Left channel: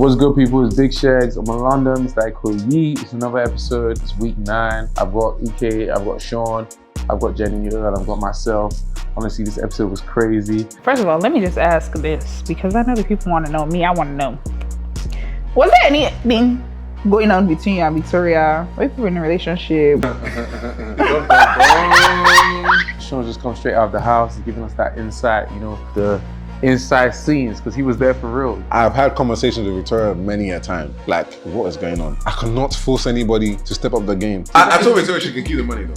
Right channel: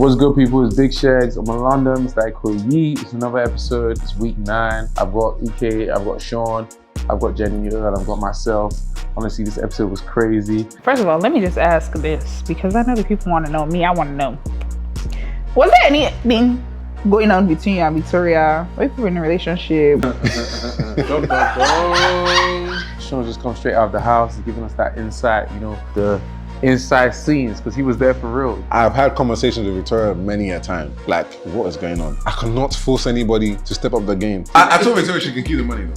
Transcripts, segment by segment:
What's good, people? It's Big Sheggz. I'm in London. It's like Yee. It's another episode. It's week 9. I've got EK, I've got Shaun, I've got Jenni O, and I've got myself. Honestly, this episode was crazy. First of all, let me just ask this, because I know the people want to know. Me, I want to know. Was there anything going on between you and Victoria? Were you in a relationship? Shaun just come straight out of the house. He's giving us that insight, the inside scenes, because he was there for real. I've had conversations with Victoria many a time. Like, what is going on? I cannot force anybody to step up the game. I told Victoria she can keep the money though.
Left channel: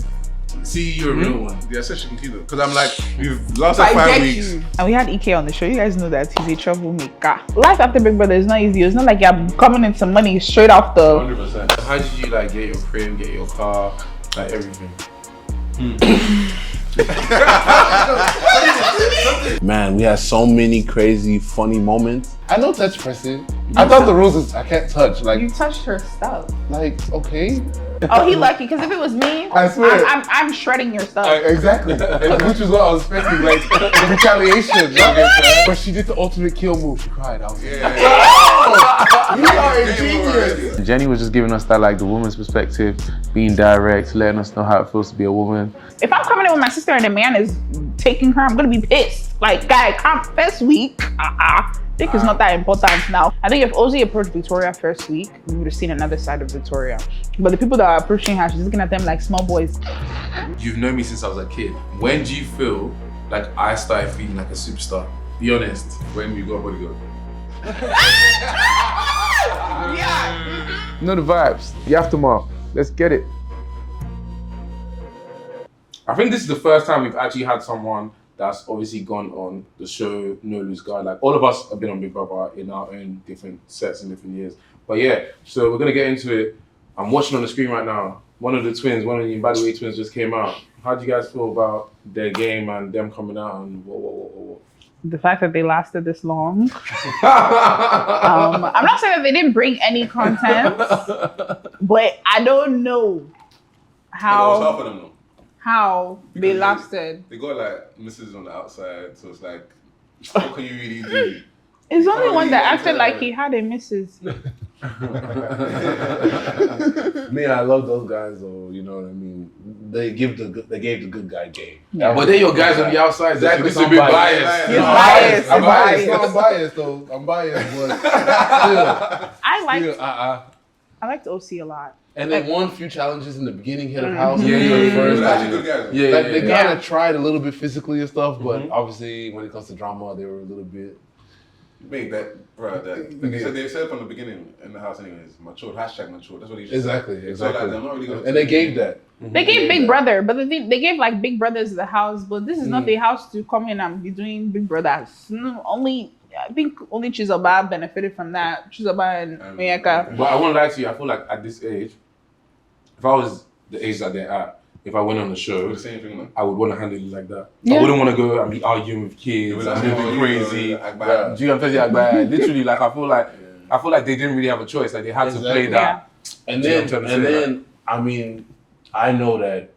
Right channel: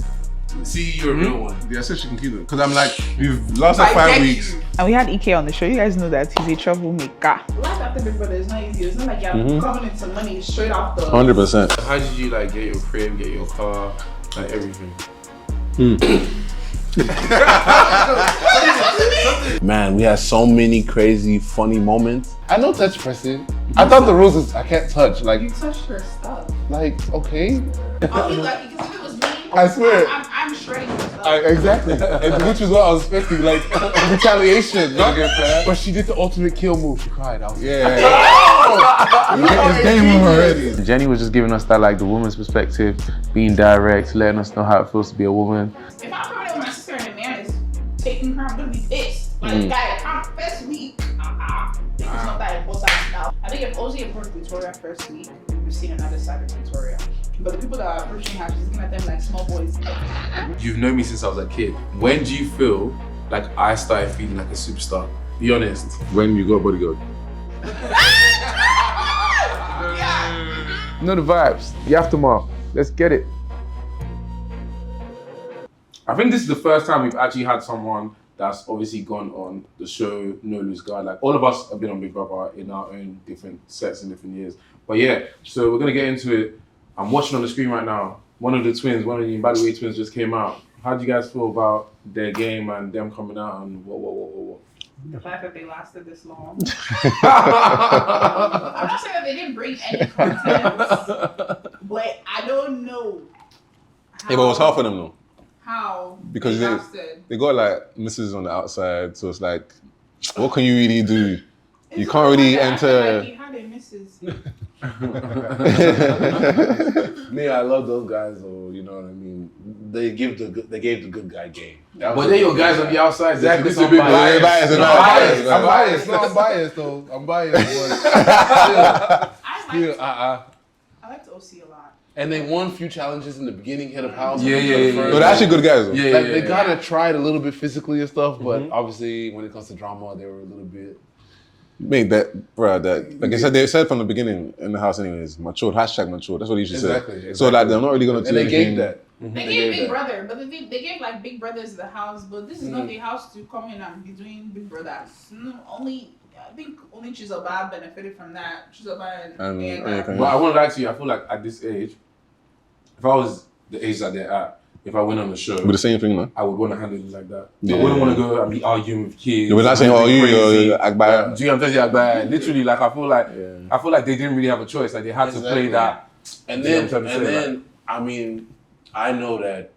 See, you're a real one. Yeah, I said she can keep it. Because I'm like, we've lost like 5 weeks. And we had EK on the show. You guys know that he's a troublemaker. Life after Big Brother is not easy. It's not like you're coming into money straight off the... 100%. How did you like get your crib, get your car, like everything? Man, we had so many crazy, funny moments. I know touch pressing. I thought the rules is I can't touch. Like, You touched her stuff. like okay. Oh, he lucky, because if it was me, I swear. I'm shredding your stuff. Exactly. Which is what I was expecting, like retaliation. But she did the ultimate kill move. She cried. I was like, Jenni was just giving us that, like, the woman's perspective, being direct, letting us know how it feels to be a woman. If I'm coming in with my sister and a man is taking her, I'm gonna be pissed. Like, guy, come first week. I think it's not that important now. I think if Ozzy approached Victoria first week, we would have seen another side of Victoria. But the people that are approaching her, she's looking at them like small boys. You've known me since I was a kid. When do you feel like I started feeling like a superstar? Be honest. When you got bodyguard. You know the vibes, the aftermath. Let's get it. I think this is the first time we've actually had someone that's obviously gone on the show, No Lose Guard. Like, all of us have been on Big Brother in our own different sets and different years. But yeah, so we're gonna get into it. I'm watching on the screen right now. One of the twins, one of the By the Way twins just came out. How do you guys feel about their game and them coming out and what? The fact that they lasted this long. I'm not saying that they didn't bring any content, but I don't know how. Yeah, but it was hard for them though. How Because they lasted. They got like misses on the outside, so it's like, what can you really do? It's you the can't only one really that acted enter- like he had a missus. Me, I love those guys though, you know what I mean? They gave the good guy game. Yeah. But they're your guys on the outside. Exactly. This is a bit biased. Biased. You know, I'm biased. I'm biased. No, I'm biased though. I'm biased, but I liked OC a lot. And they won a few challenges in the beginning, head of house. Yeah. But they're actually good guys though. Yeah. Like, they kind of tried a little bit physically and stuff, but obviously when it comes to drama, they were a little bit. Mate, like I said, they said from the beginning in the house anyways, matured, #matured. That's what he should say. Exactly. So like, they're not really gonna And they gave that. They gave Big Brother, but the thing, they gave like Big Brothers the house, but this is not the house to come in and be doing Big Brothers. I think only Chizaba benefited from that. Chizaba and Mayaka. But I won't lie to you, I feel like at this age, if I was the age that they're at, if I went on the show, With the same thing, man. I would want to handle it like that. Yeah. I wouldn't want to go and be arguing with kids. We're not and saying, be oh, you crazy. act bad. Do you understand? Literally, like I feel like they didn't really have a choice. Like they had to play that. And You know then, what I'm trying to say, I mean, I know that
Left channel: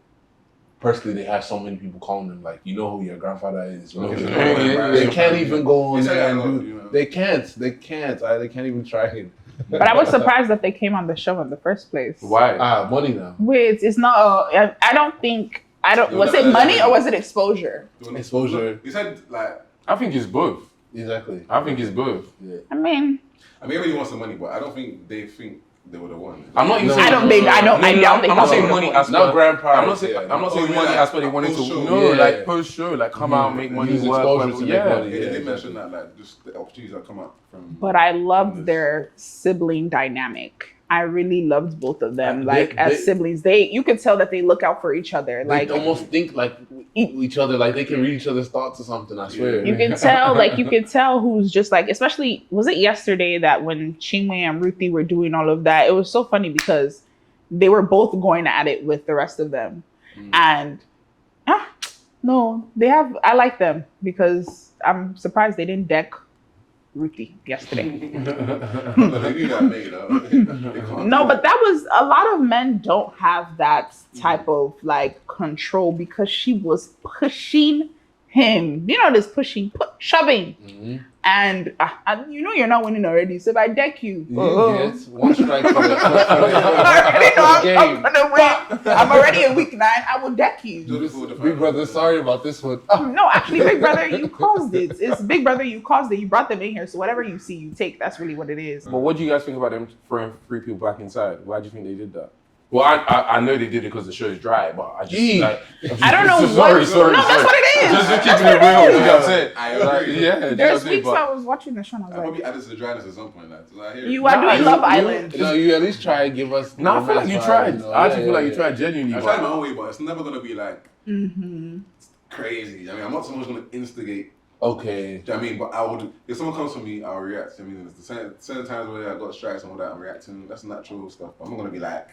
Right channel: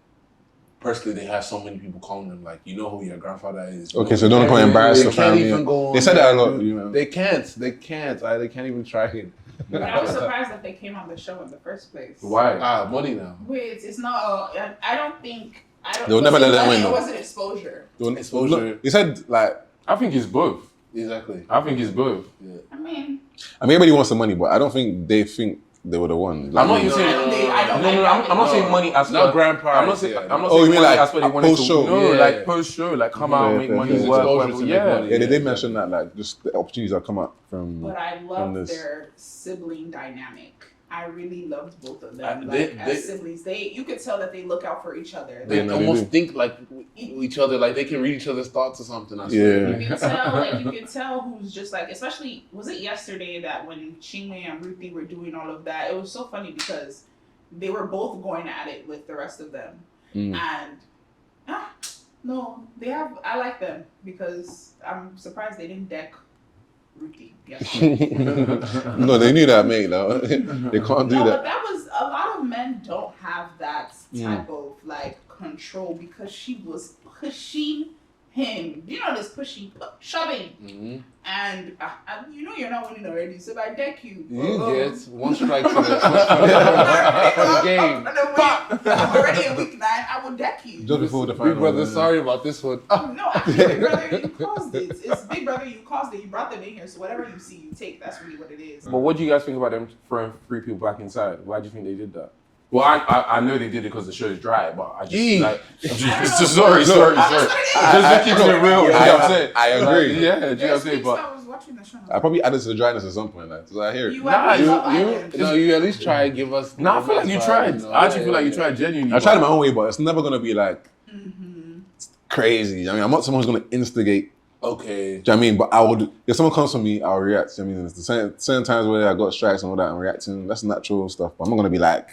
personally they have so many people calling them like, you know who your grandfather is. You know Okay, who so your don't grandfather embarrass is. them. They can't even go on. They said there that a and lot, do- you know. They can't. They can't even try it. But I was surprised that they came on the show in the first place. Why? Money now. Wait, it's not. I don't think. They'll Was never it let money that or win. was it exposure? Exposure. He said like, I think it's both. Exactly. I think it's both. I mean, everybody wants the money, but I don't think they think they were the one. I'm not even saying. I don't think. I'm not saying money as Not per. grandparents. I'm not saying. I'm not Oh, saying you mean money like as per they wanted to. post-show? No, Yeah. like post show, like come out, make money, Use work, exposure whatever. to make Yeah. money. Yeah, they did exactly. mention that, like, just the opportunities that come up from. but I loved this. their sibling dynamic. I really loved both of them. They- As siblings, you could tell that they look out for each other. They Like almost think like each other, like they can read each other's thoughts or something. I swear. you can tell who's just like, especially was it yesterday that when Chinwe and Ruthie were doing all of that, it was so funny because they were both going at it with the rest of them. And no, I like them because I'm surprised they didn't deck Ruthie yesterday. No, they knew that, mate. Though. They can't do No, that. but that was a lot of men don't have that type of like control because she was pushing him, this pushing, shoving. And you know you're not winning already. So if I deck you, You get one strike for the game. I'm already in week 9. I will deck you. Big Brother, sorry about this one. No, actually, Big Brother, you caused it. It's Big Brother, you caused it. You brought them in here. So whatever you see, you take. That's really what it is. But what do you guys think about them throwing 3 people back inside? Why do you think they did that? Well, I know they did it because the show is dry, but I just I don't know. Sorry. That's what it is. Just keeping it real. You know what I'm saying? I agree. Yeah, you know what I'm There's saying? weeks I was watching the show. And I was I like, probably added to the dryness at some point. So I hear it. you love Island. You at least try and give us. No, I feel like you tried. I actually feel like you tried genuinely. I tried my own way, but it's never gonna be like crazy. I mean, I'm not someone who's gonna instigate. Okay. Do you know what I mean? But I would, if someone comes for me, I'll react. I mean, there's the certain times where I got strikes and all that, I'm reacting. That's natural stuff. But I'm not gonna be like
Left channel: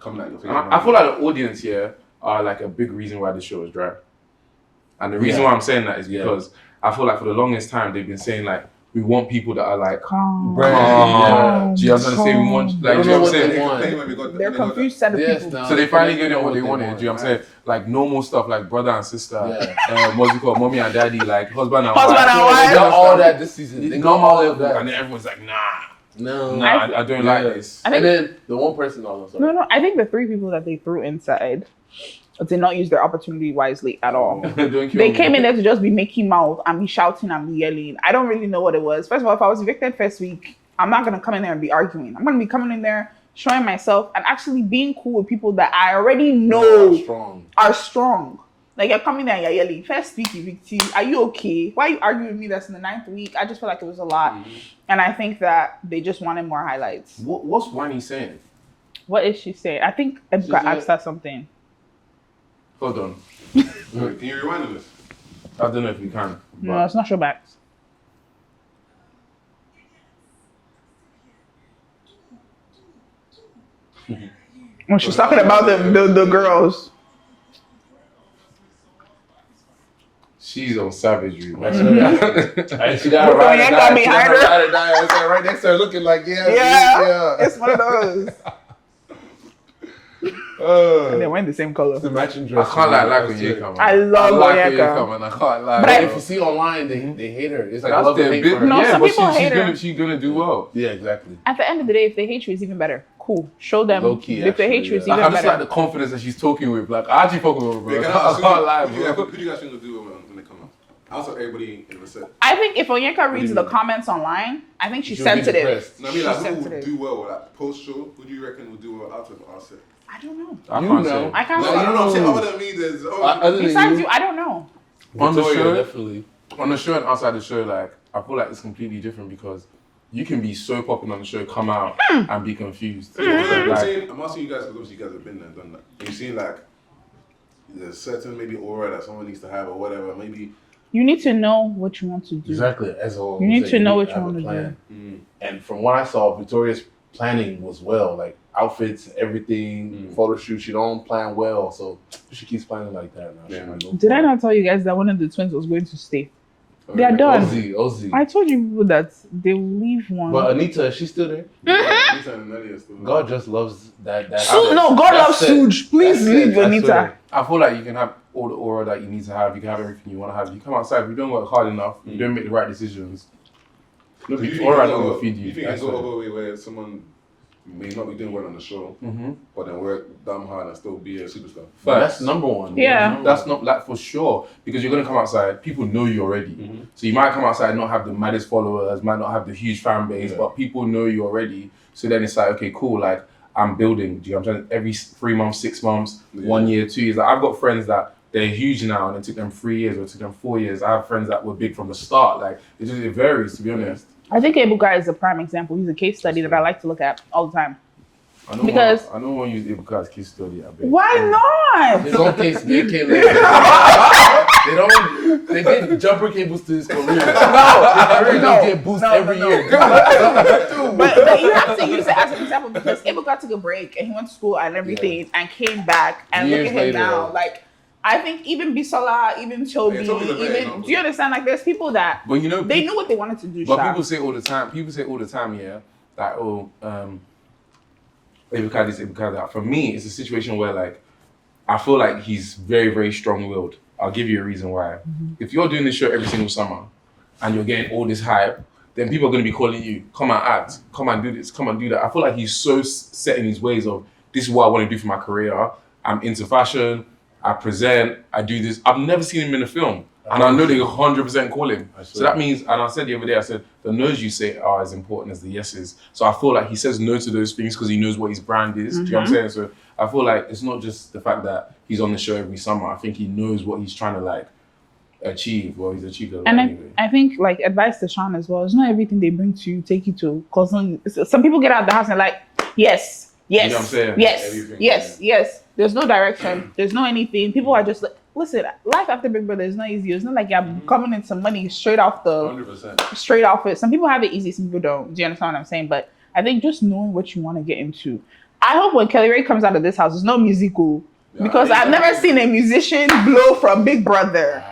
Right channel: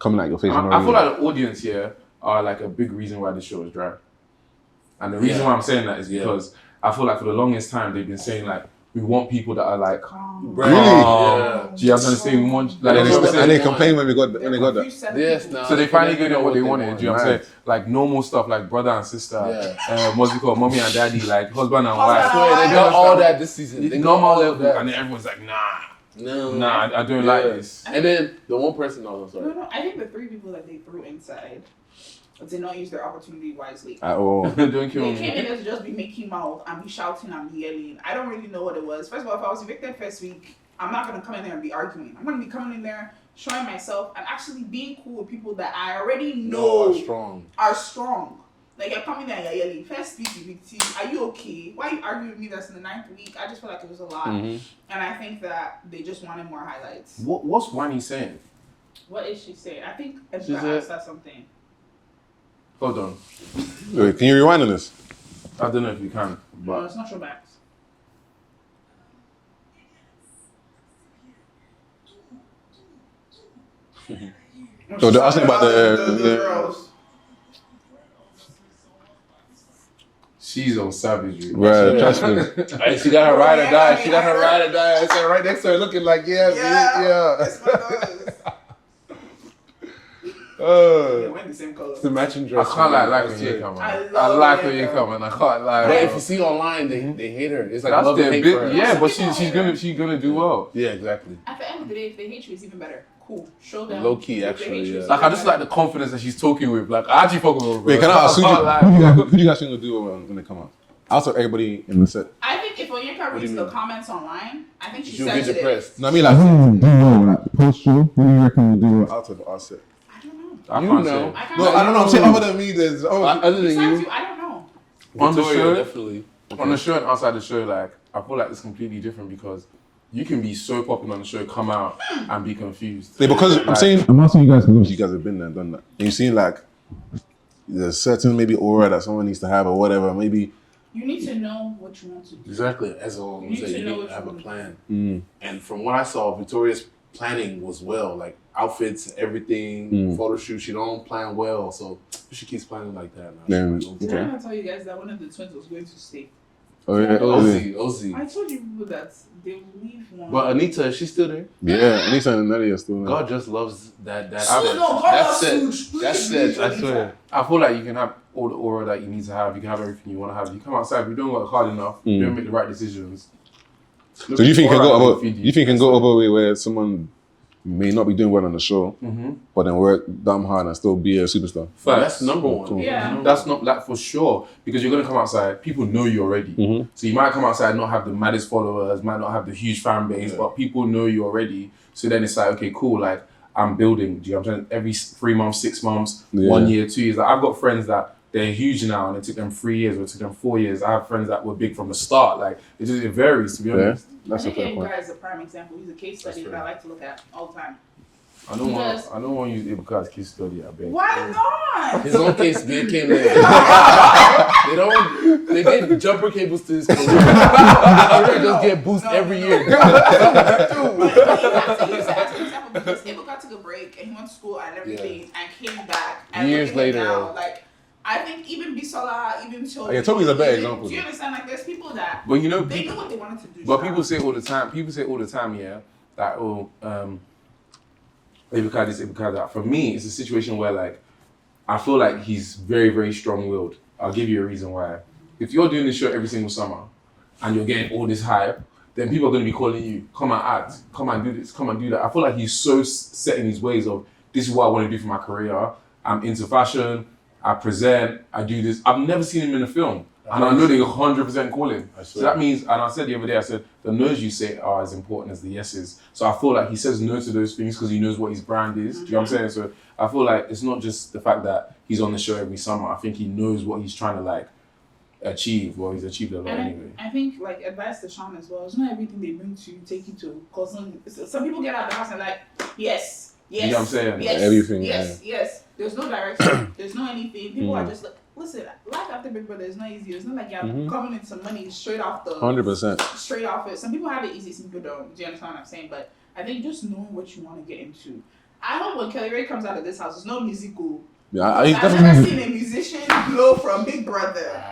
coming at your face. I feel like the audience here are like a big reason why this show is dry. And the reason why I'm saying that is because I feel like for the longest time they've been saying like we want people that are like calm. Do you understand? We want like you know what I'm saying? They complain when we got They're that. confused set of Yes, people. no. So they finally get what they wanted. Do you know what I'm saying? Like normal stuff like brother and sister, what's it called? Mommy and daddy, like husband and wife. They got all that this season. They got Normal all level, that. and then everyone's like, No. I don't like this. And then the one person also. No, I think the 3 people that they threw inside did not use their opportunity wisely at all. Don't kill They me. came in there to just be making mouth and be shouting and be yelling. I don't really know what it was. First of all, if I was evicted first week, I'm not going to come in there and be arguing. I'm going to be coming in there, showing myself, and actually being cool with people that I already know are strong. Like, you're coming there and you're yelling, first week evictee, are you okay? Why are you arguing with me that's in the 9th week? I just feel like it was a lot. And I think that they just wanted more highlights. What's Wani saying? What is she saying? I think Edgar asked her something. Hold on. Wait, can you rewind on this? I don't know if you can. No, it's not Showbacks. When she's talking about the girls. She's on savagery. And she got her ride or die. She got her ride or die. I said right next to her, looking like yeah. It's one of those. They went the same color. The matching I dress. can't like when you come. I love when you Onyeka. come, and I can't lie. But if you see online, they hate her. It's like That's love and their hate bit. for her. No, Yeah, some but people hate her. she's gonna do well. Yeah, exactly. At the end of the day, if they hate you, it's even better. Cool. Show them. Low key, if they hate actually, you, it's yeah. even Like I just better. like the confidence that she's talking with. Like I actually fucking with her, bro. Wait, can I ask can't lie, bro. who do you guys think will do when they come out? Also, everybody in the set. I think if Onyeka reads the comments online, I think she's She'll get sensitive. depressed. No, I mean like do well, like post show. Who do you reckon will do well out of our set? I don't know. I You can't know. I can't No, I don't know. I'm say. saying other than me, there's Other than Besides you, you, I don't know. On the Victoria, show, definitely. on the show and outside the show, like I feel like it's completely different because you can be so popular on the show, come out and be confused. Yeah, because I'm Like, saying I'm asking you guys because obviously you guys have been there and done that. And you seen like there's certain maybe aura that someone needs to have or whatever. Maybe You need to know what you want to do. Exactly. As always, You need to know what you have want a to plan. do. And from what I saw, Victoria's planning was well, like outfits, everything, photo shoot. She don't plan well, so she keeps planning like that. Now. Yeah. Did I not tell you guys that one of the twins was going to stay? Oh, They're done. Ozzy. I told you people that they will leave one. But Anita, she's still there. Yeah, Lisa and Nelly are still there. God just loves that. No, God loves Suge. Please leave Anita. I feel like you can have all the aura that you need to have. You can have everything you want to have. You come outside, if you don't work hard enough, you don't make the right decisions. So you think Aura you will can feed go? You think you can That's go right. over a way where someone may not be doing well on the show, but then work damn hard and still be a superstar? That's number one. Yeah. That's not like for sure because you're gonna come outside. People know you already, so you might come outside and not have the maddest followers, might not have the huge fan base, but people know you already. So then it's like, okay, cool. Like I'm building. Do you know what I'm saying? Every 3 months, 6 months, 1 year, 2 years. Like I've got friends that they're huge now, and it took them 3 years or it took them 4 years. I have friends that were big from the start. Like it varies, to be honest. I think Ebuka is a prime example. He's a case study that I like to look at all the time. I don't want to use Ibuka as case study. I bet. Why not? His own case, they came there. They get jumper cables to his career. They just get boosted every year. But you have to use it as an example because Ebuka took a break and he went to school and everything and came back and Years look at him later. now. Like I think even Bisola, even Toby, Yeah, Toby's a better even, example. do you understand? Like there's people that But you know, they knew what they wanted to do. but Sha. people say all the time, yeah, that Ibuka this, Ibuka that. For me, it's a situation where like I feel like he's very, very strong-willed. I'll give you a reason why. If you're doing this show every single summer and you're getting all this hype, then people are going to be calling you, come and act, come and do this, come and do that. I feel like he's so set in his ways of, this is what I want to do for my career. I'm into fashion, I present, I do this. I've never seen him in a film. And I know they 100% call him. So that means, and I said the other day, I said, the no's you say are as important as the yeses. So I feel like he says no to those things because he knows what his brand is. Do you know what I'm saying? So I feel like it's not just the fact that he's on the show every summer. I think he knows what he's trying to like achieve. Well, he's achieved a lot anyway. I think like advice to Shaun as well, it's not everything they bring to you, take you to. Cause some people get out of the house and like, yes, You know what I'm saying? yes, Everything, yes. There's no direction. There's no anything. People are just like, listen, life after Big Brother is not easy. It's not like you're coming in some money straight off the 100%. straight off it. Some people have it easy, some people don't. Do you understand what I'm saying? But I think just knowing what you want to get into. I hope when Kelly Ray comes out of this house, there's no musical. Because I've never seen a musician blow from Big Brother.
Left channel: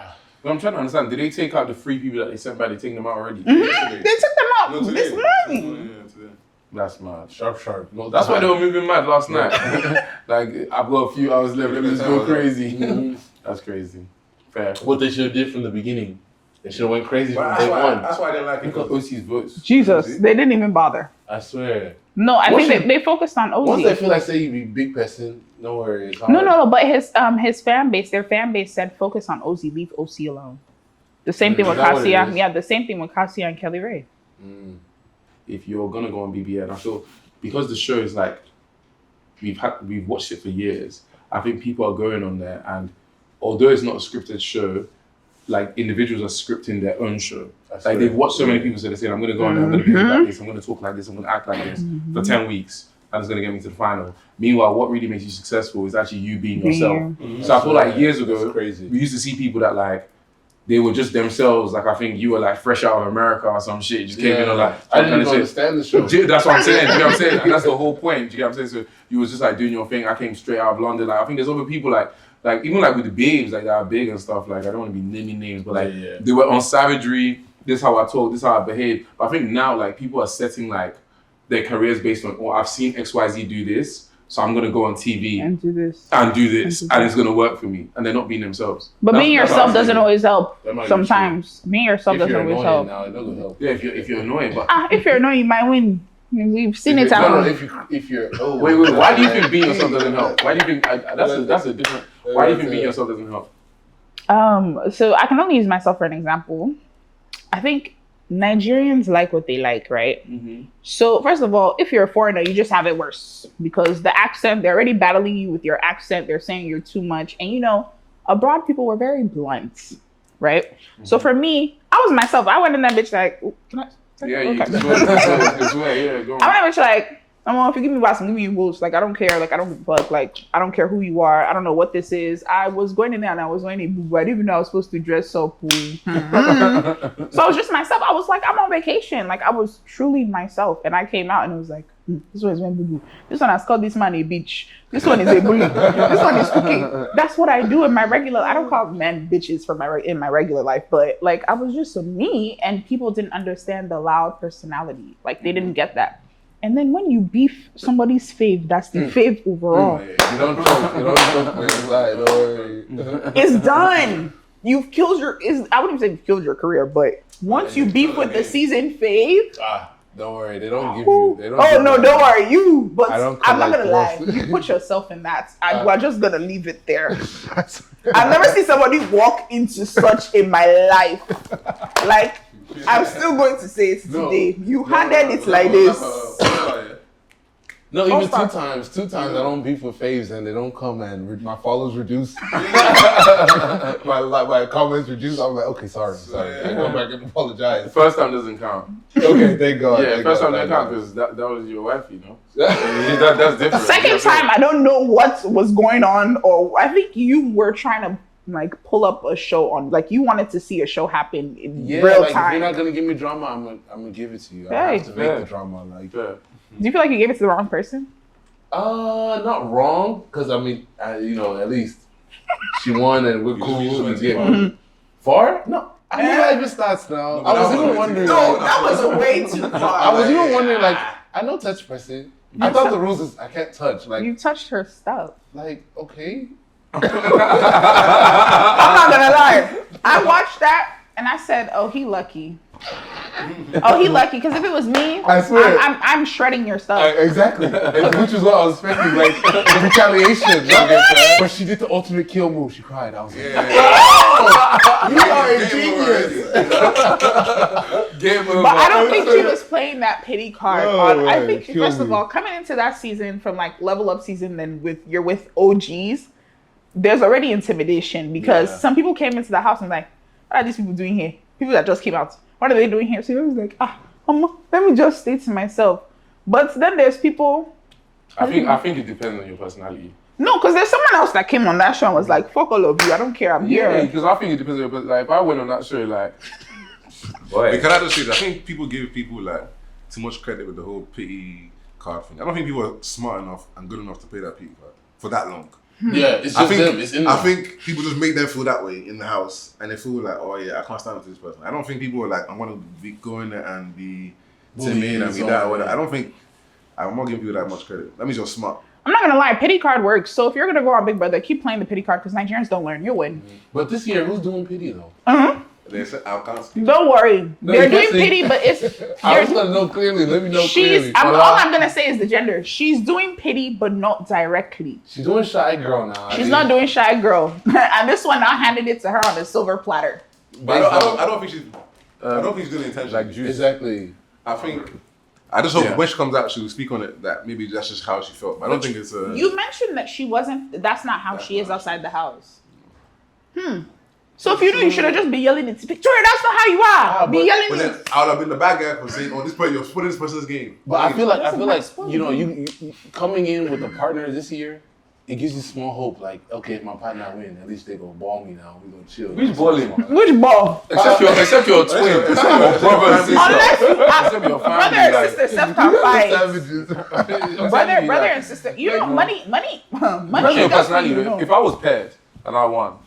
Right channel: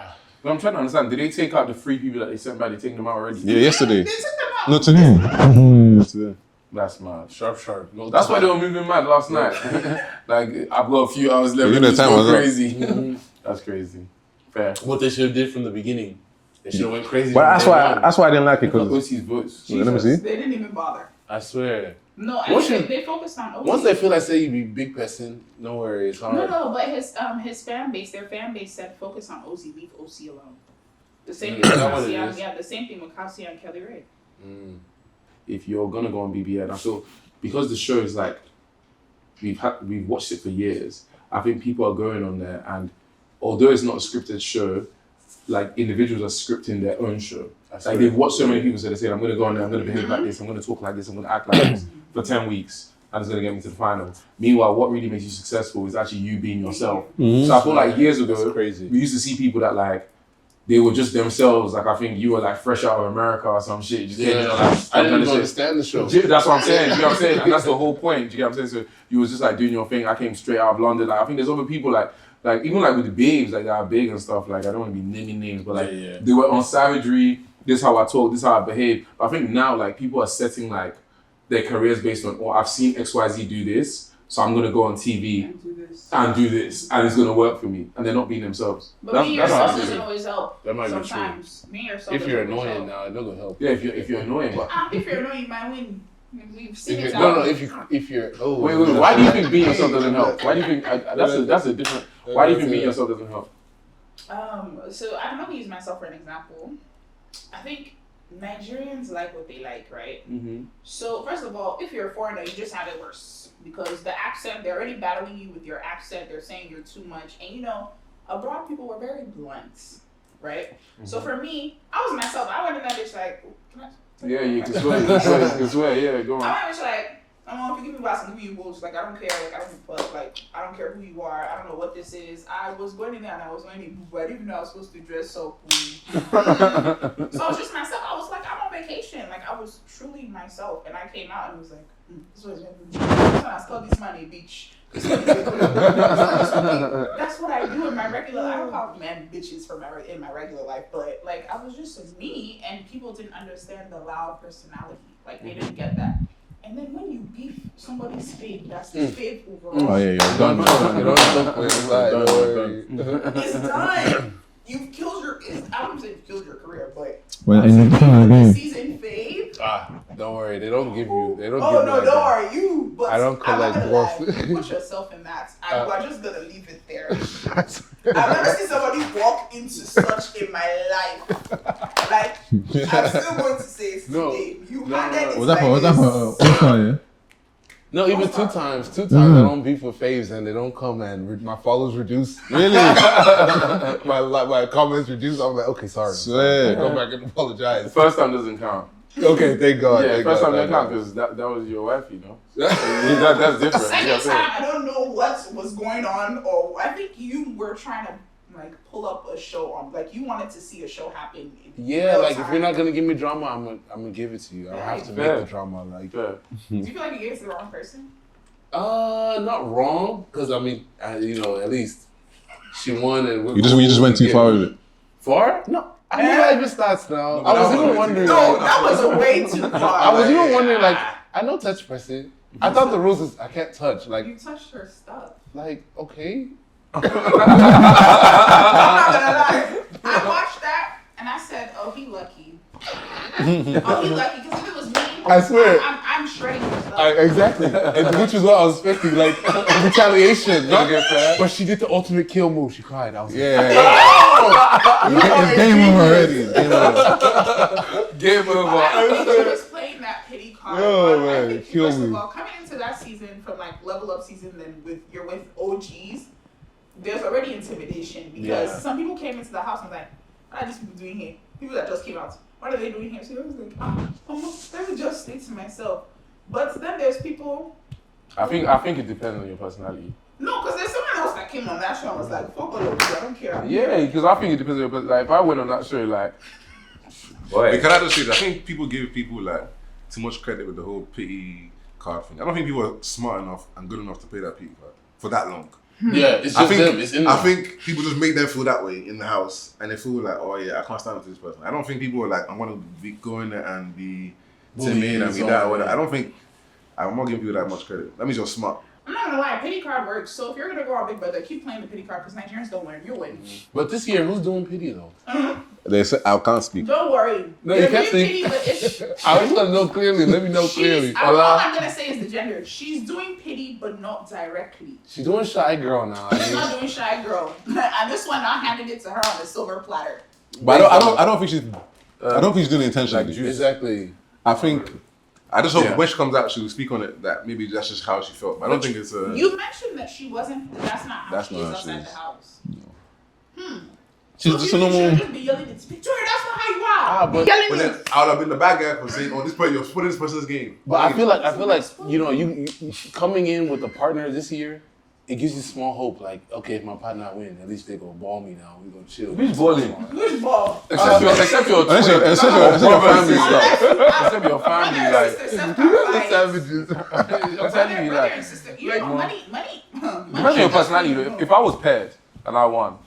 But I'm trying to understand, did they take out the 3 people that they sent back? They taking them out already? Yeah, yesterday. They took them out. Not today. Today. That's mad. Sharp. No, That's why they were moving mad last night. Like, I've got a few hours left. You know, It's time go was up. crazy. That's crazy. Fair. What they should have did from the beginning. They should have went crazy. But from that's day why one. I didn't like it Look at because OC's votes. Jesus, See? they didn't even bother. I swear. No, I Once think they focused on Ozzy. Once they feel like say you be big person, no worries. No, but his fan base, their fan base said focus on Ozzy, leave OC alone. The same thing with Is that what it Cassia. is? Yeah, the same thing with Cassia and Kelly Ray. If you're gonna go on BBN, I feel because the show is like we've watched it for years. I think people are going on there, and although it's not a scripted show, like individuals are scripting their own show. Like they've watched so many people, so they say, I'm gonna go on there, I'm gonna behave like this, I'm gonna talk like this, I'm gonna act like this for 10 weeks, and it's gonna get me to the final. Meanwhile, what really makes you successful is actually you being yourself. So I feel like years ago, That's crazy. we used to see people that like they were just themselves. Like I think you were like fresh out of America or some shit. You just came in and like I didn't shit. understand the show. That's what I'm saying. You know what I'm saying? And that's the whole point. Do you get what I'm saying? So you was just like doing your thing. I came straight out of London. Like I think there's other people like even like with the babes like that are big and stuff. Like I don't want to be naming names, but like they were on savagery. This is how I talk. This is how I behave. But I think now like people are setting like their careers based on I've seen XYZ do this, so I'm gonna go on TV And do this. and it's gonna work for me. And they're not being themselves. But That's- being that's yourself what I'm doesn't saying. always help. That might be Sometimes being yourself If doesn't you're always annoying help. now, it doesn't help. Yeah, if you're annoying, but If you're annoying, you might win. We've seen it No, happen. if you're wait. Why do you think being yourself doesn't help? Why do you think that's a different? Why do you think being yourself doesn't help? So I can only use myself for an example. I think Nigerians like what they like, right? So first of all, if you're a foreigner, you just have it worse because the accent, they're already battling you with your accent. They're saying you're too much. And you know, abroad people were very blunt, right? So for me, I was myself. I went in that bitch like, can I? Yeah, you can swear, yeah, go on. I went in like, if you give me Watson, give me votes. Like I don't care. Like I don't care who you are. I don't know what this is. I was going in there and I was wearing a boo. I didn't even know I was supposed to dress so cool. So I was just myself. I was like, I'm on vacation. Like I was truly myself. And I came out and it was like, this one is wearing boo. This one has called this man a bitch. This one is a bully. This one is cooking. That's what I do in my regular. I don't call men bitches in my regular life, but like I was just me, and people didn't understand the loud personality. Like they didn't get that. And then when you beef somebody's fave, that's the fave overall. You don't talk with don't worry. It's done. You've killed I wouldn't say you've killed your career, but once you beef with the season fave. Don't worry, they don't give you. They don't. Oh no, don't worry, you. But I don't I'm call not like gonna lie. dwarf. You put yourself in that. You are just gonna leave it there. I've never seen somebody walk into such in my life. Like I'm still going to say it today. You handed it like this. No, even Don't two times I don't beef with faves and they don't come and my follows reduce. Really? my comments reduce. I'm like, okay, sorry. Go back and apologize. The first time doesn't count. Okay, thank God. Yeah, thank first God, time doesn't thank count because that was your wife, you know. That's different. Second time, I don't know what was going on, or I think you were trying to like pull up a show on, like you wanted to see a show happen in real like time. if you're not gonna give me drama, I'm gonna give it to you. I have to make the drama. Like, do you feel like you gave it to the wrong person? not wrong, because I mean, at least she won, and we're You just went too far with it. Far? No. I mean, that even starts now. I was even wondering. No, that was way too far. I was even wondering, like, I know touch person. I thought the rules is I can't touch. Like, you touched her stuff. like okay. I'm not gonna lie. I watched that and I said, "Oh, he lucky." Oh, he lucky, because if it was me, I swear. I'm shredding your stuff. Exactly. Which is what I was expecting, like retaliation. But she did the ultimate kill move. She cried. I was like, Game over already. Game over. But I don't think she was playing that pity card. Oh, I man, think kill first me. of all, coming into that season from like level up season, then you're with OGs, there's already intimidation because some people came into the house and like, what are these people doing here? People that just came out. What are they doing here? So I was like, let me just stay to myself. But then there's people. I think it depends on your personality. No, because there's someone else that came on that show and was like, fuck all of you, I don't care. I'm Yeah, here. because I think it depends on your personality. Like, if I went on that show, like, Wait, can I just say that? I think people give people like too much credit with the whole pity card thing. I don't think people are smart enough and good enough to pay that pity card for that long. Yeah, it's just them. It's in them. I think people just make them feel that way in the house, and they feel like, oh yeah, I can't stand with this person. I don't think people are like, I'm gonna be going there and be timid and be that or whatever. I don't think. I'm not giving people that much credit. That means you're smart. I'm not gonna lie, pity card works. So if you're gonna go on Big Brother, keep playing the pity card because Nigerians don't learn. You'll win. But this year, who's doing pity though? They say I can't speak. Don't worry. No, They're you doing can't say- pity, but it's. I was gonna know clearly. Let me know clearly. All I'm gonna say is the gender. She's doing pity, but not directly. She's doing shy girl now. She's not doing shy girl. And this one, I handed it to her on a silver platter. But I don't think she's. I don't think she's doing it intentionally. Like juice. Exactly. I think. I just hope when she comes out, she will speak on it. That maybe that's just how she felt. But I don't think it's a. You mentioned that she wasn't. That's not how she is outside the house. So if you do, you should have just been yelling it. Victoria, that's not how you are. Be yelling But then it. I would have been the bad guy for saying, "Oh, this player, you're splitting this person's game." But I feel like you know you coming in with a partner this year, it gives you small hope. Like, okay, if my partner win, at least they go ball me now. We gonna chill. Who's balling? Which ball? Except your twin, except or brother and sister. Unless Except your brother family, and like. sister sometimes fight. Savages. Brother and sister. You know, money. Depends on your personality. Though. If I was paired and I won,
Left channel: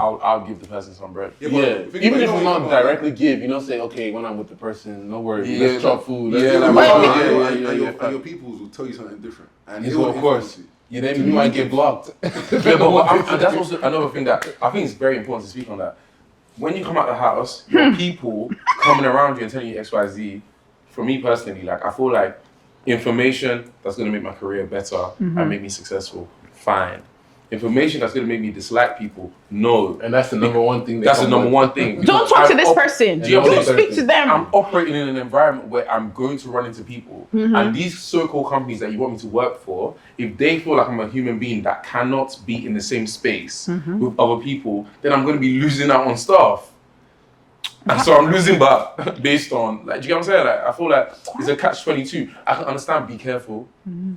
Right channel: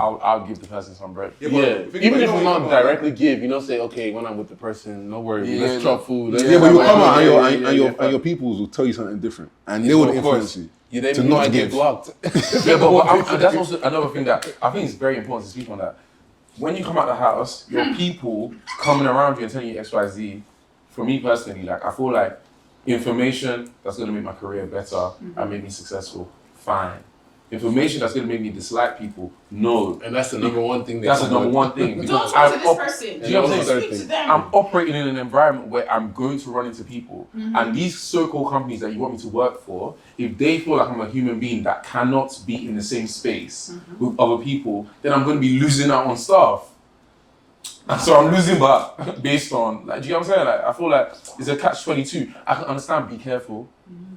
I'll give the person some bread. Yeah, but even if you we know, not directly give, you know, say, okay, when I'm with the person, no worries, Yeah, let's chop food. Let's yeah, give like, them and your peoples will tell you something different, and they Yeah, will of influence course. you. Yeah, they might get blocked. Yeah, but that's also another thing that I think is very important to speak on that. When you come out the house, your people coming around you and telling you X, Y, Z, for me personally, like I feel like information that's gonna make my career better and make me successful, fine. Information that's gonna make me dislike people, no. And that's the number one thing. That's the number one thing. Don't Because talk to I'm this person. Do you know what I'm saying? Speak to them. I'm operating in an environment where I'm going to run into people. And these so-called companies that you want me to work for, if they feel like I'm a human being that cannot be in the same space with other people, then I'm going to be losing out on stuff. And so I'm losing that based on, like, do you know what I'm saying? Like, I feel like it's a catch-22. I can understand, be careful,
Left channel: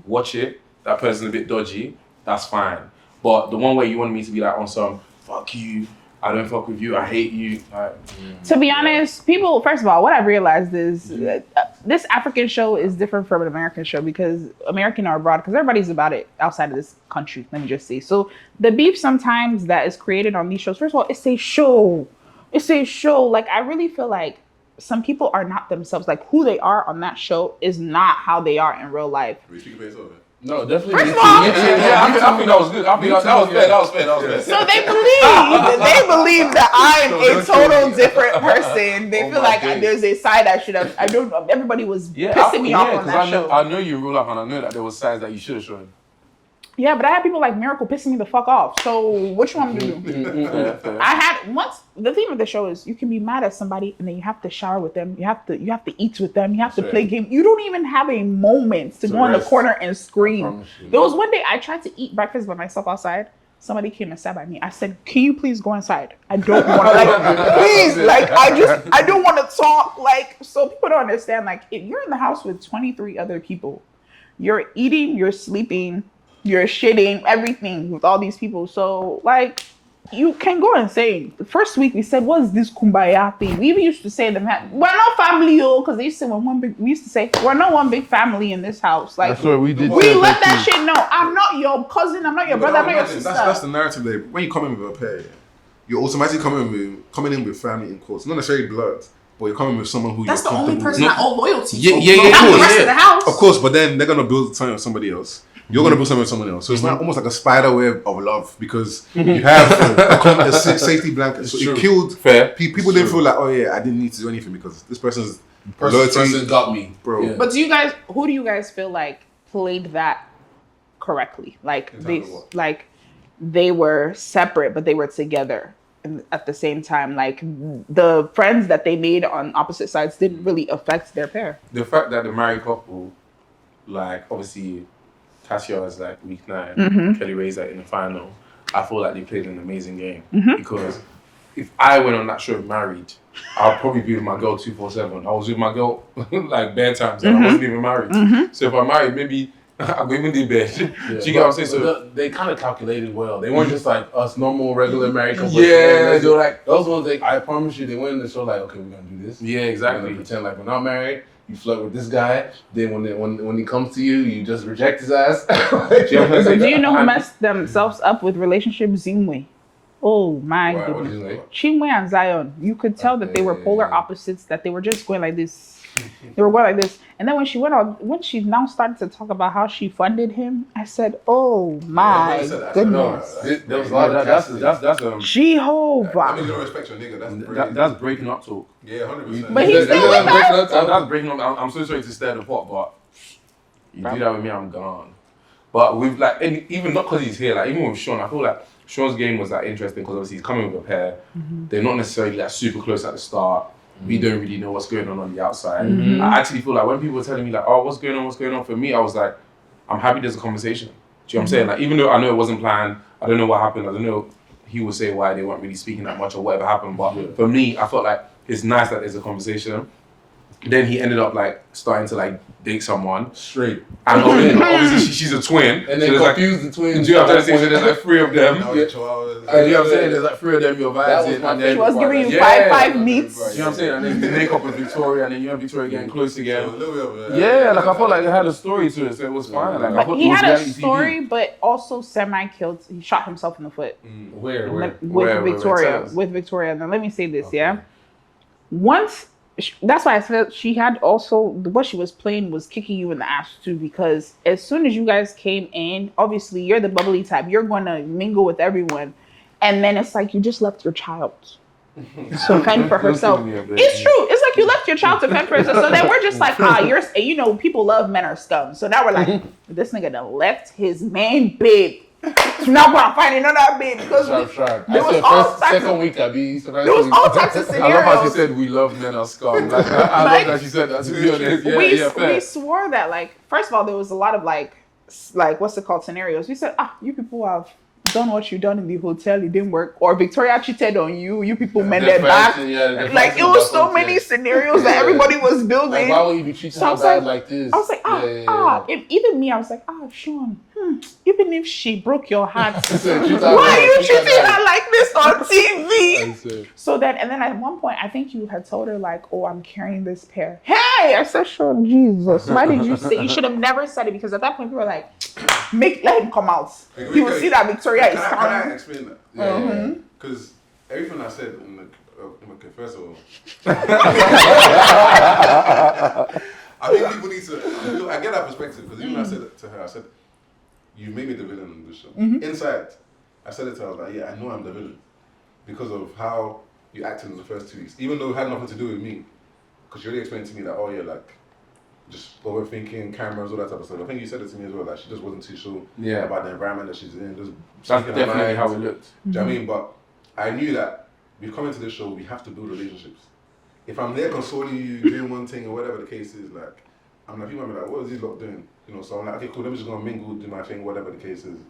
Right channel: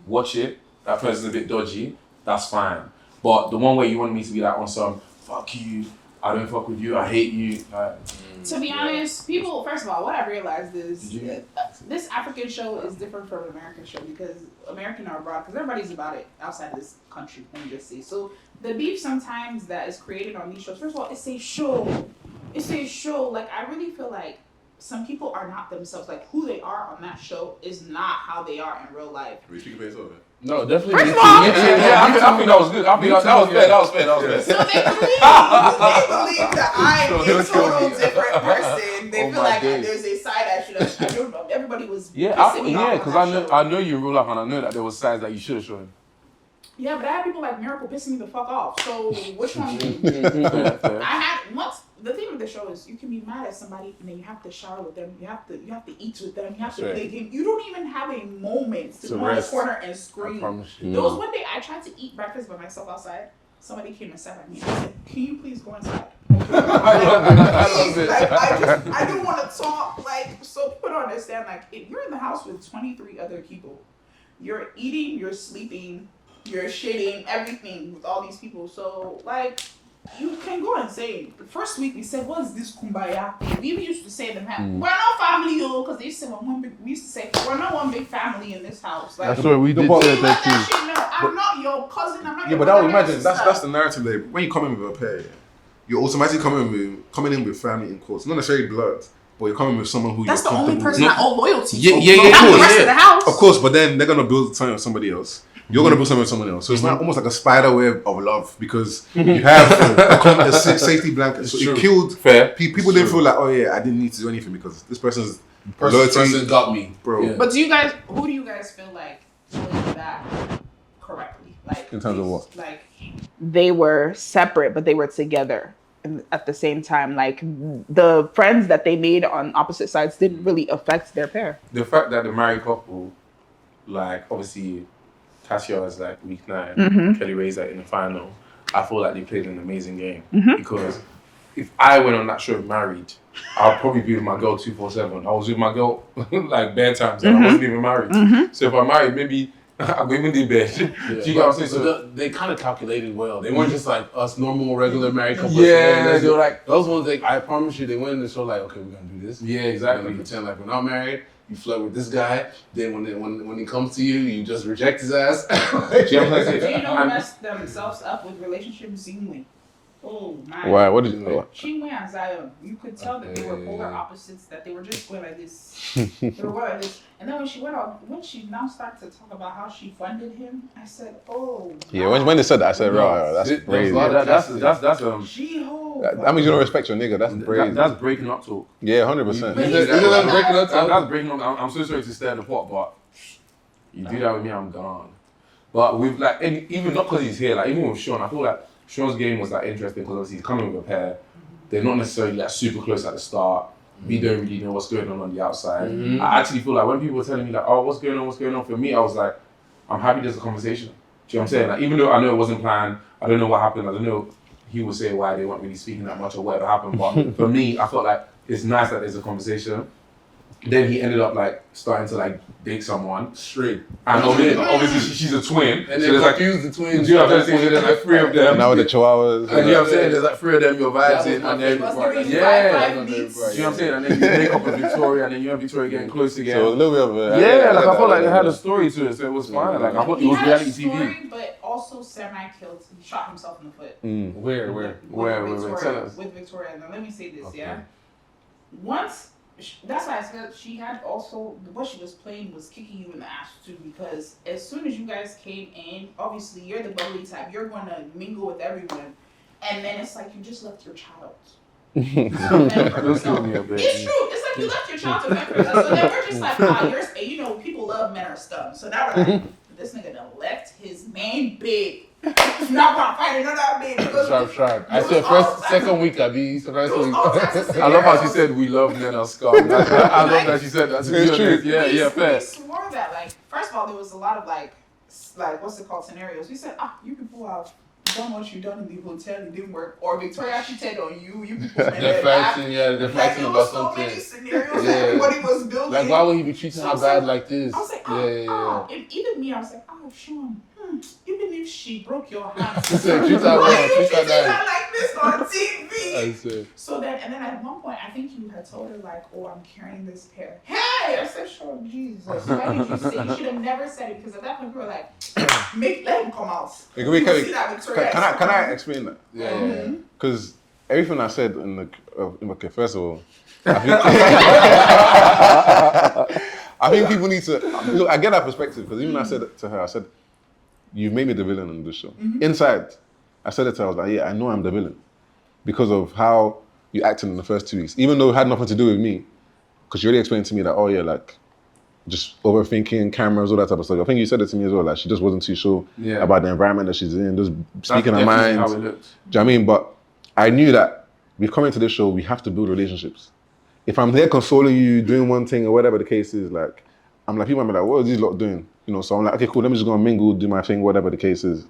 watch it, that person's a bit dodgy, that's fine. But the one way you want me to be like on some, fuck you, I don't fuck with you, I hate you. Like, To be honest, people, first of all, what I've realized is this African show is different from an American show because American are abroad, because everybody's about it outside of this country, let me just say. So the beef sometimes that is created on these shows, first of all, it's a show. It's a show. Like, I really feel like some people are not themselves. Like, who they are on that show is not how they are in real life. No, definitely. First of all, I think that was good. I think that was fair. So they believe that I'm a total different person. They feel like there's a side I don't know. Everybody was pissing me off on that show. I know you in real life and I know that there was signs that you should have shown. Yeah, but I had people like Miracle pissing me the fuck off. So which one do you? Fair. I had once. The theme of the show is you can be mad at somebody and then you have to shower with them. You have to eat with them. You have to play games. You don't even have a moment to go in the corner and scream. There was one day I tried to eat breakfast by myself outside. Somebody came and sat by me. I said, "Can you please go inside? I don't want to. Please, like I don't want to talk. Like, so people don't understand. Like, if you're in the house with 23 other people, you're eating, you're sleeping, you're shitting, everything with all these people. So, like, you can go and say, the first week we said, what's this kumbaya thing? We even used to say them, we're not family, because they used to say, we used to say, we're not one big family in this house. Like, That's what we did. we let that shit know. I'm not your cousin, I'm not your brother, I'm not your sister. That's the narrative there. When you come in with a pair, you're automatically coming in with family in quotes. Not necessarily blood, but you're coming with someone who That's you're the only comfortable person with. I owe loyalty to. Yeah, Not the rest of the house. Of course, but then they're gonna build something on somebody else. you're gonna build something with someone else. So it's not almost like a spider web of love because you have a safety blanket. So it killed. Fair. People didn't feel like, oh yeah, I didn't need to do anything because this person's person got me, bro. Yeah. But who do you guys feel like played that correctly? Like, In terms of what? Like they were separate, but they were together at the same time. Like the friends that they made on opposite sides didn't really affect their pair. The fact that the married couple, like obviously, Cassia is like week 9, Kelly Ray's like in the final. I feel like they played an amazing game because if I went on that show married, I'll probably be with my girl 247. I was with my girl like bare times and I wasn't even married. So if I'm married, maybe I'll go even do bed. Do you get what I'm saying? So they kind of calculated well. They weren't just like us normal, regular married couples. Yeah, they were like those ones. I promise you, they went in the show like, okay, we're gonna do this. Yeah, We're exactly. gonna pretend like we're not married. You flirt with this guy. Then when he comes to you, you just reject his ass. Do you know who messed themselves up with relationships? Zimwe. Oh my. Why? What did you know? Chinwe and Zion. You could tell that they were polar opposites, that they were just going like this. They were going like this. And then when she now started to talk about how she funded him, I said, oh my. Yeah, when they said that, I said, goodness. bro, That's Jehovah. that means you don't respect your nigga. That's crazy. that's breaking up talk. Yeah, 100%. But he's still with her. That's breaking up. I'm so sorry to stir the pot, but you do that with me, I'm gone. But with like, even not because he's here, like even with Shaun, I feel like Sean's game was like interesting because obviously he's coming with a pair. They're not necessarily like super close at the start. We don't really know what's going on the outside. I actually feel like when people were telling me like, oh, what's going on? For me, I was like, I'm happy there's a conversation. Do you know what I'm saying? Like even though I know it wasn't planned, I don't know what happened, I don't know he would say why they weren't really speaking that much or whatever happened. But for me, I felt like it's nice that there's a conversation. Then he ended up like starting to like date someone Straight. and obviously she's a twin. And so they there's like, confused the twins. do you know what I'm saying? So there's like 3 of them. Now with the chihuahuas. And you know what I'm saying? There's like 3 of them, your vibes in, and then She was giving you Yeah. five meets. you know what I'm saying? And then you make up with Victoria, and then you and Victoria getting close So a again. little bit of Yeah, like I felt like it had a story to it, so it was fine. Like I thought it He was had a reality story, TV. but also semi-killed. He shot himself in the foot. Where? With Where Victoria. it says. With Victoria. Now let me say this, yeah? Once, that's why I said she had also, what she was playing was kicking you in the ass too, because as soon as you guys came in, obviously you're the bubbly type. You're going to mingle with everyone. And then it's like you just left your child to fend for herself. It's true. It's like you left your child to fend for herself. So then we're just like, people love men are scum. So now we're like, this nigga done left his main babe. Now I'm finding another babe. Sharp. There I said was second week, I be There was all types of I love how she scenarios. said we love men are scum. Like, I love that she said that. To be honest, yeah, fair. We swore that, like, first of all, there was a lot of like what's it called, scenarios. We said, you people have done what you done in the hotel, it didn't work, or Victoria cheated on you. You people mended back. Like it was so many scenarios that everybody was building. Like why would he be treating her bad like this? I was like, even me, I was like, Shaun, even if she broke your heart, why are you treating her like this on TV? So then, and then at one point, I think you had told her like, oh, I'm carrying this pair. Hey, I said, Shaun, Jesus, why did you say? You should have never said it, because at that point we were like, let him come out. You will see that Victoria is Can I coming. explain that? Yeah. Because everything I said in the okay, first of all, I think people need to. I get that perspective because even I said it to her. I said, "You made me the villain on this show." Inside, I said it to her. I was like, "Yeah, I know I'm the villain because of how you acted in the first 2 weeks, even though it had nothing to do with me." Because you already explained to me that, oh yeah, like just overthinking cameras, all that type of stuff. I think you said it to me as well. Like she just wasn't too sure about the environment that she's in, just speaking her mind. How it looked. Do you know what I mean? But I knew that we've come into this show, we have to build relationships. If I'm there consoling you, doing one thing or whatever the case is, like, I'm like, people might be like, what are these lot doing? You know, so I'm like, okay, cool, let me just go and mingle, do my thing, whatever the case is.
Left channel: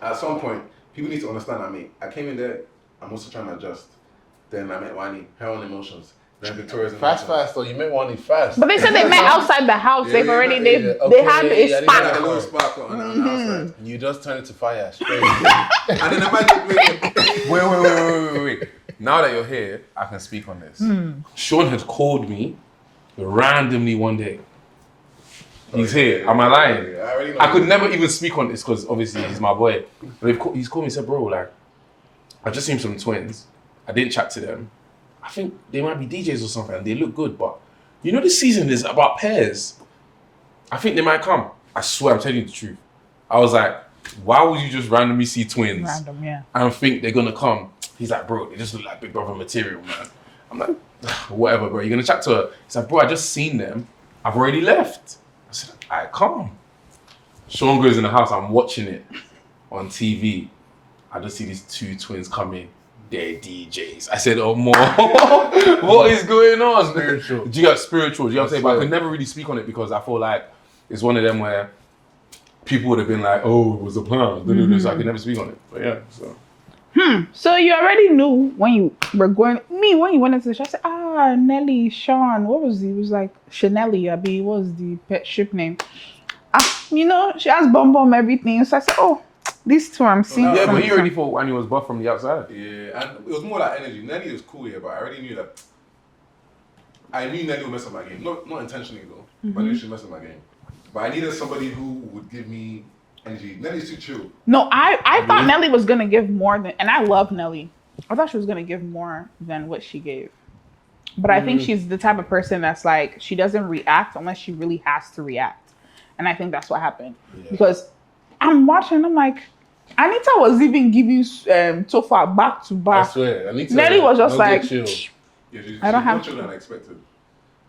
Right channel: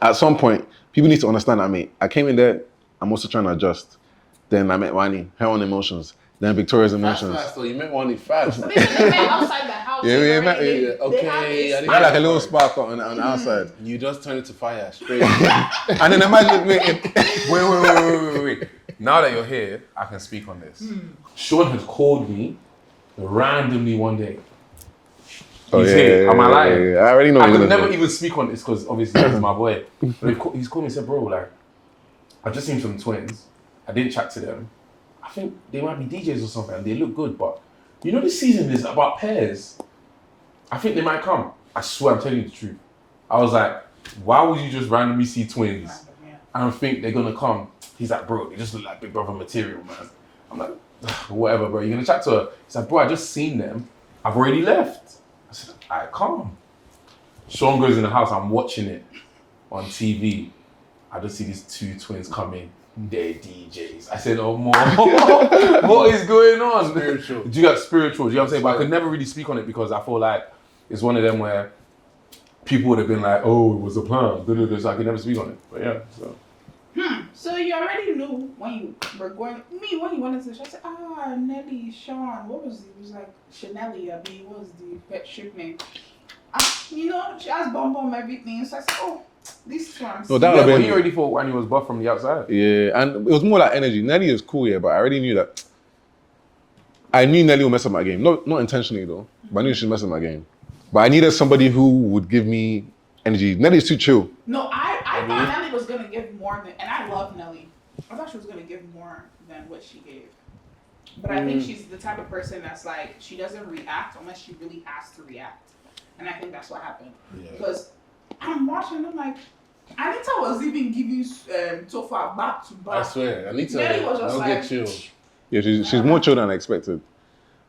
At some point, people need to understand that, I came in there, I'm also trying to adjust. Then I met Wani, her own emotions. Then Victoria's emotions. Fast, though. You met one fast. But they said they met outside the house. Yeah, They've yeah, already, yeah. they have a Had spark. like a little spark on the outside. You just turn it to fire straight. And then I might look Wait. Now that you're here, I can speak on this. Shaun had called me randomly one day. He's here. Am I lying? I already know. I could never even speak on this because obviously he's my boy. But he's called me and said, bro, like, I just seen some twins. I didn't chat to them. I think they might be DJs or something and they look good, but you know this season is about pairs. I think they might come. I swear, I'm telling you the truth. I was like, why would you just randomly see twins Random, yeah. and think they're gonna come? He's like, bro, they just look like Big Brother material, man. I'm like, whatever, bro. You're gonna chat to her. He's like, bro, I just seen them. I've already left. I said, all right, calm. Shaun goes in the house. I'm watching it on TV. I just see these two twins come in. They're DJs. I said, oh, more. What is going on? Spiritual. Do you got spiritual? Do you know what I'm saying? But I could never really speak on it because I feel like it's one of them where people would have been like, oh, it was a plan. So I could never speak on it. But yeah, so. So you already knew when you were when you went into the show, I said, Nelly, Shaun, what was he? It was like Chanelly, what was the pet ship name? You know, she has bum everything. So I said, oh, these two I'm seeing. Yeah, but he already thought Wani was buff from the outside. Yeah, and it was more like energy. Nelly is cool, yeah, but I already knew that. I knew Nelly would mess up my game. Not intentionally though, but I knew she'd mess up my game. But I needed somebody who would give me energy. Nelly's too chill. No, I thought Nelly was gonna give more than, and I love Nelly. I thought she was gonna give more than what she gave. But I think she's the type of person that's like, she doesn't react unless she really has to react. And I think that's what happened. Yeah. Because I'm watching, I'm like, Anita was even giving Tofa back to back. I swear, Anita. Nelly was just like, chill. Yeah, she's more chill than I expected.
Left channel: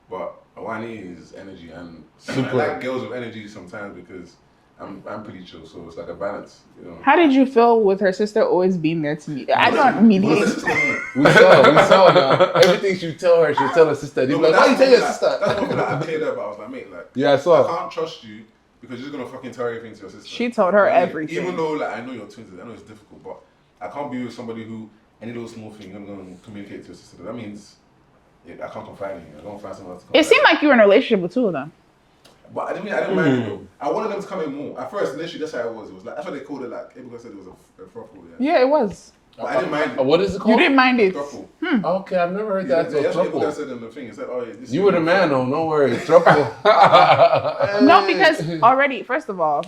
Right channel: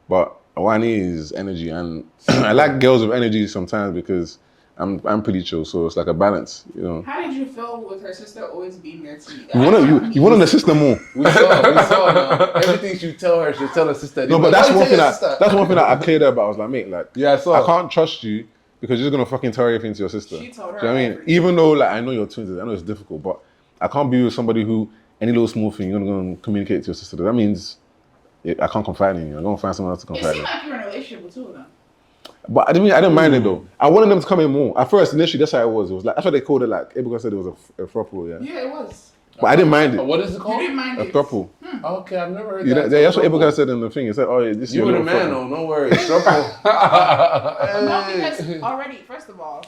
But Wani is energy, and I like girls with energy sometimes because I'm pretty chill, so it's like a balance, you know. How did you feel with her sister always being there to you? You want to sister more. We saw now. Everything she tell her, she'll tell her sister. No, but that's one thing that I cleared her about. I was like, mate, like, yeah, I saw. I can't trust you because you're just gonna fucking tell everything to your sister. She told her everything. Even though, like, I know you're twins, I know it's difficult, but I can't be with somebody who any little small thing you're gonna communicate to your sister. That means I can't confide in you. I'm gonna find someone else to confide in. It seemed like you were in a relationship with two of them. But I didn't mind it though. I wanted them to come in more. At first, initially, that's how it was. It was like, that's what they called it, like, everyone said it was a throuple, yeah. Yeah, it was. But I didn't mind it. What is it called? You didn't mind it. A throuple. Okay, I've never heard Yeah, that. that's what everyone said in the thing. It said, oh, yeah, this You were the man, though. No worries. Throuple. No, because already, first of all,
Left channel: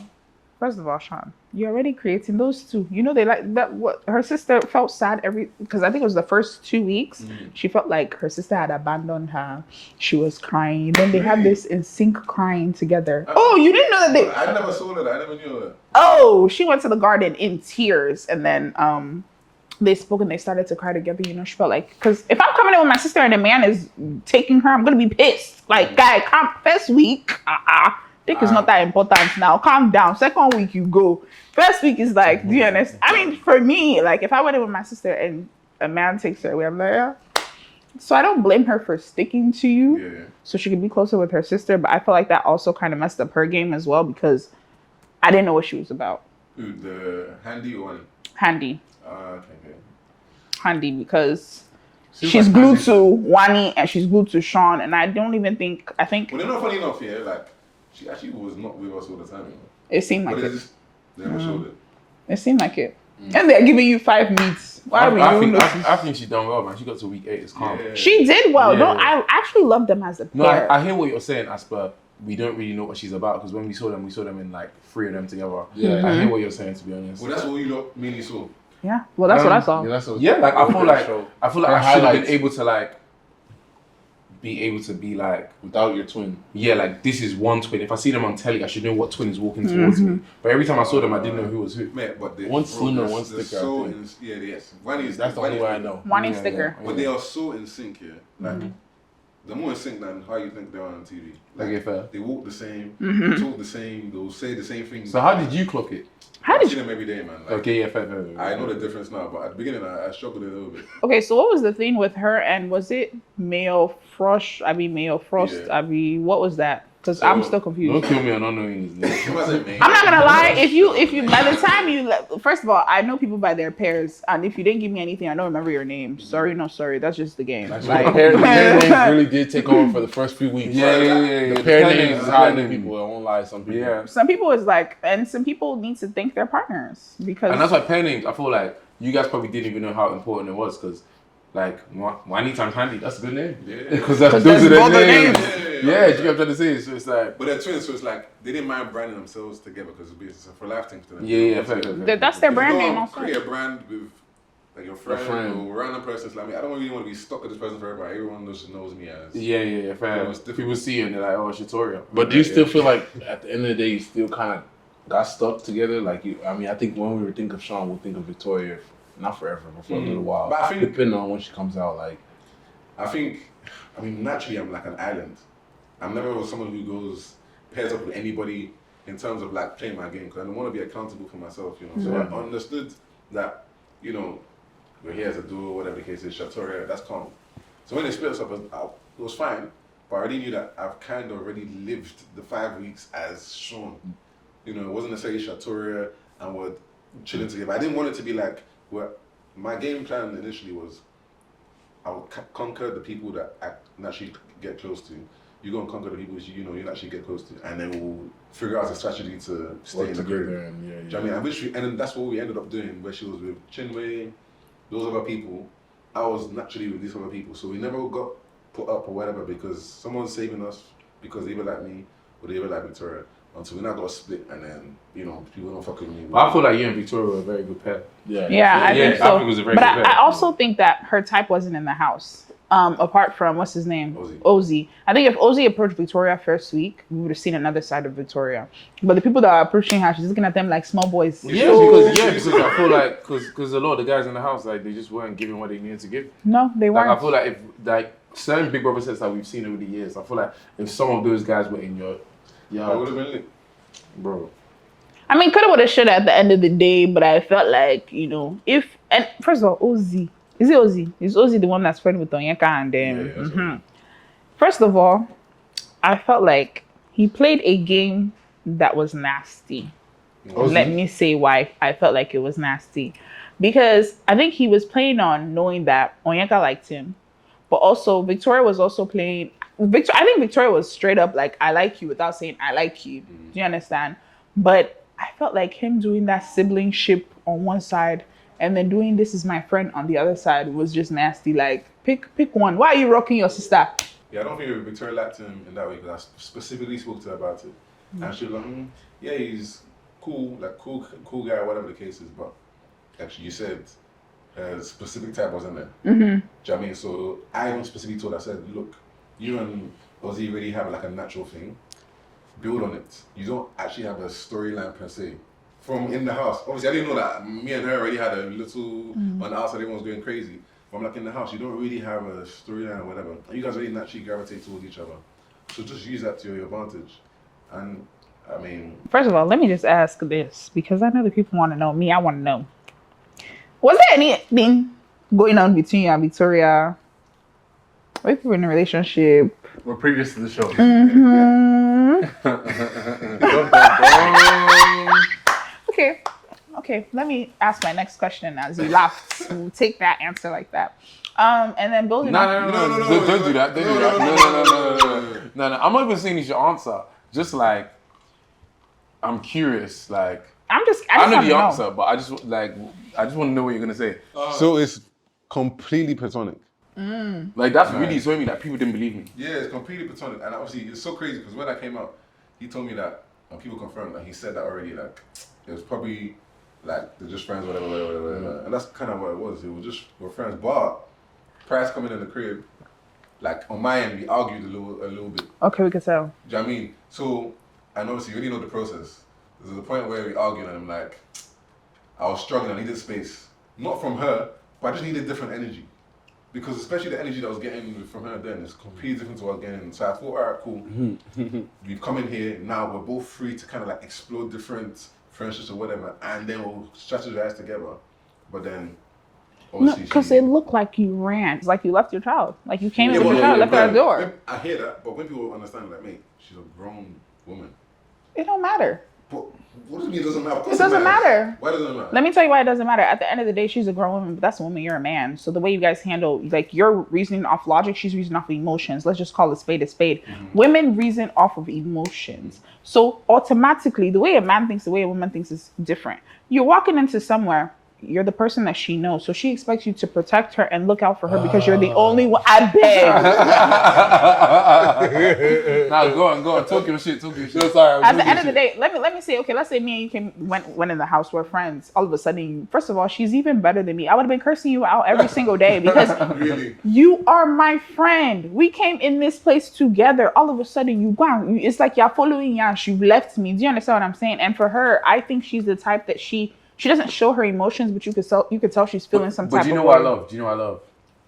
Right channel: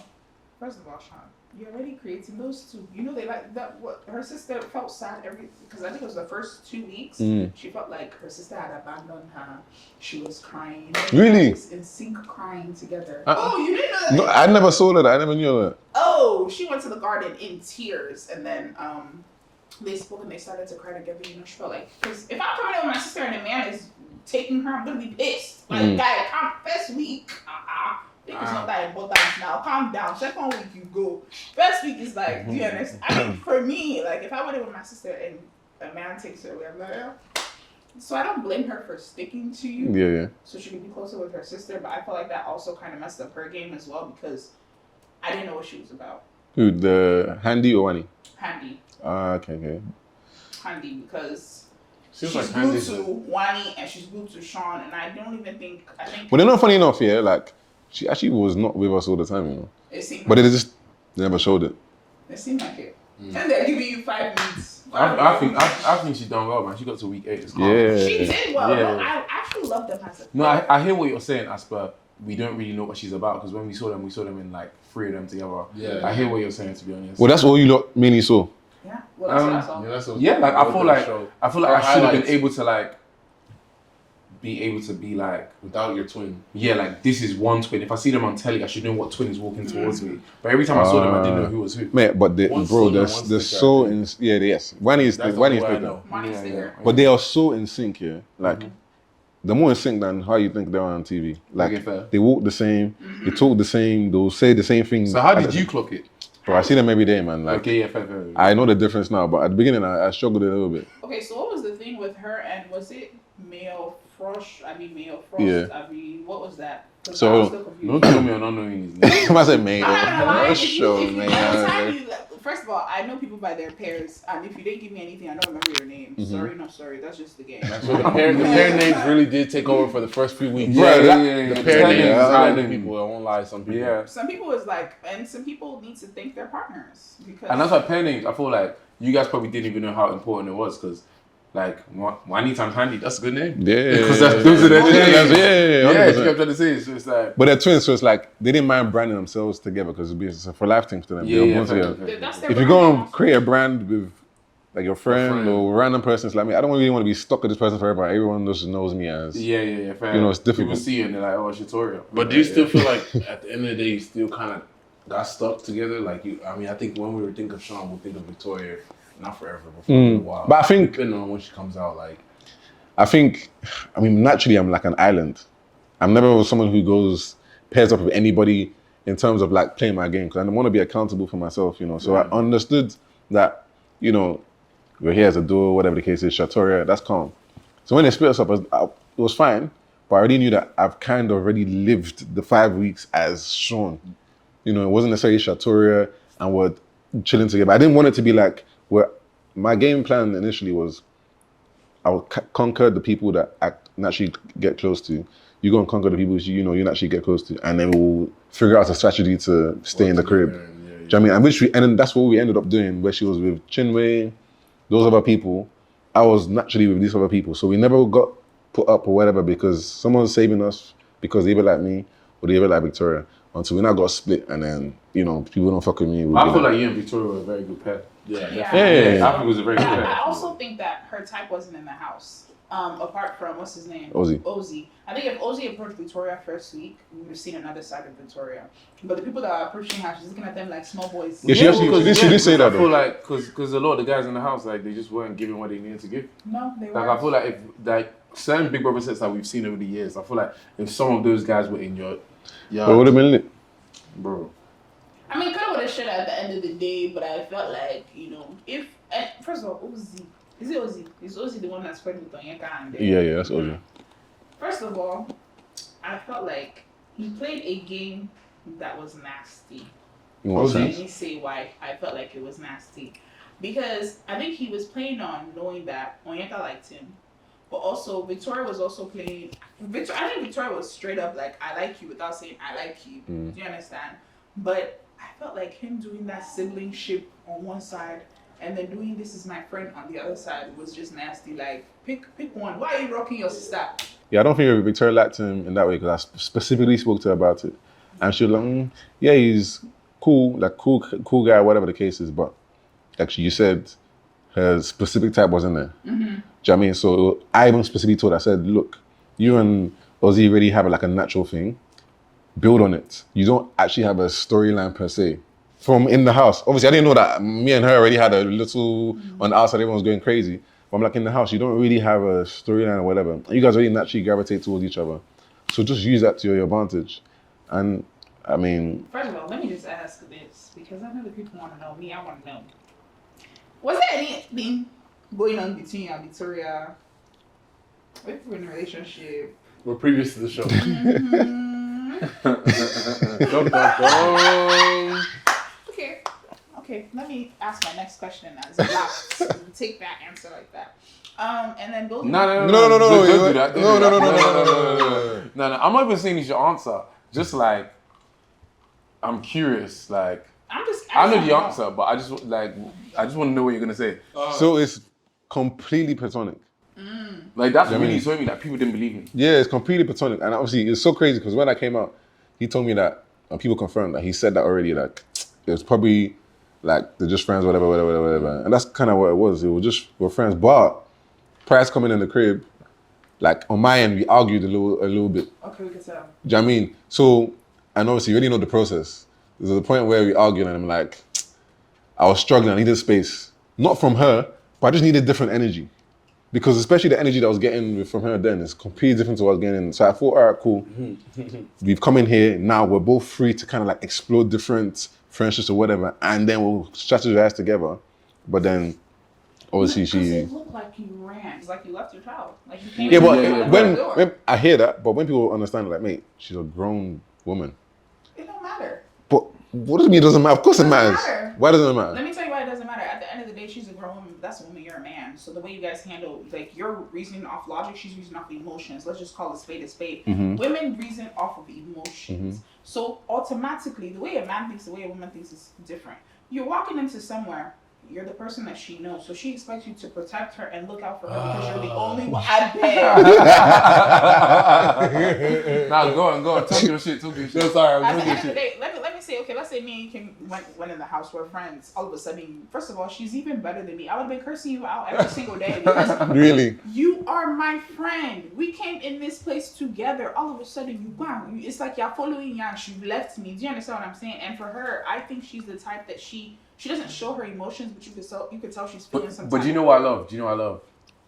Shaun, you're already creating those two. You know, they like that. What her sister felt sad because I think it was the first 2 weeks. She felt like her sister had abandoned her. She was crying. Then they had this in sync crying together. Oh, you didn't know that? No, I never saw that. I never knew that. Oh, she went to the garden in tears, and then they spoke and they started to cry together. You know, she felt like, because if I'm coming in with my sister and a man is taking her, I'm gonna be pissed. Like, guy, first week, think it's not that important now. Calm down. Second week you go. First week is like, do you understand? I mean, for me, like if I went in with my sister and a man takes her away, I'm like, yeah. So I don't blame her for sticking to you. Yeah. So she could be closer with her sister. But I feel like that also kind of messed up her game as well because I didn't know what she was about. Who, the Handy or Wani? Handy. Okay. Handy because she's glued to Wani and she's glued to Shaun. And I think. Well, they're not funny enough, yeah. Like, she actually was not with us all the time, you know. It seemed like but they just never showed it. It seemed like it. And they're giving you 5 meets. I think she done well, man. She got to week 8. It's calm. Yeah. She did well. Yeah. No, I actually love them as a pair. No, I hear what you're saying, Asper. We don't really know what she's about because when we saw them in like 3 of them together. Yeah. I hear what you're saying, to be honest. Well, that's all you lot mainly saw. Yeah. Well, that's what I saw. Yeah, like I feel like I should have been able to like be like without your twin. Yeah, like this is one twin. If I see them on telly, I should know what twin is walking towards me. But every time I saw them, I didn't know who was who. Mate, but they're so in. Yeah, yes. Wani is That's the only way I know. Wani sticker. But they are so in sync, yeah. Like they're more in sync than how you think they're on TV. Like they walk the same, they talk the same, they'll say the same things. So how did you clock it? Well, I see them every day, man. Like, okay, yeah, fair. I know the difference now, but at the beginning, I struggled a little bit. Okay, so what was the thing with her and was it Mayo Frost? Yeah. What was that? Because I was still confused. Don't kill me on unknowing his name. I'm not gonna lie. If you by the time you first of all, I know people by their pairs, and if you didn't give me anything, I don't remember your name. Sorry, no sorry. That's just the game. That's right. The pair names really did take over for the first few weeks. Yeah. The pair names is hiding people. I won't lie. Some people. Yeah. Some people is like, and some people need to thank their partners because. And that's why pair names. I feel like you guys probably didn't even know how important it was because. Like, Wani times Handy, that's a good name. Yeah. Because those are their names. Yeah, you get what I'm trying to say. So it's like... But they're twins, so it's like, they didn't mind branding themselves together because it's a for life thing to them. Yeah, that's their if brand. If you go and create a brand with like your friend or random person, it's like me, I don't really want to be stuck with this person forever. Everyone just knows me as... Yeah, fair. You know, it's difficult. People see you and they're like, oh, Shatoria. But do you still feel like, at the end of the day, you still kind of that stuck together. Like I think when we think of Shaun, we'll think of Victoria, not forever, but for a little while. But I think depending on when she comes out, like naturally I'm like an island. I'm never someone who pairs up with anybody in terms of like playing my game, because I want to be accountable for myself, you know. So I understood that, you know, we're here as a duo, whatever the case is, Shatoria, that's calm. So when they split us up, it was fine, but I already knew that I've kind of already lived the 5 weeks as Shaun. You know, it wasn't necessarily Shatoria and we're chilling together. I didn't want it to be like, my game plan initially was I would conquer the people that I naturally get close to. You go and conquer the people you naturally get close to, and then we'll figure out a strategy to stay in the crib. Do you know what I mean? And then that's what we ended up doing, where she was with Chinwe, those other people. I was naturally with these other people. So we never got put up or whatever because someone's saving us because they either like me or they either like Victoria. Until we now got split, and then, you know, people don't fuck with me. I feel like you and Victoria were a very good pair. Yeah, I think it was a very good pair. I also think that her type wasn't in the house. Apart from, what's his name? Ozzy. I think if Ozzy approached Victoria first week, we would have seen another side of Victoria. But the people that are approaching her, she's looking at them like small boys. Because I feel like, because a lot of the guys in the house, like, they just weren't giving what they needed to give. No, they weren't. Like, I feel like if certain Big Brother sets that we've seen over the years, I feel like if some of those guys were in your yard, it would have been lit. Bro. I mean, coulda, woulda, shoulda at the end of the day, but I felt like, you know, and first of all, Ozzy. Is it Ozzy? Is Ozzy the one that's friends with Onyeka and then? Yeah, that's Ozzy. First of all, I felt like he played a game that was nasty. Let me say why I felt like it was nasty. Because I think he was playing on knowing that Onyeka liked him. But also, Victoria was also playing... I think Victoria was straight up like, I like you, without saying, I like you. Do you understand? But I felt like him doing that sibling ship on one side and then doing this is my friend on the other side was just nasty. Like, pick one. Why are you rocking your sister? Yeah, I don't think Victoria liked him in that way because I specifically spoke to her about it. And she was like, yeah, he's cool, like cool guy, whatever the case is. But actually, you said her specific type wasn't there. Do you know what I mean? So I even specifically told her, I said, look, you and Ozzy really have like a natural thing. Build on it. You don't actually have a storyline per se. From in the house. Obviously, I didn't know that me and her already had a little on the outside, everyone was going crazy. But I'm like, in the house, you don't really have a storyline or whatever. You guys really naturally gravitate towards each other. So just use that to your advantage. And I mean... First of all, let me just ask this, because I know the people want to know. Me, I want to know. Was there anything going on between you and Victoria? Were you in a relationship? We're previous to the show. Okay. Let me ask my next question as you laughed. So take that answer like that. And then building. No. Don't do that. No. I'm not even saying you should answer. Just like, I'm curious. Like, I know the answer, but I just want to know what you're gonna say. So it's completely platonic. Like, that's really showing me that people didn't believe me. Yeah, it's completely platonic. And obviously, it's so crazy because when I came out, he told me that, and people confirmed that he said that already, like, it was probably, like, they're just friends, whatever. And that's kind of what it was. It was just, we're friends. But Price coming in the crib, like, on my end, we argued a little bit. Okay, we can tell. Do you know what I mean? So, and obviously, you already know the process. There's a point where we argued and I'm like, I was struggling, I needed space. Not from her, but I just needed different energy. Because especially the energy that I was getting from her then is completely different to what I was getting. So I thought, all right, cool. We've come in here, now we're both free to kind of like explore different friendships or whatever, and then we'll strategize together. But then, obviously because it looked like you ran. It's like you left your child. Like you came in and left her door. I hear that, but when people understand, like, mate, she's a grown woman. It don't matter. But what does it mean it doesn't matter? Of course it matters. Matter. Why doesn't it matter? Let me tell you why it doesn't matter. At the end of the day, she's a grown woman, but that's a woman, you're a man. So the way you guys handle, like, you're reasoning off logic, she's reasoning off emotions. Let's just call a spade a spade. Women reason off of emotions. So automatically, the way a man thinks, the way a woman thinks is different. You're walking into somewhere, you're the person that she knows. So she expects you to protect her and look out for her because you're the only one. I bet. Now go on. Talk your shit. No, sorry. At the end of the day, let me say, okay, let's say me and you went in the house, we're friends. All of a sudden, first of all, she's even better than me. I would have been cursing you out every single day because Really? you are my friend. We came in this place together. All of a sudden, you gone. It's like you're following Yash. You've left me. Do you understand what I'm saying? And for her, I think she's the type that she doesn't show her emotions, but you could tell she's feeling some type of way. But do you know what I love?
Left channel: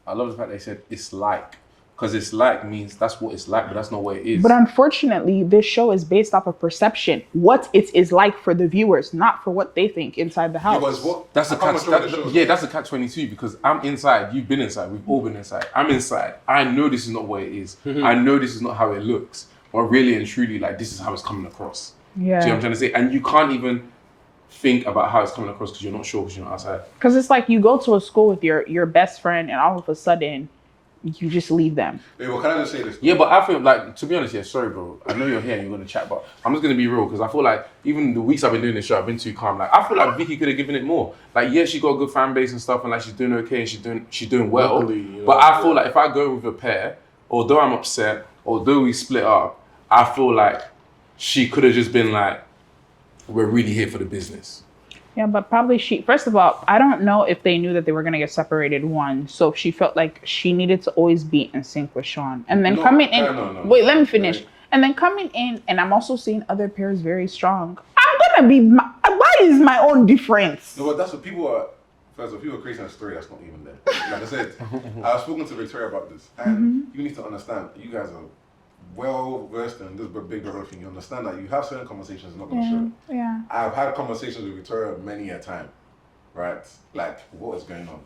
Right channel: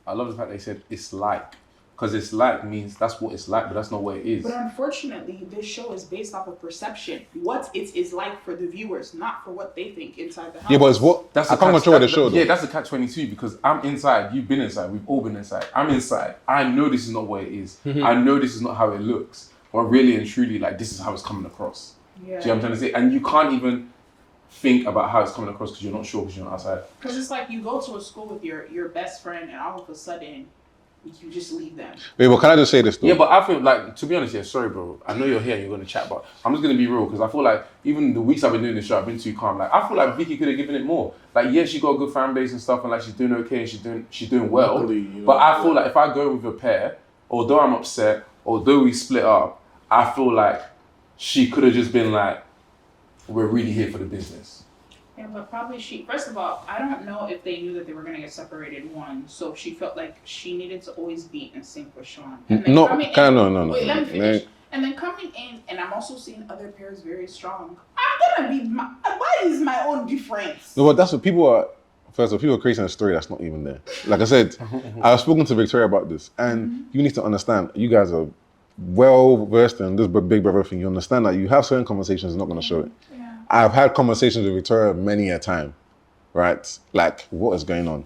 I love the fact they said it's like. Because it's like means that's what it's like, but that's not what it is. But unfortunately, this show is based off of perception. What it is like for the viewers, not for what they think inside the house. Yeah, but it's what That's I a can't catch. control the show. Yeah, that's a catch-22 because I'm inside. You've been inside. We've all been inside. I'm inside. I know this is not what it is. I know this is not how it looks. But really and truly, like this is how it's coming across. Yeah. Do you know what I'm trying to say? And you can't even think about how it's coming across because you're not sure because you're not outside. Because it's like you go to a school with your best friend, and all of a sudden, you just leave them. Wait, but can I just say this though? Yeah, but I feel like, to be honest, sorry, bro. I know you're here and you're going to chat, but I'm just going to be real because I feel like even the weeks I've been doing this show, I've been too calm. Like, I feel like Vicky could have given it more. Like, yeah, she got a good fan base and stuff, and like she's doing okay and she's doing well. Luckily, you know, but I feel like if I go with a pair, although I'm upset, although we split up, I feel like she could have just been like, we're really here for the business. Yeah, but probably first of all, I don't know if they knew that they were going to get separated, one. So she felt like she needed to always be in sync with Shaun. And then coming in... No. Wait, let me finish. Right. And then coming in, and I'm also seeing other pairs very strong. I'm going to be... Why is my own difference? No, but that's what people are... First of all, people are creating a story that's not even there. Like I said, I was speaking to Victoria about this, and you need to understand, you guys are well versed in this Big Brother thing. You understand that you have certain conversations, not going to show it. Yeah. I've had conversations with Victoria many a time, right? Like, what is going on? Do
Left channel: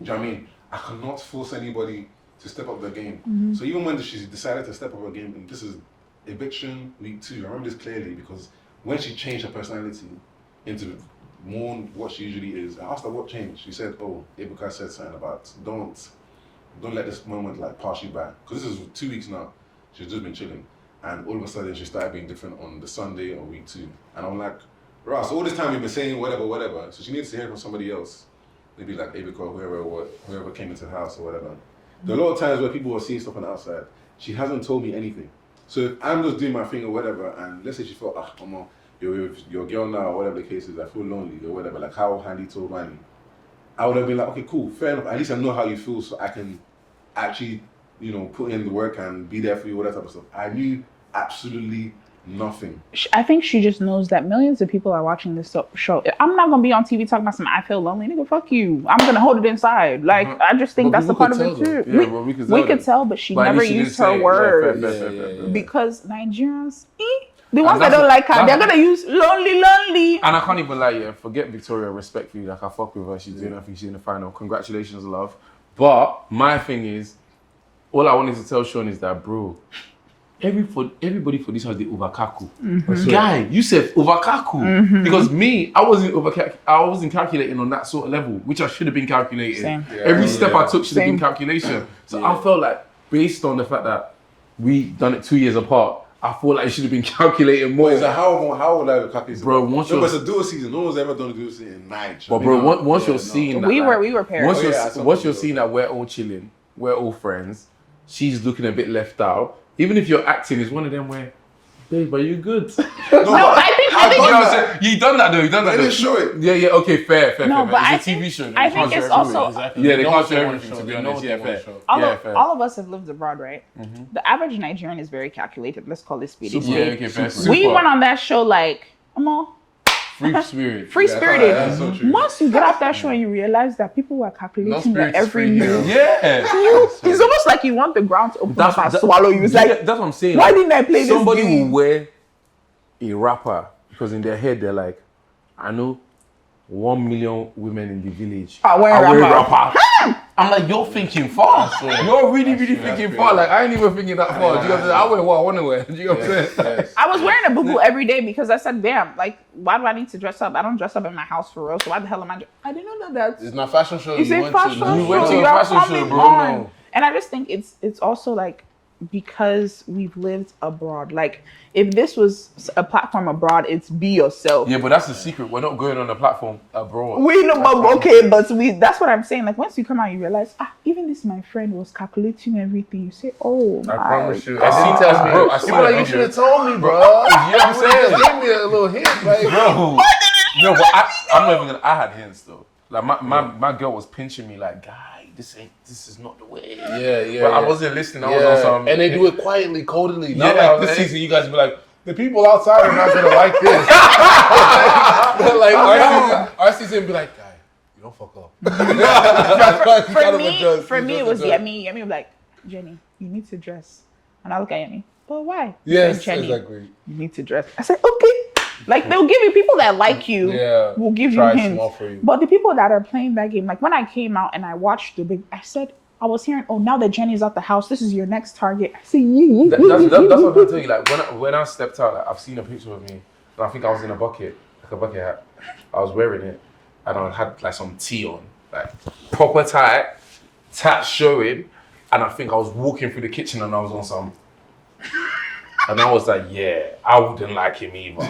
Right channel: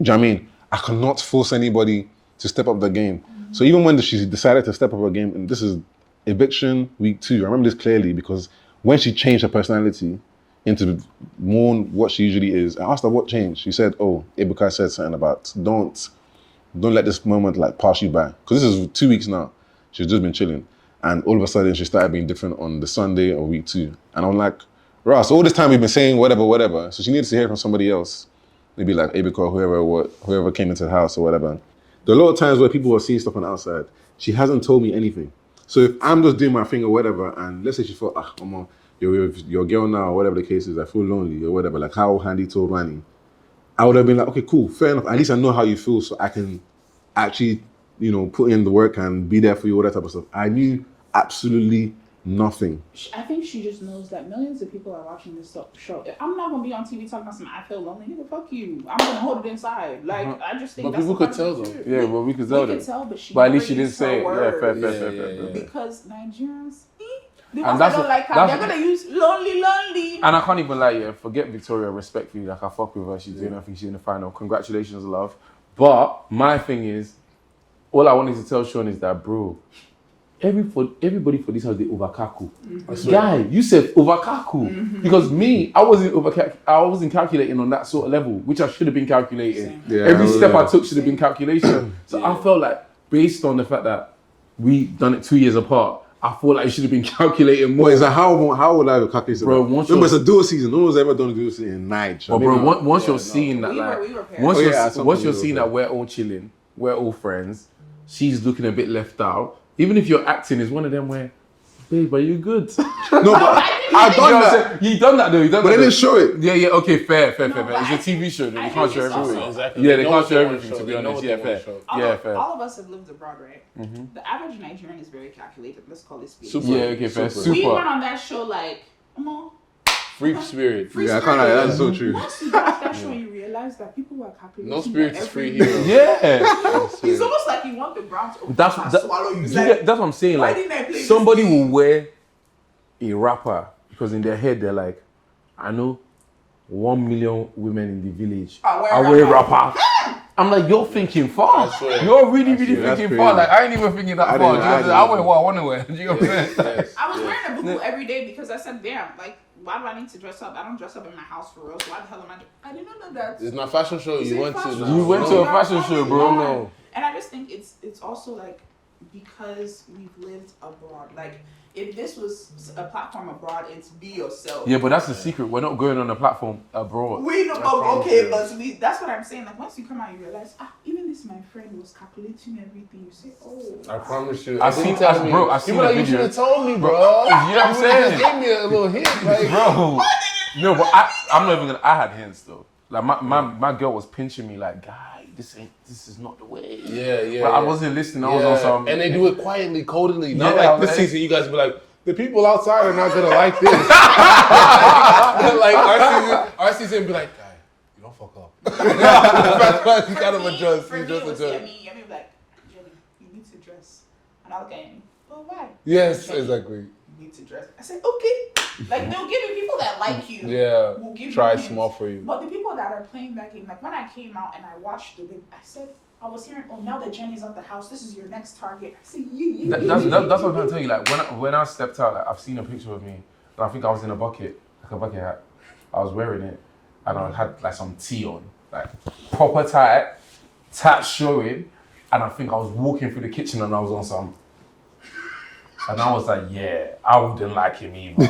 you know what I mean? I cannot force anybody to step up their game. So even when she decided to step up her game, and this is eviction week 2, I remember this clearly because when she changed her personality into more what she usually is, I asked her what changed. She said, "Oh, Ebuka said something about don't let this moment like pass you by." Because this is 2 weeks now. She's just been chilling. And all of a sudden, she started being different on the Sunday or week 2. And I'm like, right, so all this time we've been saying whatever. So she needs to hear from somebody else. Maybe like Abika or whoever came into the house or whatever. There are a lot of times where people are seeing stuff on the outside. She hasn't told me anything. So if I'm just doing my thing or whatever, and let's say she felt, you're with your girl now or whatever the case is, I feel lonely or whatever, like how Handy told Manny, I would have been like, okay, cool, fair enough. At least I know how you feel so I can actually, put in the work and be there for you, all that type of stuff. I knew absolutely nothing. I think she just knows that millions of people are watching this show. I'm not gonna be on TV talking about something I feel lonely. Nigga, fuck you. I'm gonna hold it inside. Like, I just think that's a part of it too. Yeah, well, we could tell, but she never used her words. Yeah. Because Nigerians, the ones that don't like her, they're gonna use lonely. And I can't even lie, forget Victoria respectfully. Like, I fuck with her. She's doing her thing. She's in the final. Congratulations, love. But my thing is, all I wanted to tell Shaun is that, bro, everybody for this house, they overcackle. Guy, you said overcackle. Because me, I wasn't calculating on that sort of level, which I should have been calculating. Yeah, every step I took should have been calculation. So I felt like, based on the fact that we done it 2 years apart, I feel like it should have been calculating more. Is that how would I calculate? Bro, once you're... It's a dual season. No one's ever done a dual season in Naija. But bro, once you're seeing that... We were pairs. Once you're seeing that we're all chilling, we're all friends, she's looking a bit left out. Even if you're acting, is one of them where, babe, are you good? No, I think you done that though. But they didn't show it. Yeah. Okay, fair. It's I a TV show. They I can't think show it's everything. also... Exactly. Yeah, they can't show everything, to be honest. Yeah, fair. All of us have lived abroad, right? The average Nigerian is very calculated. Let's call this speedy. Yeah, okay, fair. We went on that show like, Free spirit. Free spirit. That's so true. Once you get off that show and you realize that people were calculating No spirit is every free year. here. Yeah. It's almost like you want the ground to open up and swallow you. It's like, that's what I'm saying. why Like, didn't I play this somebody game? will wear a rapper because in their head they're like, I know 1 million women in the village I wear a rapper. rapper. I'm like, you're thinking far. You're really thinking far. Like, I ain't even thinking that far. Do you know what I'm saying? I wear what I want to wear. Do you know what I'm saying? I was wearing a bubu every day because I said, damn, like, why do I need to dress up? I don't dress up in my house for real, so why the hell am I didn't know that. It's not fashion show. It's You a went fashion to. show. You went to a You're fashion show, coming bro. on. No. And I just think it's also like, because we've lived abroad, like, if this was a platform abroad, it's be yourself. Yeah, but that's the secret. We're not going on a platform abroad. We know, but okay, but that's what I'm saying. Like once you come out, you realize, even this my friend was calculating everything. You say, oh, I promise you. I see You the should video. have told me, bro. You know what I'm saying? Give me a little hint, like, Bro. No, but I'm not even gonna. I had hints though. Like my girl was pinching me like, guy, this is not the way. Yeah. But I wasn't listening. I was on some. And they do it quietly, codedly. Not Yeah, like this season. You guys be like, the people outside are not gonna like this. Like our season be like, guy, you don't fuck up. For me, it was Yemi. Yemi was like, Jenny, you need to dress. And I look at Yemi, but why? Yes, Jenny, exactly. You need to dress. I said, okay. Like they'll give you people that like you. Yeah. Will give Try you hints. small for you. But the people that are playing that game, like when I came out and I watched I said, I was hearing, oh, now that Jenny's out the house, this is your next target. I said, yeah. That's what I'm trying to tell you. Like when I stepped out, like I've seen a picture of me, and I think I was in a bucket hat. I was wearing it, and I had like some tea on, like proper tight, tats showing, and I think I was walking through the kitchen and I was on some. And I was like, yeah, I wouldn't like him either.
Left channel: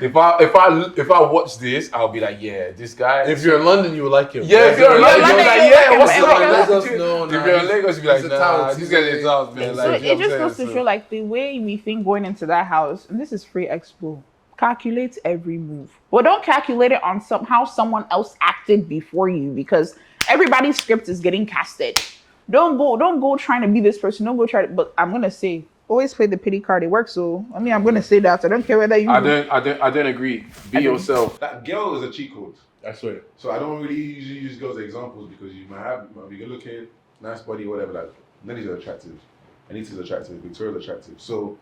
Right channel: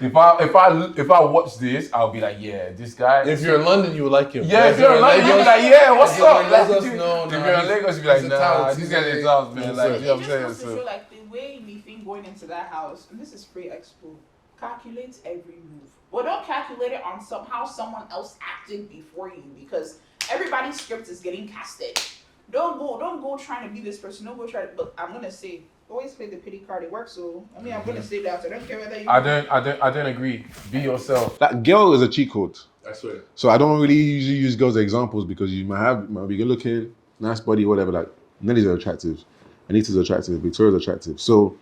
If I watch this, I'll be like, yeah, this guy. If you're in London, you would like him. Yeah, if you're in London, you'll be like, yeah, what's up? Let us know. If you're in Lagos, you'll be like, nah, these guys are tough, man. So Like, it just goes to show like the way we think going into that house, and this is free expo, calculate every move. But don't calculate it on how someone else acted before you, because everybody's script is getting casted. Don't go trying to be this person. Don't go try to, but I'm gonna say, always play the pity card. It works. So I'm gonna say that. I don't care whether you. I don't agree. Be yourself. That girl is a cheat code. I swear. So I don't really usually use girls as examples because you might be good looking, nice body, whatever. Like Nelly's are attractive, Anita's attractive, Victoria's attractive. So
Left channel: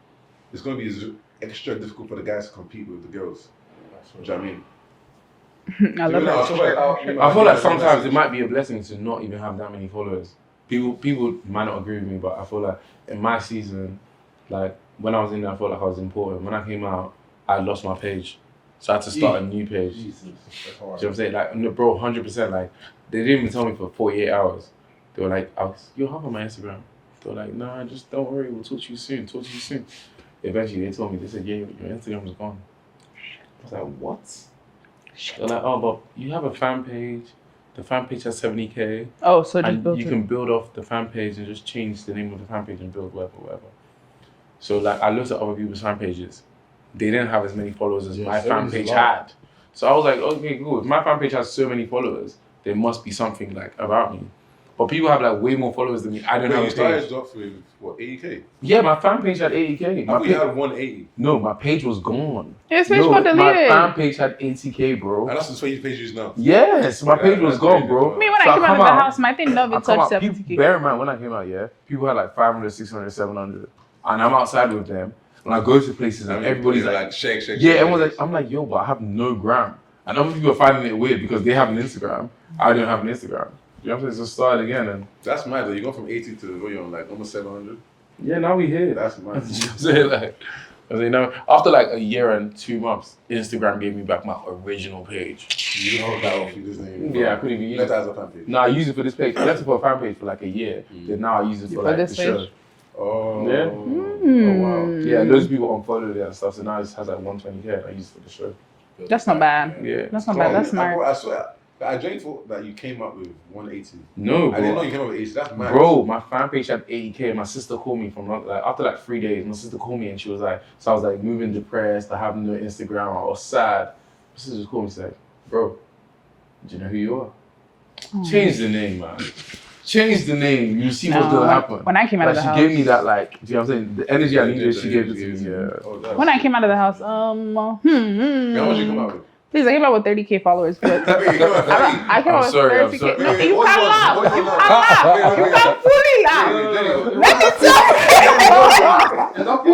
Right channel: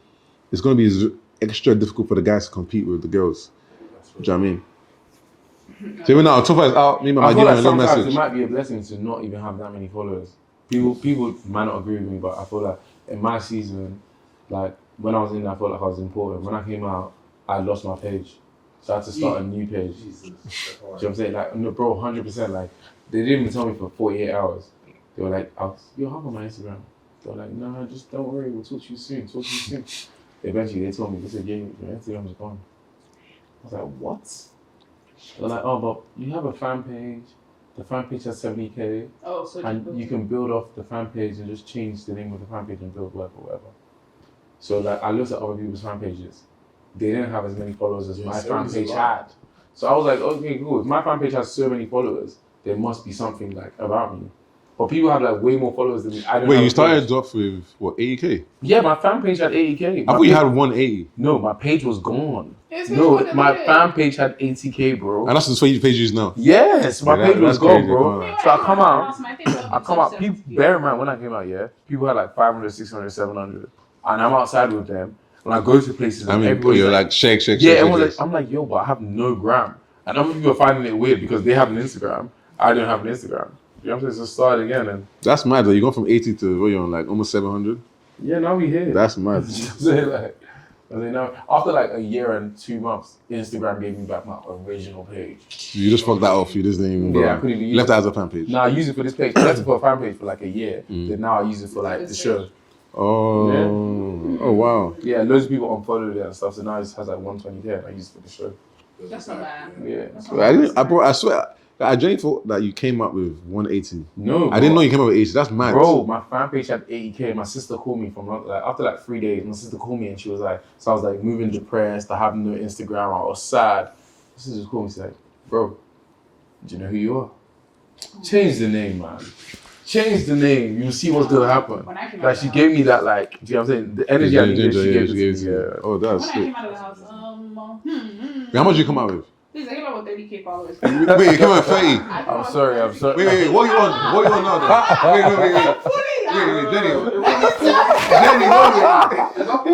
it's gonna be extra difficult for the guys to compete with the girls. Do you know what I mean? So even though I feel like sometimes it might be a blessing to not even have that many followers. People might not agree with me, but I feel like in my season, like when I was in there, I felt like I was important. When I came out, I lost my page, so I had to start a new page. Do you know what I'm saying? Like, no, bro, 100%. Like, they didn't even tell me for 48 hours. They were like, "You'll have on my Instagram." They were like, "No, just don't worry. We'll talk to you soon. Eventually, they told me, they said, "Yeah, your Instagram is gone." I was like, "What?" They're like, "Oh, but you have a fan page. The fan page has 70K. Oh, so and you can build off the fan page and just change the name of the fan page and build whatever." So like I looked at other people's fan pages. They didn't have as many followers as my fan page had. So I was like, okay, cool. If my fan page has so many followers, there must be something like about me. But people have like way more followers than me. I didn't have you a started page. off with what, 80K? Yeah, my fan page had 80K. I thought you had 180. No, my page was gone. His page was deleted. My fan page had 80K, bro. And that's the page you use now. Yes, my page was gone, bro. Me, when I came out of the house, my thing never touched 70K. Bear in mind, when I came out, people had like 500, 600, 700. And I'm outside with them. And I go to places and everybody's like Sheggz. Yeah, everyone's like, I'm like, yo, but I have no gram. And other people are finding it weird because they have an Instagram. I don't have an Instagram. You know what I'm saying? So start again. And that's mad though. You go from 80 to what, you're on, like almost 700? Yeah, now we here. That's mad. Now, after like a year and 2 months, Instagram gave me back my original page. You just fucked that off. You just didn't even go. Yeah, I couldn't even use left it as a fan page. No, I used it for this page. I left it for a fan page for like a year. Then now I use it for like the show. Oh. Yeah. Oh, wow. Yeah, loads of people unfollowed it and stuff. So now it has like 120K and I use it for the show. That's not bad. Yeah. That's not bad. I swear, I genuinely thought that you came up with 180. No, I didn't know you came up with 80. That's mad. Bro, my fan page had 80K. My sister called me from like after like 3 days. My sister called me and she was like, so I was like moving depressed. I have no Instagram. I was sad. My sister just called me. She's like, bro, do you know who you are? Change the name, man. Change the name. You see what's gonna happen. When I came out of the house, she gave me that like. Do you know what I'm saying? The energy I needed, she gave it to me. Yeah. Oh, that's when I came out of the house, How much did you come out with? Please, I came out with 30K followers. Wait, you came out with 30? I came out with 30K. I'm sorry. Wait, what you want? What you want?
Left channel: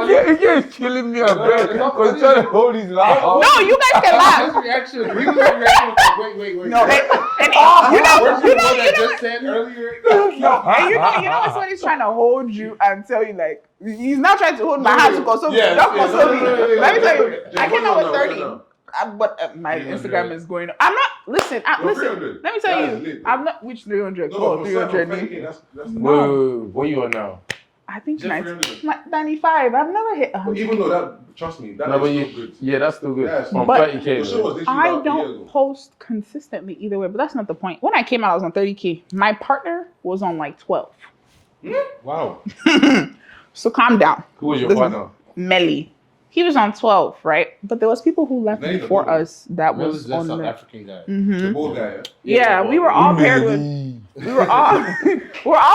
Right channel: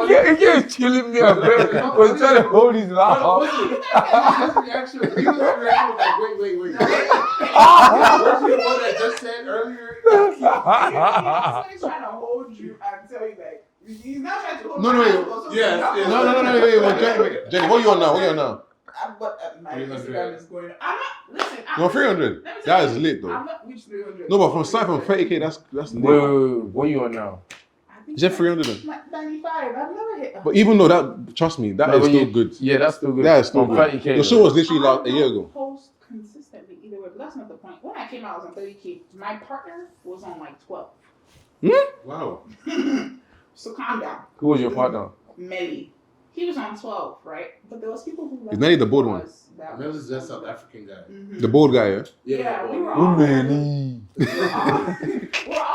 Wait. You're killing me a bit because you're trying to hold his laugh. No, you guys can laugh. Wait. No, You know what I just said earlier? you know when he's trying to hold you and tell you like he's not trying to hold my hand because No. Jay, what you on now? But my Instagram is going up. I'm not. Listen. You're 300. Let me tell That you. is lit, though. I'm not. Which 300? No, but from 30K, that's Whoa, what are you on now? I I think Is it 300? 95. I've never hit. But even though that, trust me, that No, is but still good. Yeah, that's still good. Yeah, it's still From good. 30K. The show was literally I about a year ago. don't post consistently either way, but that's not the point. When I came out, I was on 30K. My partner was on like 12. Wow. So calm down. Who was your partner? Melly. He was on 12, right? But there was people who left Is Melly the before bold one? us that That was was that on South the... African guy. The bold guy, yeah? Yeah, we were all paired with... We were all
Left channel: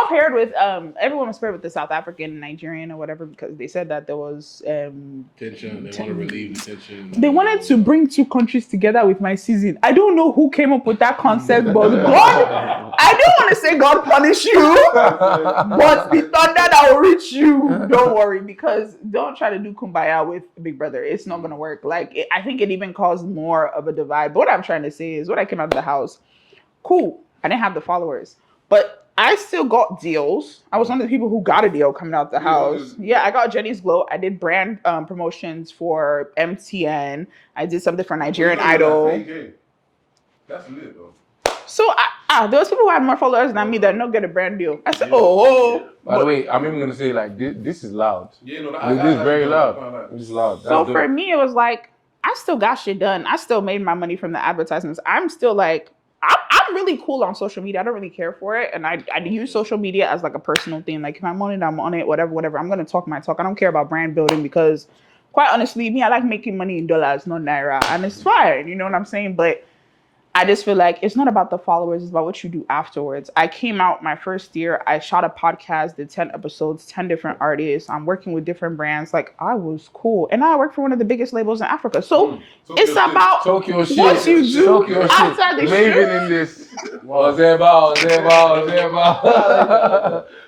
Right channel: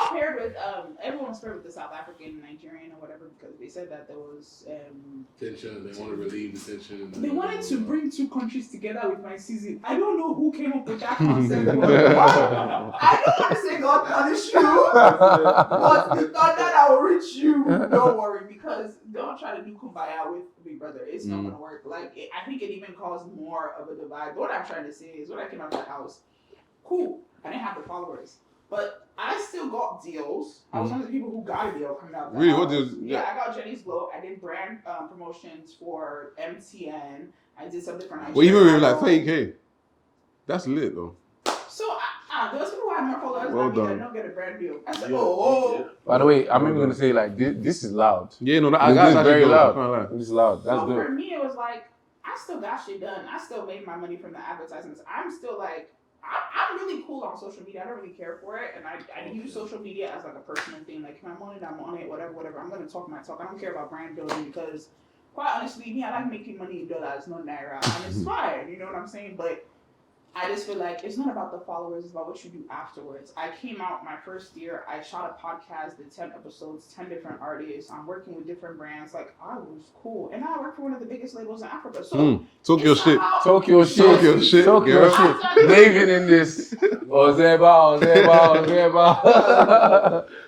paired with... everyone was paired with the South African, Nigerian, or whatever, because they said that there was... Tension. They want to relieve the tension. They wanted to bring two countries together with my season. I don't know who came up with that concept, but God, I don't want to say God punish you, but the thunder that will reach you, don't worry, because don't try to do kumbaya with Big Brother. It's not going to work. Like, I think it even caused more of a divide. But what I'm trying to say is, when I came out of the house, cool, I didn't have the followers, but I still got deals. I was one of the people who got a deal coming out the house. Yeah, I got Jenny's Glow. I did brand promotions for MTN. I did something for Nigerian Idol. Like 30K. That's lit though. So there was people who had more followers than me that don't get a brand deal. I said, oh. By the way, I'm even gonna say like this is loud. Yeah, no, This is very loud. This is loud. So for me, it was like, I still got shit done. I still made my money from the advertisements. I'm still like, I'm really cool on social media. I don't really care for it. And I use social media as like a personal thing. Like if I'm on it, whatever. I'm going to talk my talk. I don't care about brand building because quite honestly, me, I like making money in dollars, not naira. And it's fine. You know what I'm saying? But I just feel like it's not about the followers. It's about what you do afterwards. I came out my first year. I shot a podcast, did 10 episodes, 10 different artists. I'm working with different brands. Like, I was cool. And I work for one of the biggest labels in Africa. So it's about... Talk your shit. Talk your shit. After the Waving in this. Ozeba.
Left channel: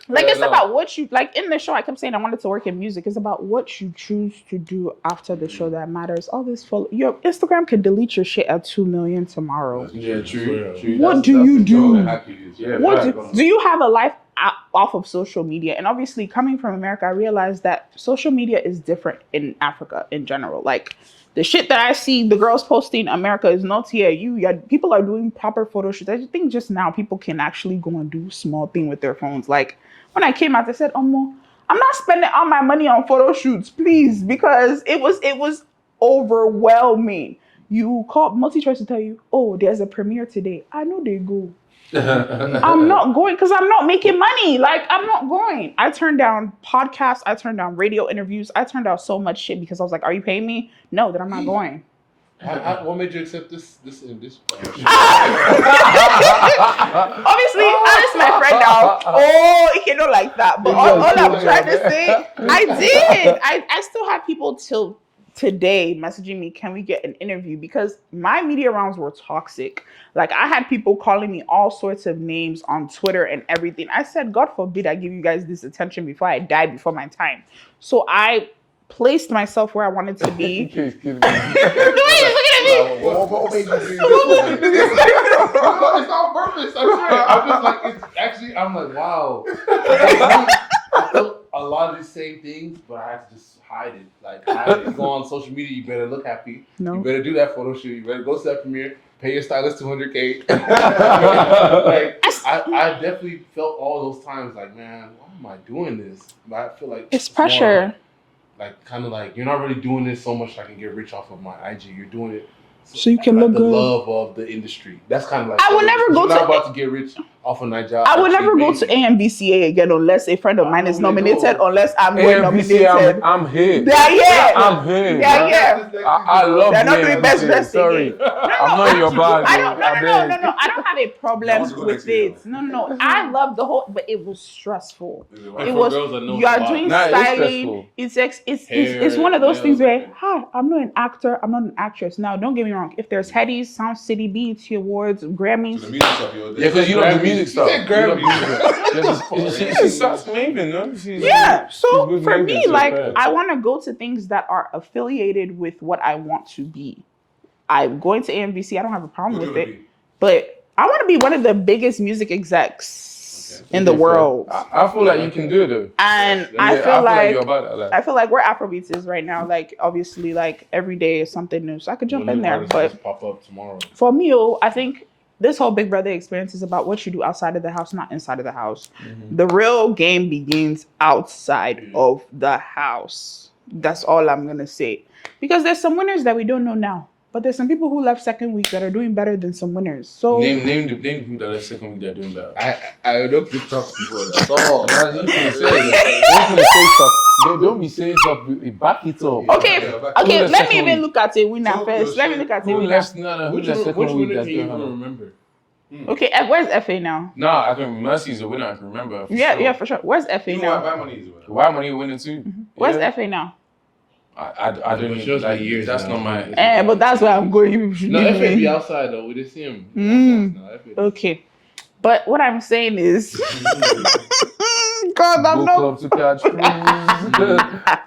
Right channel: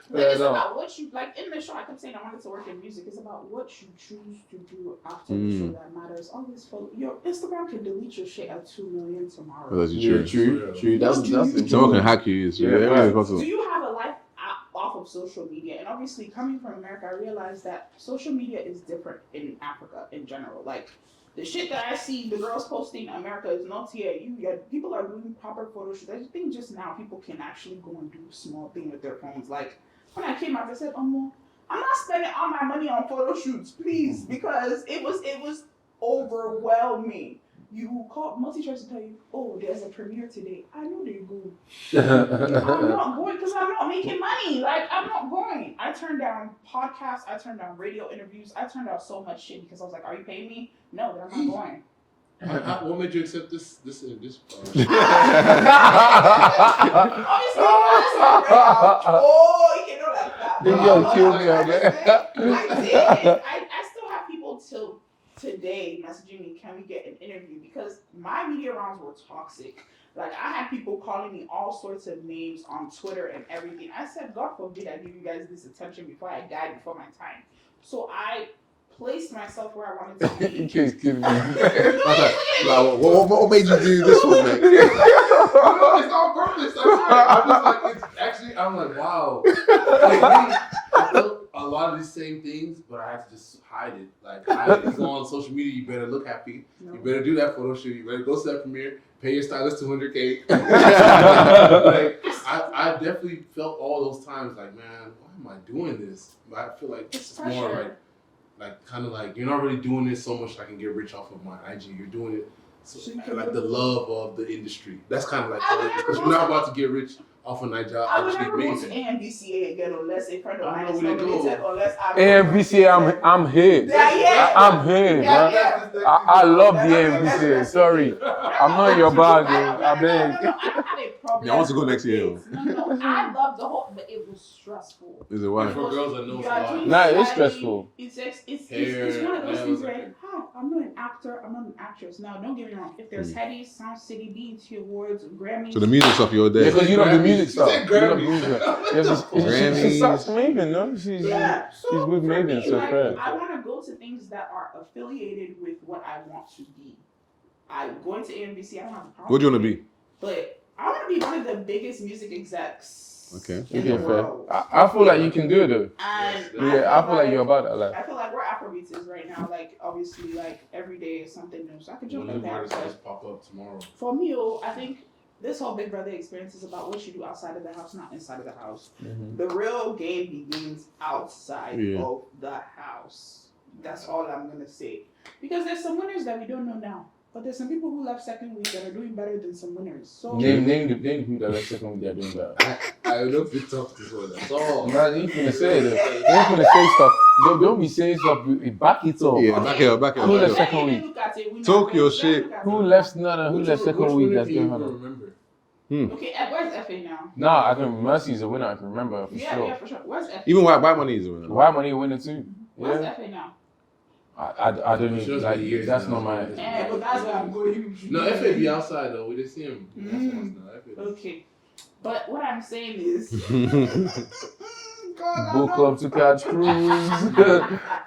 Like, it's about what you... Like, in the show, I kept saying I wanted to work in music. It's about what you choose to do after the show that matters. All this... Your Instagram could delete your shit at 2 million tomorrow. Yeah, true. What do you do? Do you have a life off of social media? And obviously, coming from America, I realized that social media is different in Africa in general. Like, the shit that I see the girls posting in America is not here. People are doing proper photo shoots. I think just now people can actually go and do small thing with their phones. Like, when I came out, I said, I'm not spending all my money on photo shoots, please, because it was overwhelming. You call multi-choice to tell you, oh, there's a premiere today. I know they go. I'm not going because I'm not making money. Like, I'm not going. I turned down podcasts. I turned down radio interviews. I turned down so much shit because I was like, are you paying me? No, then I'm not going. What made you accept this? Obviously, that's my friend now. Oh, it don't like that. But all I'm trying to say, I did. I still have people till today messaging me, can we get an interview? Because my media rounds were toxic. Like, I had people calling me all sorts of names on Twitter and everything. I said, God forbid I give you guys this attention before I die before my time. So I placed myself where I wanted to be. What made you do this one? It's on purpose. I'm sorry. I'm like, wow. I felt a lot of the same things, but I have to just hide it. Like, if you go on social media, you better look happy. No. You better do that photo shoot. You better go to that premiere. Pay your stylist $200K. Like, I definitely felt all those times like, man, why am I doing this? But I feel like it's pressure. More, like, kind of like, you're not really doing this so much I can get rich off of my IG. You're doing it so you can look the good. Love of the industry. That's kind of like, I would never go you're not about to get rich off of Naija. I would never go to AMVCA again unless a friend of mine is nominated, unless I'm AMVCA, I'm here. Yeah. I'm here. I love the AMVCA. Sorry. I'm not in your bag. No. I don't have a problem with it. No. I love the whole, but it was stressful. Is it You are doing styling. It's one of those things where, hi, I'm not an actor, I'm not an actress. Now, don't get me wrong. If there's Headies, Sound City, BET Awards, Grammys. So the music stuff you're there. Yeah, because you love the music stuff. She sucks Maven, no? So for me, like, I want to go to things that are affiliated with what I want to be. I'm going to AMVC. I don't have a problem with it. What do you want to be? But I want to be one of the biggest music execs in the world. I feel like you can do it though. And I feel like you're about it. Like, I feel like where Afrobeats is right now, like, obviously, like, every day is something new. So I could jump in there. But pop up tomorrow. For me, I think this whole Big Brother experience is about what you do outside of the house, not inside of the house. The real game begins outside of the house. That's all I'm gonna say. Because there's some winners that we don't know now. But there's some people who left second week that are doing better than some winners. So name the people that left second week that are doing that. I looked it up before. That's all. Man, you can say that. You can say stuff. Don't be saying stuff. Back it up. Yeah. okay, Who left let me second even week? look at a winner Talk your first. Let me shit. look at a Who winner. left? No. Who left second week that's doing don't better? remember. Okay, and where's FA now? No, I can. Mercy's a winner. I can remember. For Yeah, sure. yeah, for sure. Where's FA You know now? why buy money is winning? Why money winning too? Where's Yeah. FA now? I don't It's just like the years that's now. not my. But that's where I'm going. No, FA be outside though. We just see him. No, FA. Okay. But what I'm saying is God, I'm Book not. club to catch cruise.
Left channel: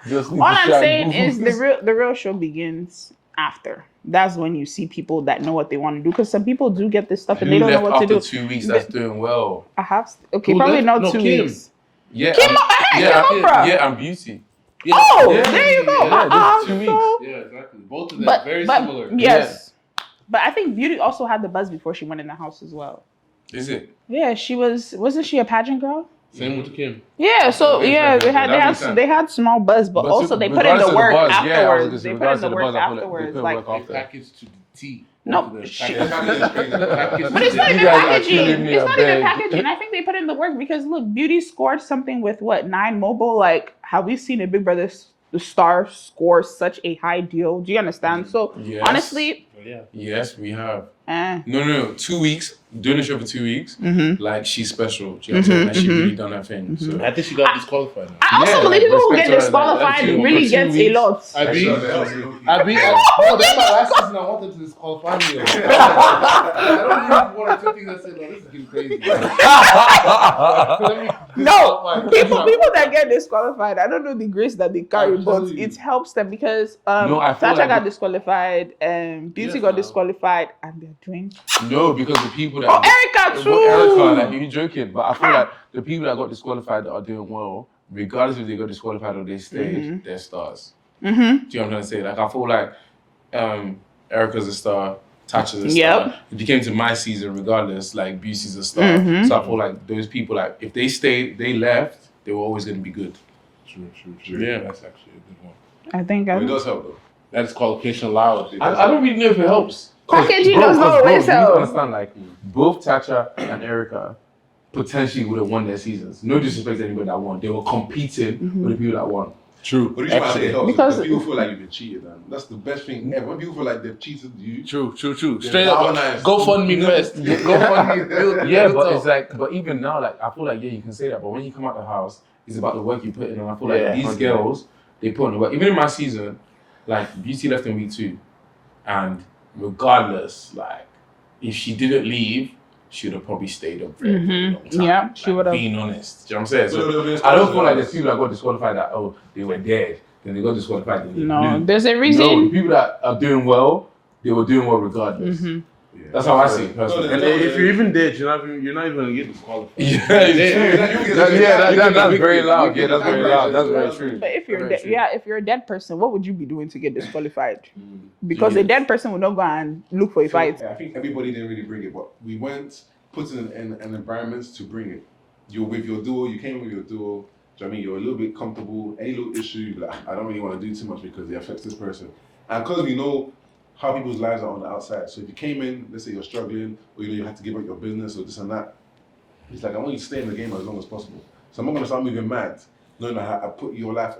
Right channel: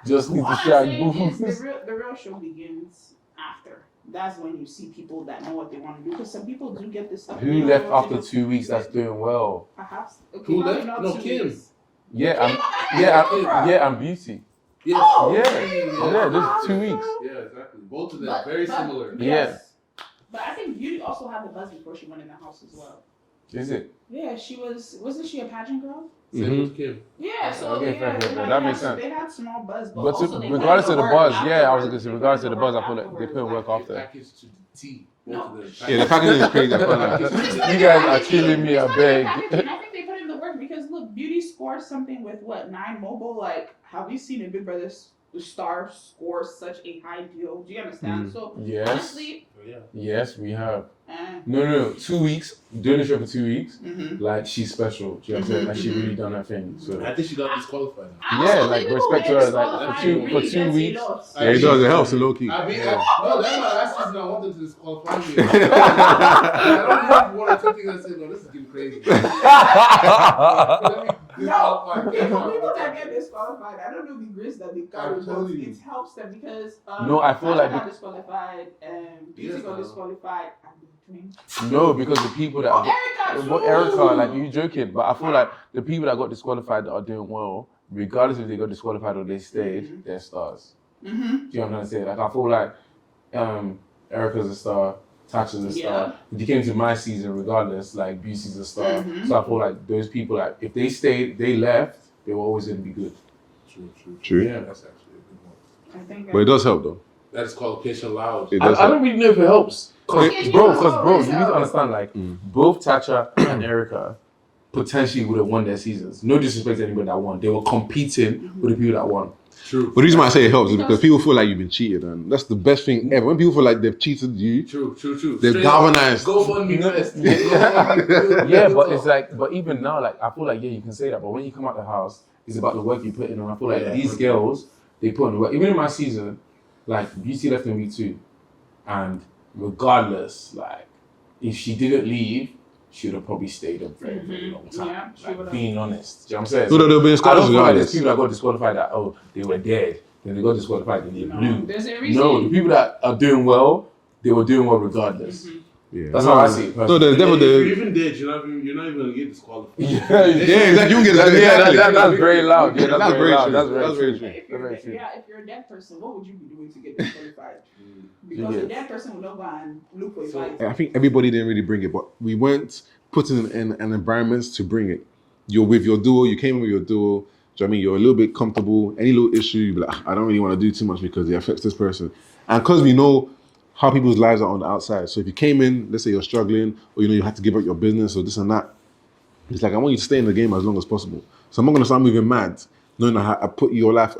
Just need All to I'm shine saying is boots. the real show begins after. That's when you see people that know what they want to do. Because some people do get this stuff and they Who don't know left what to after do. 2 weeks that's doing well? I have okay, Who probably left? not No, 2 Kim. weeks. Yeah, Kim, yeah, and beauty. Yeah. Oh, Yeah. there you go. Yeah, there's 2 weeks. Yeah, exactly. Both of them very similar. Yes. But I think Beauty also had the buzz before she went in the house as well. Is it? Yeah, wasn't she a pageant girl? Same with Kim. Yeah, so Okay, yeah, fair, that makes sense. they had small buzz, but also they put in regardless the of work the buzz, afterwards. yeah, I was gonna say They put regardless in of the the buzz, work I feel like they afterwards, put like- work after. Package to the T. No, Both of them Yeah, the packaging is crazy. But it's not You even guys are packaging. killing me, It's I not even beg. packaging. I think they put in the work because look, Beauty scored something with what 9 mobile. Like, have we seen a Big Brother the star score such a high deal? Do you understand? So Yes. honestly, Yeah. Yes, we have. eh. No. 2 weeks, doing the show for 2 weeks, Mm-hmm. like she's special. Do you know what I'm saying? Like she really done her thing. So I think she got disqualified. Now. I also Yeah, like, believe people who respect get to her, disqualified like, really for 2 gets a weeks. lot. I It beat does, it helps low key. I beat no, that's my last season. I wanted to disqualify me. I don't have one or two things I said, no, this is getting crazy. No, people that get disqualified, I don't know the grace that they carry, I'm but telling you. it helps them because No, I feel Tasha like got the- disqualified, Beauty Yes, got ma'am. disqualified, and they're doing. No, because the people that Erica too. But Erica, like you joking, but I feel like the people that got disqualified that are doing well, regardless if they got disqualified or they stayed, they're stars. Mm-hmm. Do you know what I'm trying to say? Like I feel like Erica's a star, Tasha's a star. Yep. If you came to my season, regardless, like Beauty's a star. Mhm. So I feel like those people, like if they stayed, they left, they were always gonna be good. True. Yeah, that's actually a good one. I think. But it does help though. That disqualification allows. It I, does I don't really know if it helps. Packaging Bro, does always you need to help. understand, like, both Tasha and Erica potentially would have won their seasons. No disrespect to anybody that won. They were competing with the people that won. True. But the reason why I say it helps is Because- because people feel like you've been cheated, and that's the best thing ever. When people feel like they've cheated you, True. they're Straight up, galvanized. Go fund me first. Yeah, but it's like, but even now, like, I feel like, yeah, you can say that, but when you come out the house, it's about the work you put in. And I feel like Yeah. these girls, they put in the work. Even in my season, like, Beauty left in week 2. And regardless, like, if she didn't leave, she would have probably stayed up for a very long time. Yeah, she Like, would have. Being honest. Do you know what I'm saying? So they'll be in I don't scores feel like regardless. there's people that got disqualified that, oh, they were dead. Then they got disqualified and they No, blew. there's a No, the reason. people that are doing well, they were doing well regardless. Yeah. That's how I see it. So personally. the- If you're even dead, you're not even gonna get disqualified. Yeah, you get- that's very loud. Yeah, that's That's very very loud. true. That's very That's very true. But if you're Very true. if you're a dead person, what would you be doing to get disqualified? Because a Yes. dead person would not go and look for a fight. I think everybody didn't really bring it, but we weren't putting in an environment to bring it. You're with your duo, you came in with your duo. Do you know what I mean? You're a little bit comfortable. Any little issue, you'd be like, I don't really want to do too much because it affects this person. And because we know how people's lives are on the outside. So if you came in, let's say you're struggling, or you had to give up your business or this and that, it's like, I want you to stay in the game as long as possible. So I'm not going to start moving mad, knowing that I put your life,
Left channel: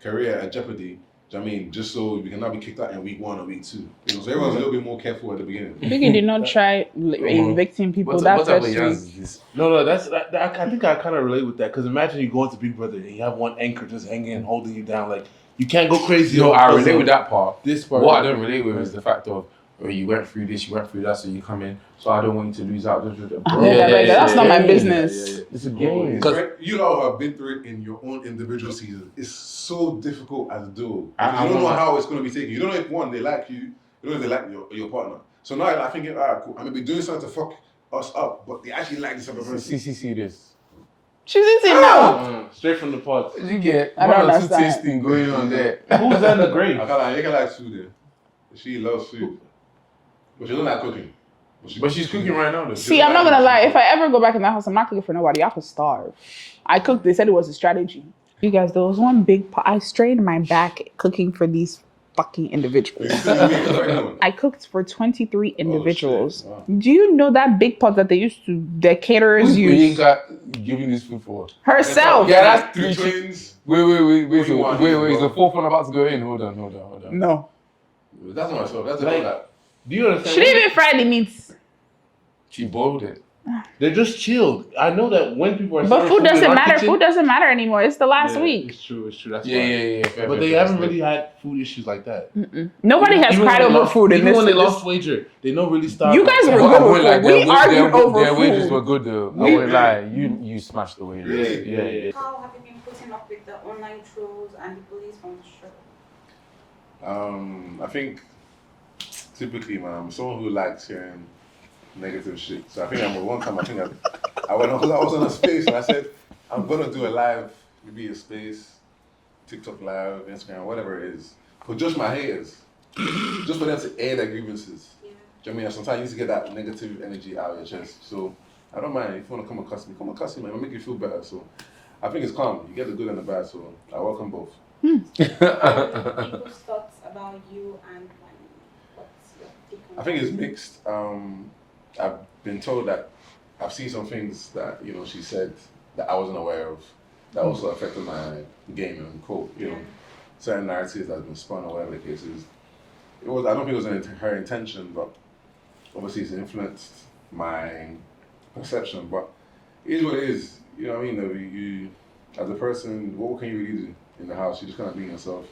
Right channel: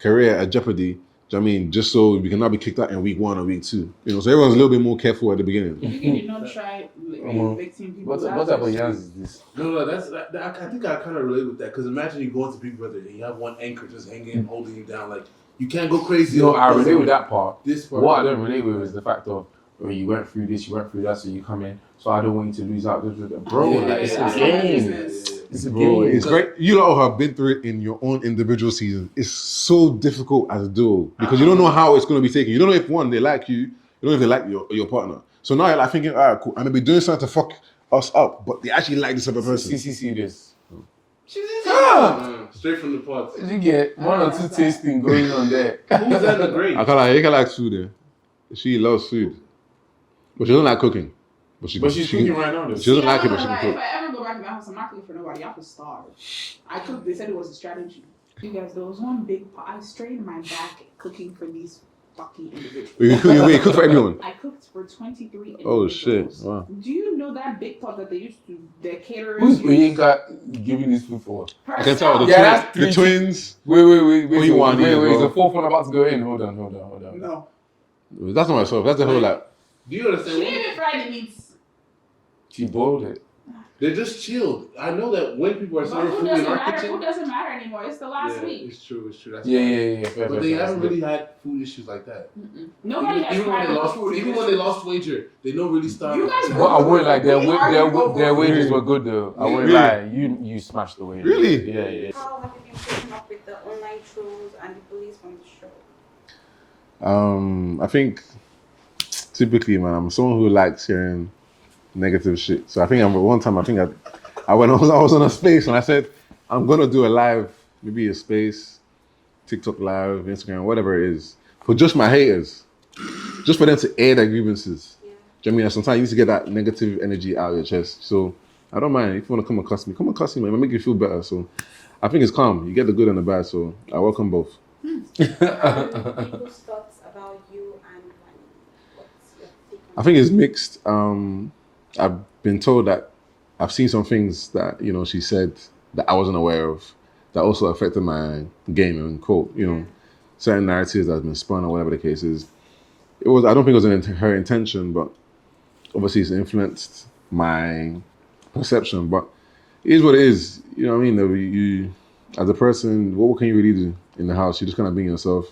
career at jeopardy. Do you know what I mean? Just so we can not be kicked out in week 1 or week 2. So everyone's a little bit more careful at the beginning. Biggie did not try evicting people What that type of first Yans week. is this? No, I think I kind of relate with that because imagine you go into Big Brother and you have one anchor just hanging, holding you down. Like you can't go crazy. You know, I because relate of with that part. This part. What I don't relate with is the fact of, well, you went through this, you went through that, so you come in. So I don't want you to lose out. Bro, Yeah, it's that's a not my game. business. It's a Bro, game. it's great. You lot have been through it in your own individual season. It's so difficult as a duo because you don't know how it's going to be taken. You don't know if one, they like you. You don't know if they like your partner. So now you're like thinking, all right, cool. I'm going to be doing something to fuck us up, but they actually like this other person. CCC this. She's in now. Straight from the pot. You get I one don't or two understand. tasting going on there. Who's in the grave? I can't like food there. She loves food. But she don't like cooking. But she's cooking right now, though. See, I'm not gonna lie. If I ever go back in that house, I'm not cooking for nobody. I could starve. I cooked. They said it was a strategy. You guys, there was one big pot. I strained my back cooking for these fucking individuals. Wait, cook for everyone. I cooked for 23 individuals. Oh, shit. Wow. Do you know that big pot that they used to, the caterers use? Yinka giving this food for? Herself. Yeah, that's The 3 twins. Wait, is bro? the fourth one about to go in? Hold on. No. That's not myself. That's the whole like. Do you understand? She didn't even fry the meats. She boiled it. They're just chilled. I know that when people are But serving food doesn't in our matter. kitchen- Food doesn't matter anymore. It's the last week. It's true. That's Yeah, fine. yeah. Fair, But fair, they fair. haven't really had food issues like that. Nobody has Even cried when they over lost- food in even this. when they lost wager, they don't really start. You guys were But I good. wouldn't like We argued over their food. wages were good though. I wouldn't lie. You smashed the wages. Really? Yeah. How have you been coping up with the online trolls and the bullies from the show? I think typically, man, I'm someone who likes hearing negative shit. So I think one time I was on a space and I said I'm gonna do a live, maybe a space, TikTok live, Instagram, whatever it is, for just my haters, just for them to air their grievances. Yeah. Do you know what I mean? And sometimes you need to get that negative energy out of your chest. So I don't mind if you want to come and cuss me, man. It'll make you feel better. So I think it's calm. You get the good and the bad. So I welcome both. People's thoughts about you and Wani. What's your take on I think it's mixed. I've been told that I've seen some things that, you know, she said that I wasn't aware of that also affected my game and quote, you know, certain narratives that have been spun or whatever the case is. I don't think it was her intention, but obviously it's influenced my perception. But it is what it is. You know what I mean? You as a person, what can you really do in the house? You're just kind of being yourself.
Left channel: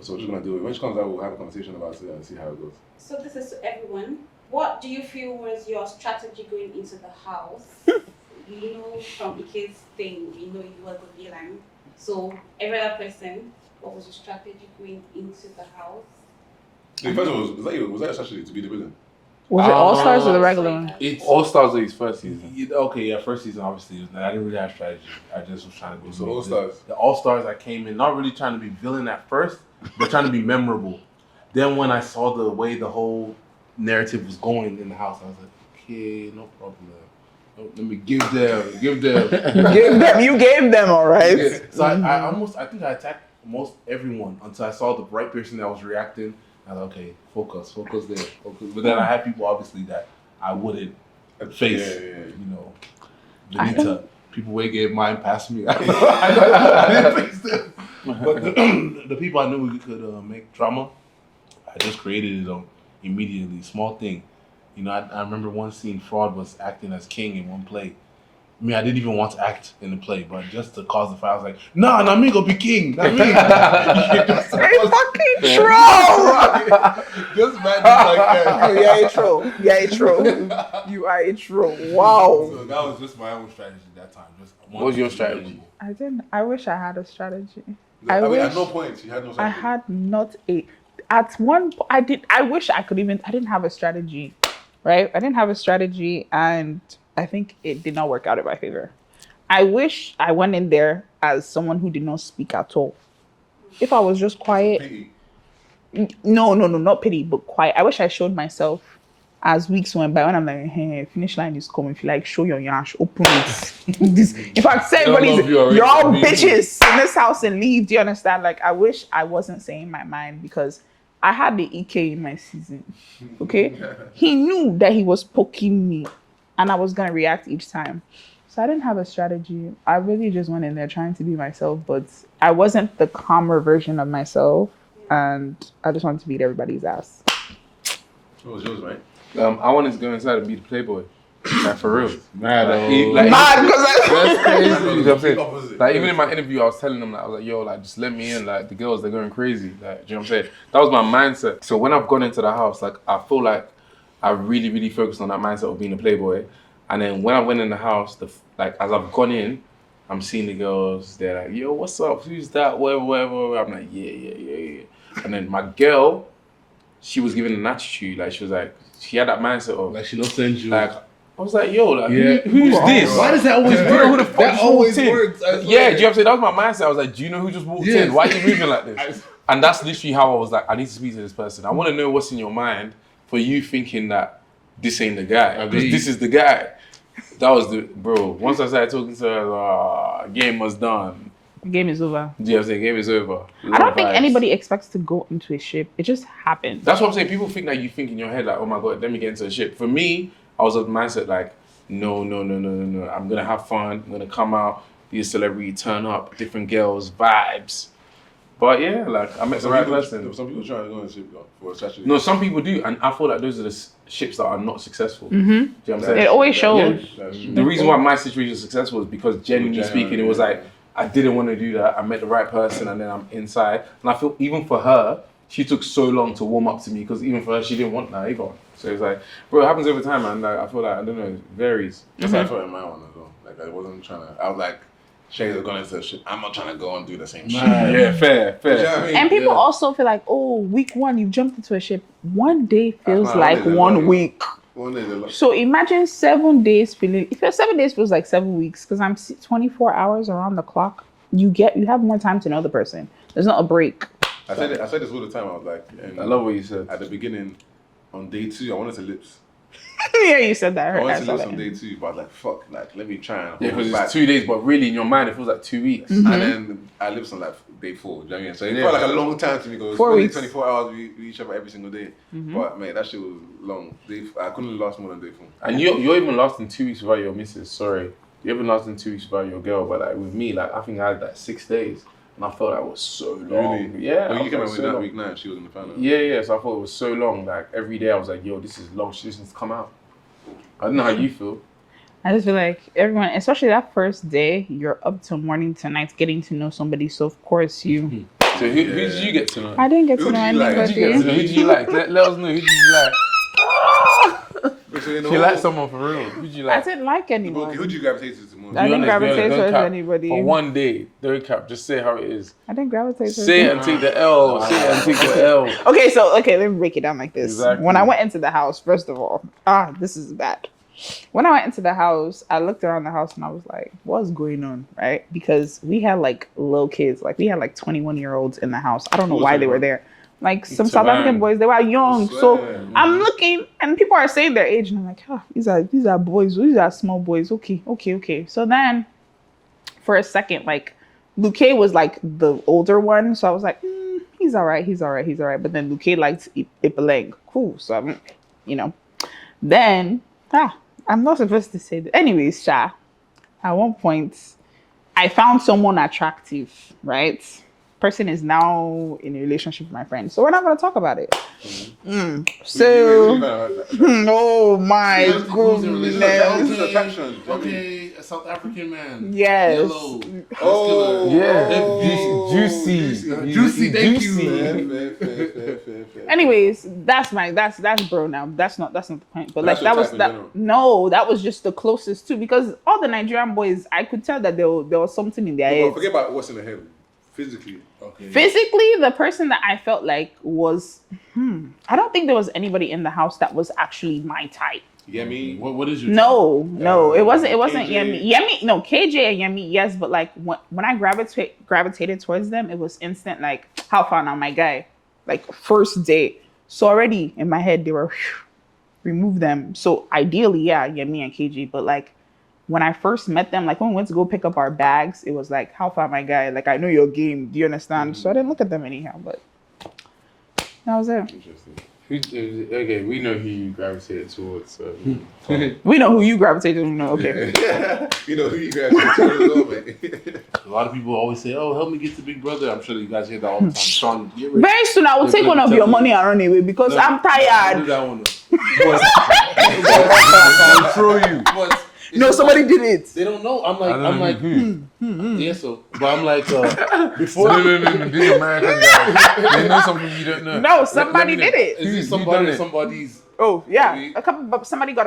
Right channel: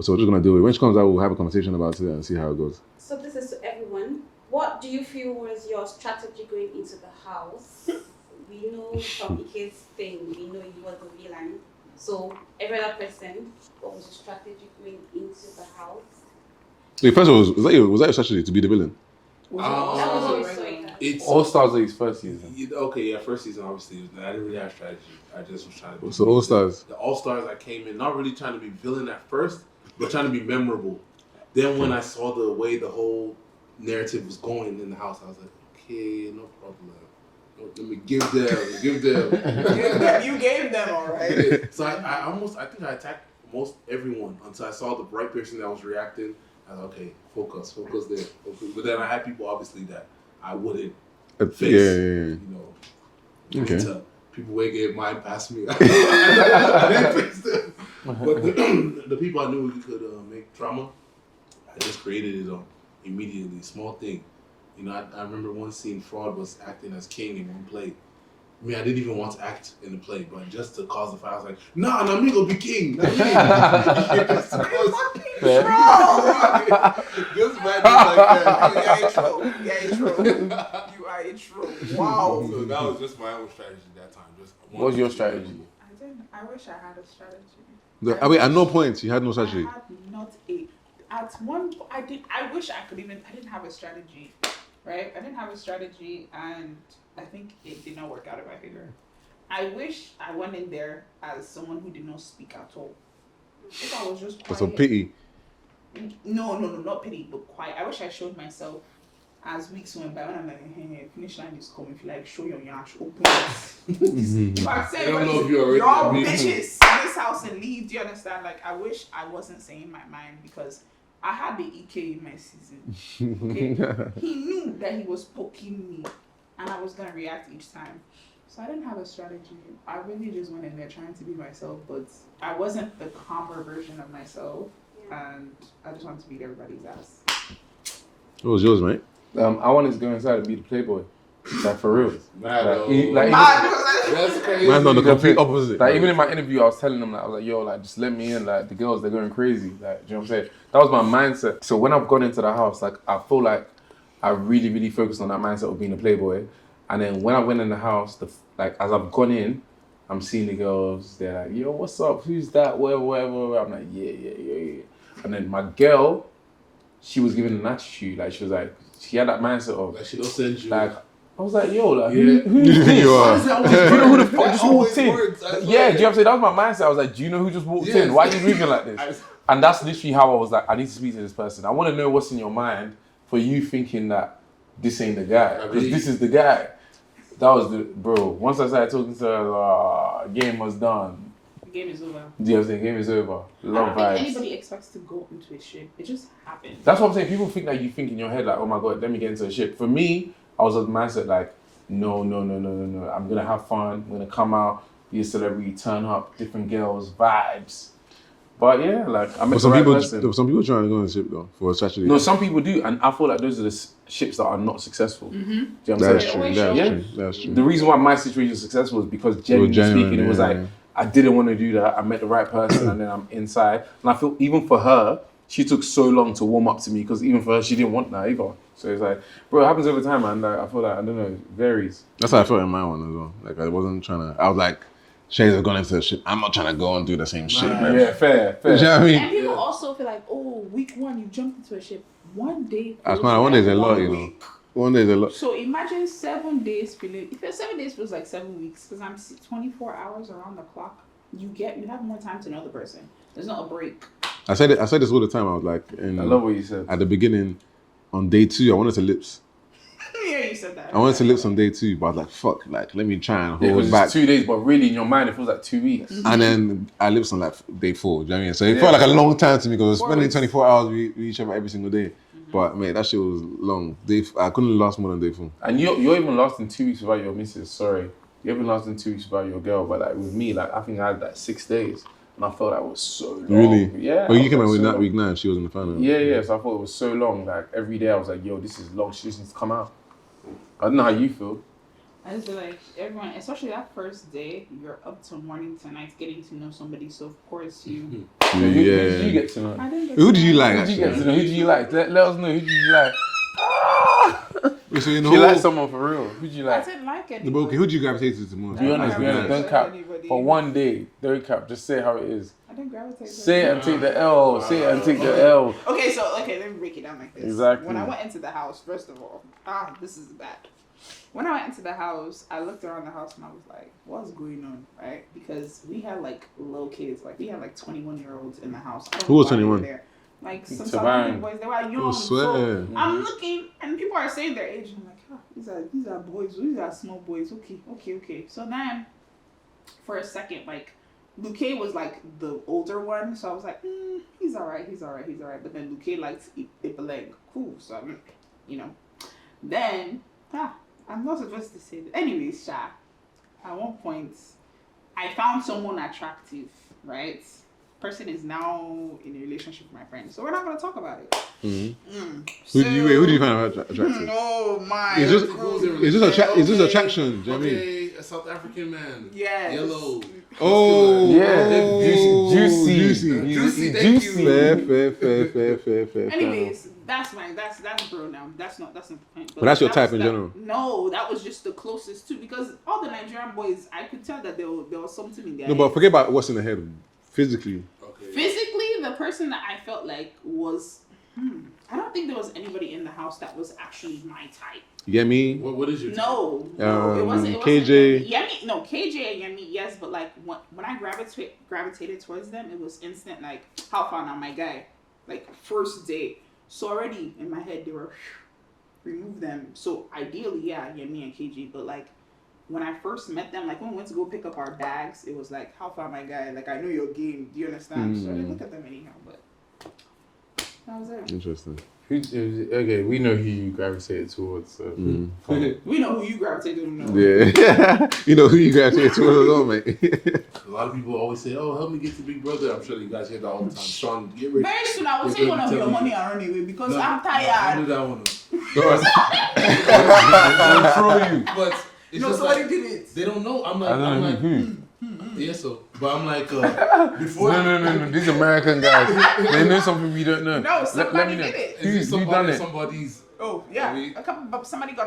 So we're just going to do it. When she comes out, we'll have a conversation about it and see how it goes. So this is to everyone. What do you feel was your strategy going into the house? You know, from Ike's thing, we know you were the villain. So every other person, what was your strategy going into the house? Wait, first of all, was that your strategy to be the villain? Was it All Stars or the regular one? It's All Stars are his first season. First season obviously was I didn't really have strategy. I just was trying to be. So All Stars. The All Stars, I came in not really trying to be villain at first, but trying to be memorable. Then when I saw the way the whole narrative was going in the house, I was like, okay, no problem. Let me give them. You gave them, all right. Yeah. So I think I attacked most everyone until I saw the right person that was reacting. I was like, okay, focus there. Focus. But then I had people obviously that I wouldn't face. Yeah. You know, people way gave mine past me. I didn't face them. But the people I knew we could make drama, I just created it immediately. Small thing. You know, I remember one scene, Fraud was acting as king in one play. I mean, I didn't even want to act in the play, but just to cause the fight, I was like, nah, not me gonna be king, not me. Just fucking troll! Just imagine like that. You are a troll. You are a troll. Wow. So that was just my own strategy that time. What was your strategy? I wish I had a strategy. At no point you had no I strategy. had not a. At one point, I did. I wish I could even. I didn't have a strategy, right? I didn't have a strategy, and I think it did not work out in my favor. I wish I went in there as someone who did not speak at all. If I was just quiet. Some pity. No, not pity, but quiet. I wish I showed myself as weeks went by when I'm like, hey, finish line is coming. If you like, show your yash, open it. If I say everybody's, you're all bitches in this house and leave. Do you understand? Like, I wish I wasn't saying my mind because I had the EK in my season. Okay, he knew that he was poking me, and I was gonna react each time. So I didn't have a strategy. I really just went in there trying to be myself, but I wasn't the calmer version of myself, and I just wanted to beat everybody's ass. What was yours, mate? I wanted to go inside and be the playboy. Like for real. Mad, That's the complete opposite. Like even in my interview, I was telling them, like, I was like, yo, like just let me in. Like the girls, they're going crazy. Like, do you know what I'm saying? That was my mindset. So when I've gone into the house, like I feel like I really, really focused on that mindset of being a playboy. And then when I went in the house, like as I've gone in, I'm seeing the girls. They're like, yo, what's up? Who's that? Whatever. I'm like, yeah. And then my girl, she was giving an attitude. Like she was like, she had that mindset of like she don't send you. like. I was like, yo, like, Yeah. who's this? Why does that always Do you know who the fuck That just always walked in? works. I Yeah, swear. do you know what I'm saying? That was my mindset. I was like, do you know who just walked Yes. in? Why are you moving like this? And that's literally how I was like, I need to speak to this person. I want to know what's in your mind for you thinking that this ain't the guy. Because this is the guy. That was the bro. Once I started talking to her, game was done. The game is over. Yeah, the game is over. I don't think anybody expects to go into a ship. It just happens. That's what I'm saying. People think that you think in your head like, oh my god, let me get into a ship. For me, I was of the mindset like, no. I'm gonna have fun. I'm gonna come out, be a celebrity, turn up, different girls, vibes. But yeah, like I met the right person. Some people trying to go on a ship though for a strategy. No, some people do, and I feel like those are the ships that are not successful. Do you know what I'm saying? It always shows. Yeah. The reason why my situation was successful is because genuinely speaking, it was like I didn't want to do that. I met the right person, and then I'm inside. And I feel even for her, she took so long to warm up to me because even for her, she didn't want that either. So it's like, bro, it happens every time, man. Like, I feel like I don't know, it varies. That's how I felt in my one as well. Like I wasn't trying to. I was like, Sheggz has gone into the ship. I'm not trying to go and do the same shit. Yeah, fair. You know what I mean? And people also feel like, oh, week 1, you've jumped into a ship. One day feels One like day's a lot, 1 week. One day's a lot. So imagine 7 days feeling. If 7 days feels like 7 weeks, because I'm 24 hours around the clock. You have more time to know the person. There's not a break. I said this all the time. I was like, I love what you said. At the beginning, on day 2, I wanted to lips. Yeah, you said that. I wanted to lips on day 2, but I was like, fuck, like let me try and hold because it back. it's 2 days, but really in your mind it feels like 2 weeks. And then I lips on like day 4. Do you know what I mean? So it felt like a long time to me because I was spending 24 hours with each other every single day. But mate, that shit was long. I couldn't last more than day 4. And you're even lasting 2 weeks without your missus. Sorry. You haven't lasted 2 weeks without your girl, but like with me, like I think I had like 6 days, and I felt that was so long. Really? Yeah. Oh, you came out with that week 9. She was in the final. Yeah. So I thought it was so long. Like every day, I was like, "Yo, this is long. She just needs to come out." I don't know how you feel. I just feel like everyone, especially that first day, you're up till morning to night getting to know somebody. So of course you. So who did you get to know? I didn't get to know. Who did you like? Who did you get to know? Who did you like? Let us know. Who did you like? So You like someone for real? Who did you I like? didn't like anyone. Okay, who did you gravitate to the most? I didn't gravitate don't towards cap. anybody. For one day, don't cap. Just say how it is. I didn't gravitate towards Say it and take the L. Say it and take the L. Okay, let me break it down like this. Exactly. When I went into the house, first of all, this is bad. When I went into the house, I looked around the house and I was like, what's going on, right? Because we had like little kids. Like we had like 21-year-olds in the house. I don't know why they were there. Like some South African boys, they were young. So I'm looking and people are saying their age and I'm like, these are boys. These are small boys. Okay. So then for a second, like Luke was like the older one. So I was like, he's all right. But then Luke liked Ipeleng. Cool. So I'm, then, I'm not supposed to say that. Anyways, at one point, I found someone attractive, right? Person is now in a relationship with my friend. So we're not going to talk about it. Who do you find attractive? Oh my Is this attraction? Okay, a South African man. Yes. Yellow. Oh, Yeah. Juicy. Fair. Anyways, that's bro now. That's not the point. But that's your that type in general. No, that was just the closest too. Because all the Nigerian boys, I could tell that there was something in their head. But forget about what's in the head. Physically. Okay. Physically, the person that I felt like was, I don't think there was anybody in the house that was actually my type. You get me? What is your No, it wasn't KJ. Yemi. No, KJ and Yemi, yes, but like when I gravitated towards them, it was instant. Like, how far now, my guy? Like first date. So already in my head they were remove them. So ideally, yeah, Yemi and KJ, but like. When I first met them, like when we went to go pick up our bags, it was like, how far, my guy? Like, I know your game. Do you understand? So I didn't look at them anyhow, but that was it. Interesting. Okay, we know who you gravitated towards. So. We know who you gravitated to. Okay. Yeah. You know who you gravitated towards as well, mate. A lot of people always say, "Oh, help me get to Big Brother." I'm sure you guys hear that all the time. Sean, get ready. Very soon, I will take one of your money and run away because I'm tired. Don't do that one. They'll throw you. But No, somebody did it. They don't know. I'm I like, who? yeah. So, but I'm like, before. No. These American guys. They know something you don't know. No, somebody did it. Is it Who done it? somebody's? Oh yeah, Maybe. somebody got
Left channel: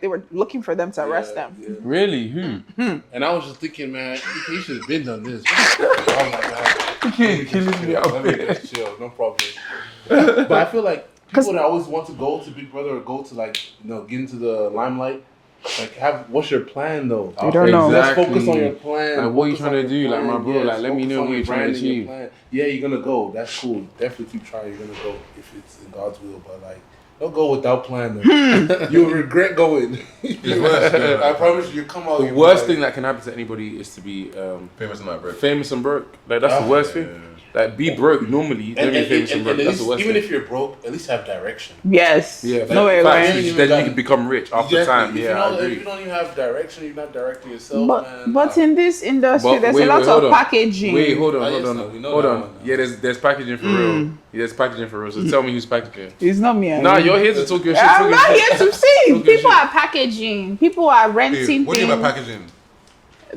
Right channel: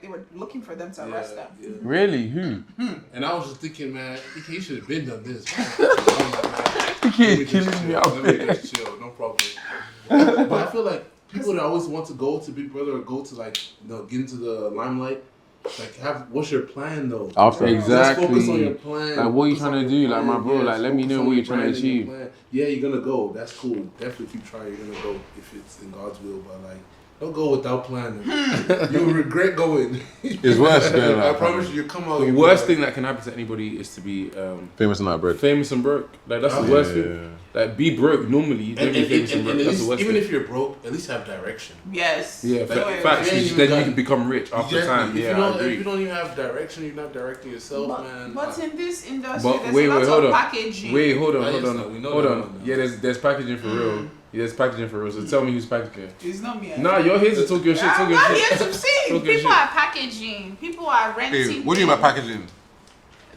they were looking for them to arrest them. Yeah. Really? Who? And I was just thinking, man, he should have been done this. I was like, man, You killing me out let me there. just chill, no problem. But I feel like people that always want to go to Big Brother or go to like, get into the limelight. Like, what's your plan though? don't know. Let's focus on your plan. Like, what you Focus on trying to do? your Like, my plan. bro, like, let me focus know on what your you're trying to brand and your achieve. plan. Yeah, you're gonna go. That's cool. Definitely keep trying. You're gonna go if it's in God's will. But like, Don't go without plan. You'll regret going. It's worse. I promise you, come out. The worst thing that can happen to anybody is to be Famous and not broke. famous and broke. Like that's the worst thing. Like be broke normally, then be famous and broke. That's the worst even thing. if you're broke, at least have direction. Yes. Yeah, No way, facts. right? Then you can become rich after Exactly. time. If Yeah, I If agree. you don't even have direction, you're not directing yourself, man. But in this industry, But there's wait, a lot hold of on. packaging. Wait, hold on, Oh, hold yes, on, no, we know hold that on. one now. Yeah, there's packaging for real. Yeah, there's packaging for real. So tell me who's packaging. It's not me. Nah, you're here to talk your shit. I'm Talk your not shit. here to see. Talk your People shit. are packaging. People are renting What do you mean by packaging?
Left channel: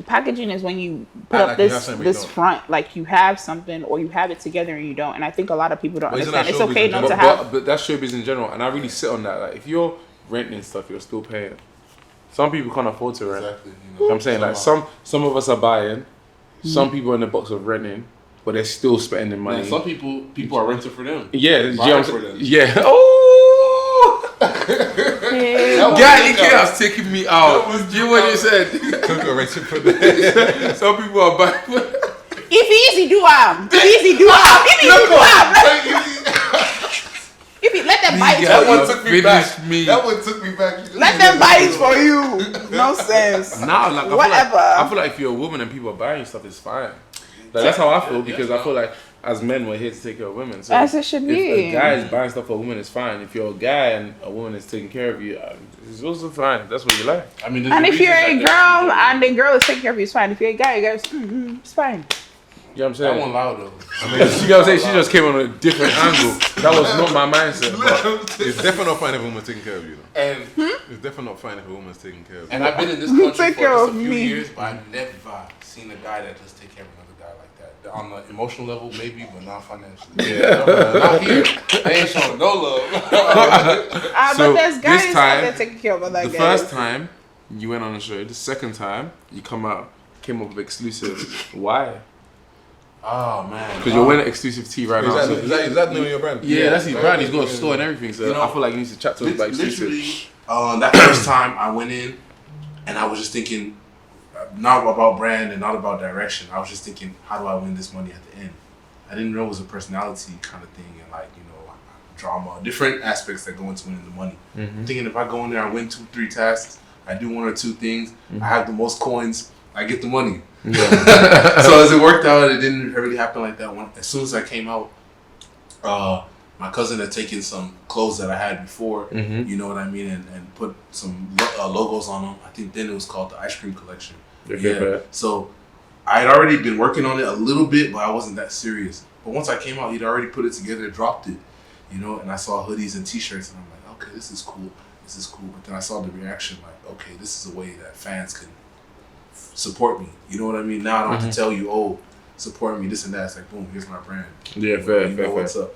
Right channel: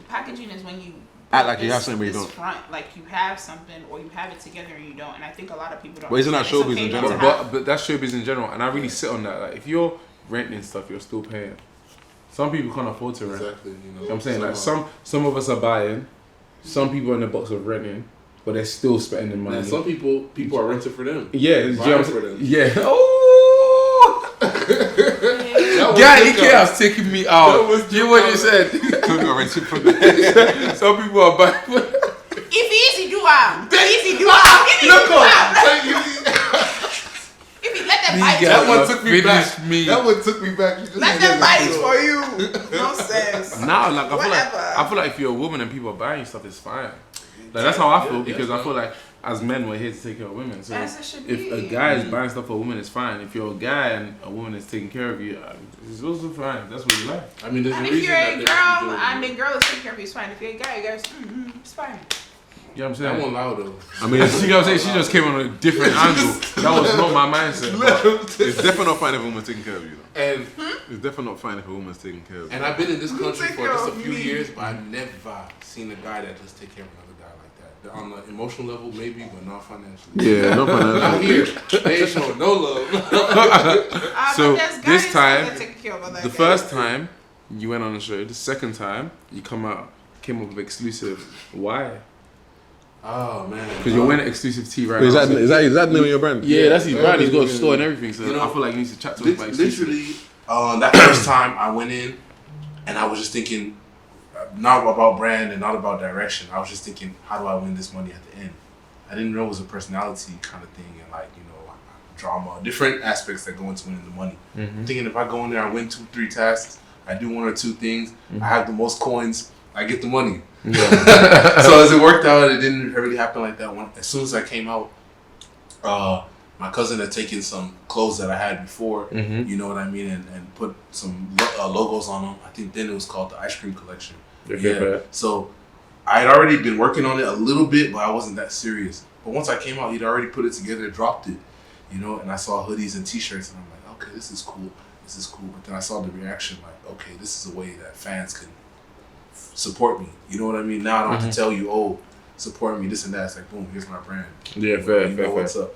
Packaging is when you put Act up like you have something, but you this don't. front, like you have something or you have it together and you don't. And I think a lot of people don't But isn't understand. that It's showbiz okay in not to general? have. But that's showbiz in general, and I really sit on that. Like if you're renting stuff, you're still paying. Some people can't afford to rent. Exactly. You know what I'm saying, like some of us are buying, some people are in the box of renting, but they're still spending money. And some people are renting for them. Yeah, you know what I'm for saying? them. Yeah. Oh, God, you can't have taken me out. You know what you said? Some people are buying. If easy do am, if easy do am, if easy do am. If you let them buy it That for one you, took me back. Me. That one took me back. let them buy it for you. Nonsense. Nah, like Whatever. I feel like if you're a woman and people are buying stuff, it's fine. Like that's how I feel because I feel like as men we're here to take care of women. So As it should be. If a guy is buying stuff for a woman, it's fine. If you're a guy and a woman is taking care of you, it's also fine. That's what you like. I mean, And if you're a girl and the girl is taking care of you, it's fine. If you're a guy, it's fine. You know what I'm that saying? one loud though. I mean, You know what I'm saying? She just came on a different angle. That was not my mindset. But it's definitely not fine if a woman's taking care of you. Though. And It's definitely not fine if a woman's taking care of you. and I've been in this country Take for care just a of few me. years, but I've never seen a guy that just take care of another guy like that. On the emotional level, maybe, but not financially. Yeah, no, but Not here. They ain't showing no love. So, But there's this guys time, that taking care of other the guys. first time you went on the show, the second time you came up with exclusive. Why? Oh man. Because you're wearing exclusive tea right is now. that the name of your brand? Yeah, that's his Yeah, brand. He's got a yeah, store and yeah. everything. So You know, I feel like you need to chat to us about exclusive. Literally, that first time I went in, and I was just thinking, not about brand and not about direction. I was just thinking, how do I win this money at the end? I didn't know it was a personality kind of thing and like, drama, different aspects that go into winning the money. I'm thinking if I go in there, I win 2-3 tasks, I do 1 or 2 things, I have the most coins, I get the money. Yeah. So as it worked out, it didn't really happen like that. As soon as I came out, my cousin had taken some clothes that I had before, you know what I mean, and put some logos on them. I think then it was called the Ice Cream Collection. Yeah. So I had already been working on it a little bit, but I wasn't that serious. But once I came out, he'd already put it together, dropped it, and I saw hoodies and t-shirts, and I'm like, okay, this is cool. But then I saw the reaction, like, okay, this is a way that fans can support me. You know what I mean? Now I don't have to tell you, oh, support me, this and that. It's like, boom, here's my brand. Yeah, fair. What's up.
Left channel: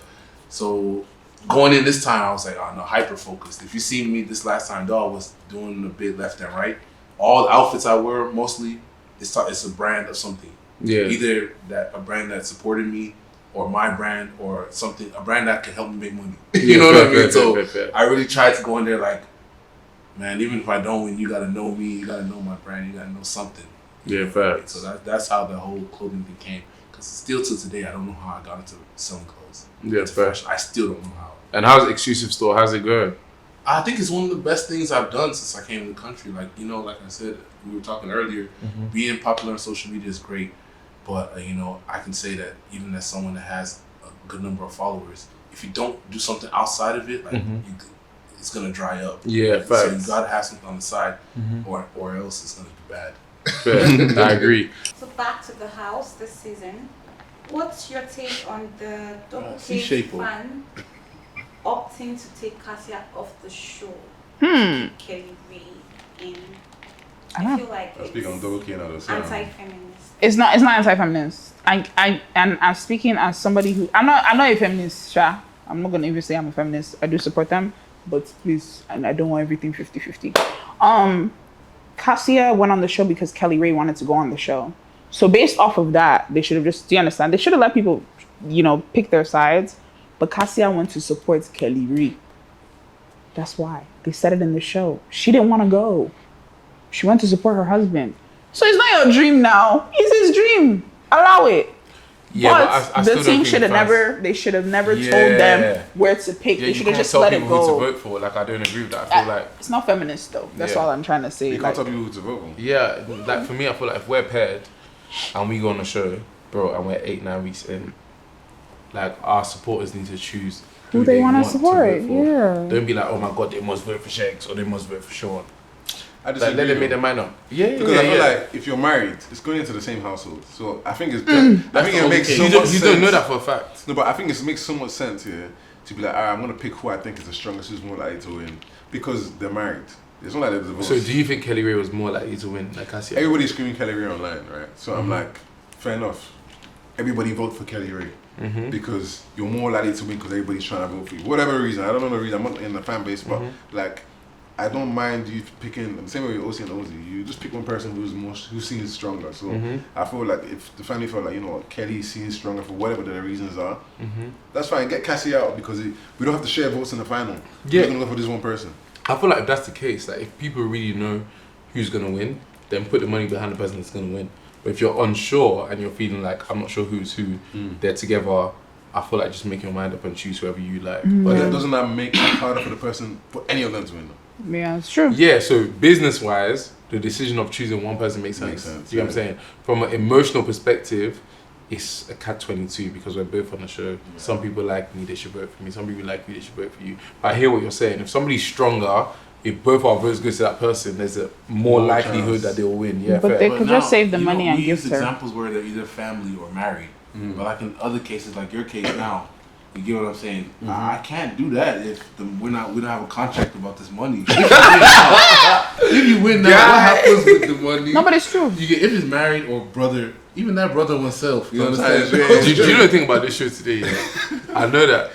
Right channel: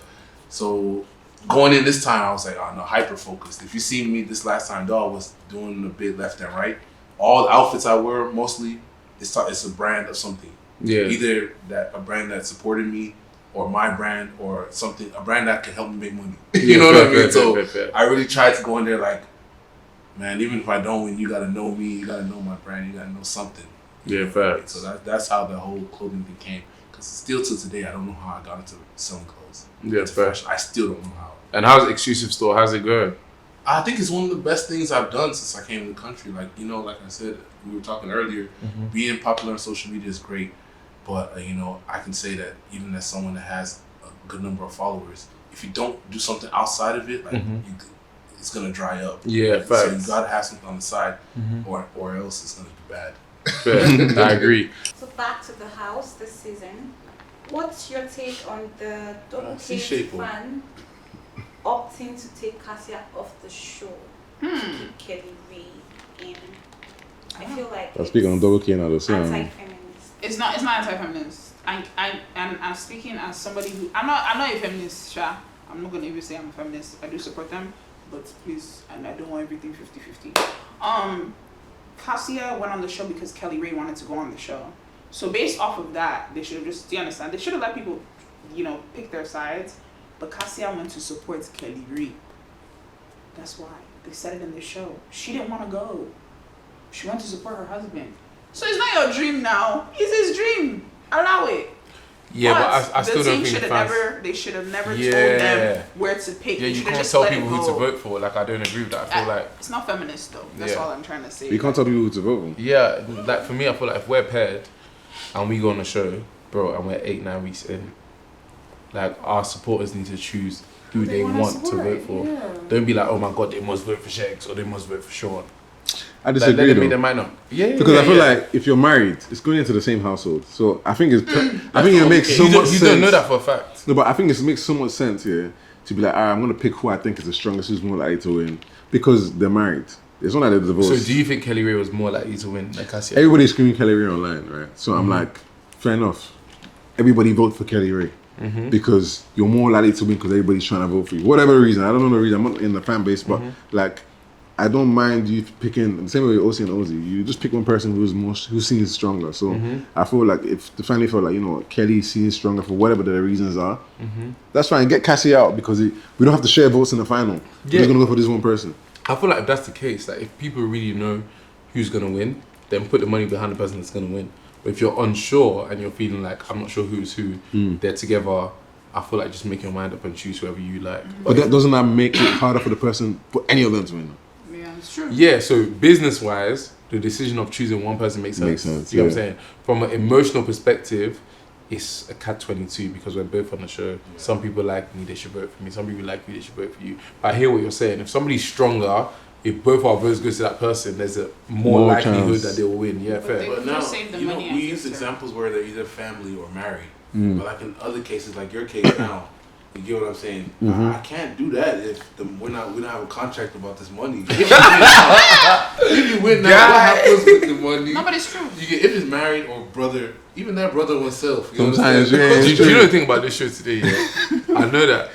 So going in this time, I was like, oh no, hyper focused. If you see me this last time, dog was doing a bit left and right. All the outfits I wear, mostly, it's a brand of something. Yeah. Either a brand that supported me, or my brand, or something, a brand that can help me make money. You know what I mean? So I really tried to go in there like, man, even if I don't win, you gotta know me, you gotta know my brand, you gotta know something. Yeah, facts. So that's how the whole clothing thing came. Because still to today, I don't know how I got into selling clothes. Yeah, fair. I still don't know how. And how's exclusive store? How's it going? I think it's one of the best things I've done since I came to the country. Like, like I said, we were talking earlier, being popular on social media is great. But, I can say that even as someone that has a good number of followers, if you don't do something outside of it, like it's going to dry up. Yeah, facts. So you got to have something on the side or else it's going to be bad. Fair. I agree. So back to the house this season. What's your take on the double see K shape, fan opting to take Cassia off the show? Kelly Ray in. I feel like Speaking on double K now, though. anti-feminist. It's not anti-feminist. I'm speaking as somebody who I'm not a feminist, Sha. I'm not gonna even say I'm a feminist. I do support them, but please, and I don't want everything 50-50. Cassia went on the show because Kelly Ray wanted to go on the show. So based off of that, they should have just, do you understand? They should have let people, pick their sides. But Cassia went to support Kelly Ray. That's why. They said it in the show. She didn't want to go. She went to support her husband. So it's not your dream now. It's his dream. Allow it. Yeah, but I still the don't team think should have fans- never. They should have never Yeah. told them where to pick. Yeah, They you should have can't just tell let people it go. who to vote for. Like, I don't agree with that. I feel like, It's not feminist though. That's Yeah. all I'm trying to say. You can't tell people who to vote for. yeah, like for me, I feel like if we're paired and we go on a show, bro, and we're 8-9 weeks in, like our supporters need to choose who they want to vote for. Yeah. Don't be like, oh my god, they must vote for Sheggz or they must vote for Shaun. I Like, disagree. let them though. make their mind up. Yeah, Because I feel like if you're married, it's going into the same household. So I think it's. I think it makes so you much don't, sense. you don't know that for a fact. No, but I think it makes so much sense here to be like, I'm gonna pick who I think is the strongest, who's more likely to win, because they're married. It's not like they're divorced. So do you think Kelly Ray was more likely to win? Like I said, Everybody's screaming Kelly Ray online, right? So I'm like, fair enough. Everybody vote for Kelly Ray because you're more likely to win because everybody's trying to vote for you. Whatever reason, I don't know the reason. I'm not in the fan base, but like, I don't mind you picking the same way with OC and Ozzy. You just pick one person who seems stronger. So I feel like if the family felt like, you know what, Kelly seems stronger for whatever the reasons are, that's fine. Get Cassie out because we don't have to share votes in the final. Yeah. We're gonna go for this one person. I feel like if that's the case, like if people really know who's gonna win, then put the money behind the person that's gonna win. But if you're unsure and you're feeling like I'm not sure who's who, they're together, I feel like just make your mind up and choose whoever you like. But doesn't that make it harder for the person, for any of them to win? Yeah, it's true. Yeah, so business wise, the decision of choosing one person makes sense. Makes sense, You know what I'm yeah. saying? From an emotional perspective, it's a catch-22 because we're both on the show. Some people like me, they should vote for me. Some people like me, they should vote for you. But I hear what you're saying. If somebody's stronger, if both our votes go to that person, there's a more More likelihood chance. that they'll win. Yeah, But fair. they could just save the you know, money and we give use her. examples where they're either family or married. But like in other cases, like your case now, you get what I'm saying? I can't do that if we don't have a contract about this money. If you win now, what happens with the money? No, but it's true. You get if it's married or brother, even that brother oneself. You Sometimes, understand? yeah. Do you know the thing about this show today? Yeah, I know that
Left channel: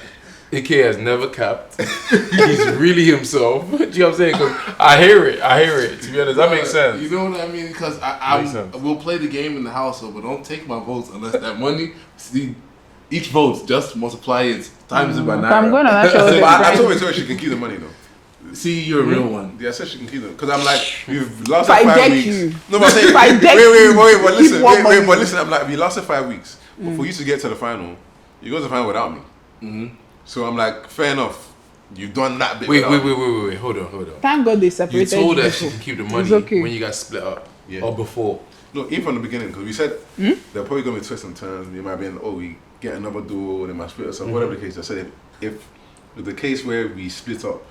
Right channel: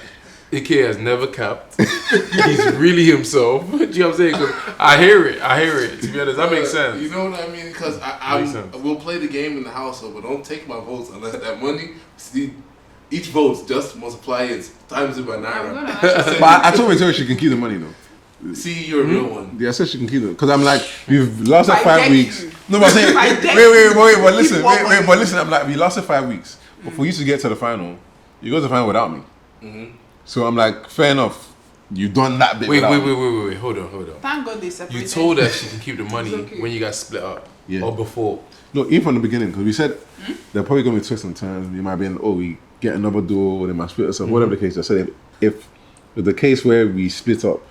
Ike has never capped. He's really himself. Do you know what I'm saying? 'Cause I hear it. To be honest, that makes sense. You know what I mean? Because Makes sense. we'll play the game in the household, but don't take my votes unless that money. See, each vote just multiply it times it by 9. I'm going to that show. But I told her she can keep the money though. See, you're a real one. Yeah, I said she can keep it because I'm like, we've lasted If I 5 deck weeks. you. No, but I'm saying, If I deck wait, but you, listen, keep one but listen. I'm like, we lasted 5 weeks. But for you to get to the final, you go to the final without me. So I'm like, fair enough. You've done that bit. Wait, without me. hold on. Thank God they You separated. told her she can keep the money okay. when you guys split up Yeah. or before. No, even from the beginning, because we said they're probably going to be twists and turns. You might be in, we get another duel, they might split us up, whatever the case. I said if the case where we split up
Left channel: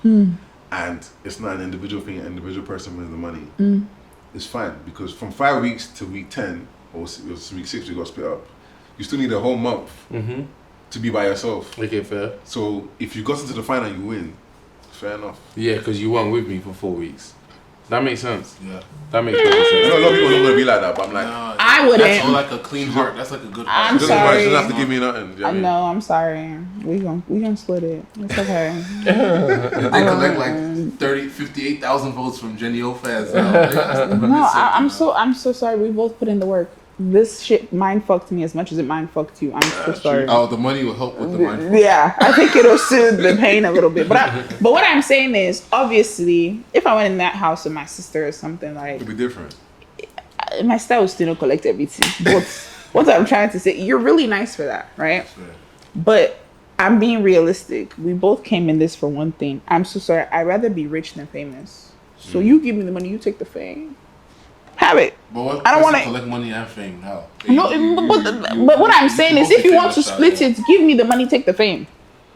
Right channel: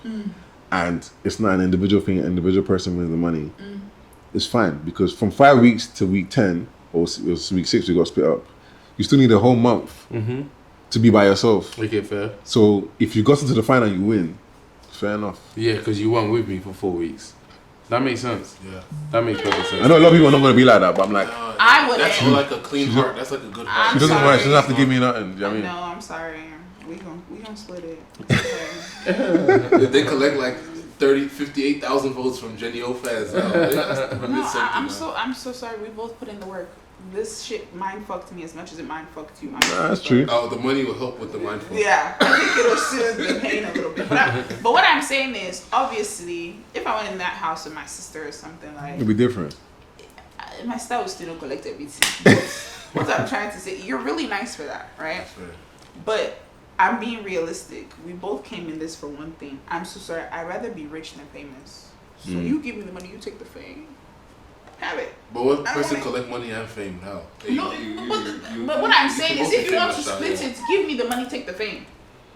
and it's not an individual thing, an individual person wins the money, it's fine because from 5 weeks to week 10 or it was week 6 we got split up. You still need a whole month to be by yourself. Okay, fair. So if you got into the final, you win. Fair enough. Yeah, because you weren't with me for 4 weeks. That makes sense. Yeah. That makes perfect sense. I know a lot of people are not going to be like that, but I'm like, I wouldn't. That's like a clean heart. That's like a good heart. I'm she doesn't, sorry. she doesn't have to give me nothing. Do you know what I mean? No, I'm sorry. We gonna split it. It's okay. They collect like 58,000 votes from Jenni O fans now. No, I'm so sorry. We both put in the work. This shit mind fucked me as much as it mind fucked you. I'm so That's sorry. true. Oh, the money will help with the mind. Yeah, I think it'll soothe the pain a little bit. But what I'm saying is, obviously, if I went in that house with my sister or something like, It'll be different. my style would still not collect everything. But what I'm trying to say, you're really nice for that, right? But I'm being realistic. We both came in this for one thing. I'm so sorry. I'd rather be rich than famous. So you give me the money, you take the fame. Have it. But what I don't person wanna- collect money and fame now? No, but what I'm saying is, if you want to split it, give me the money, take the fame.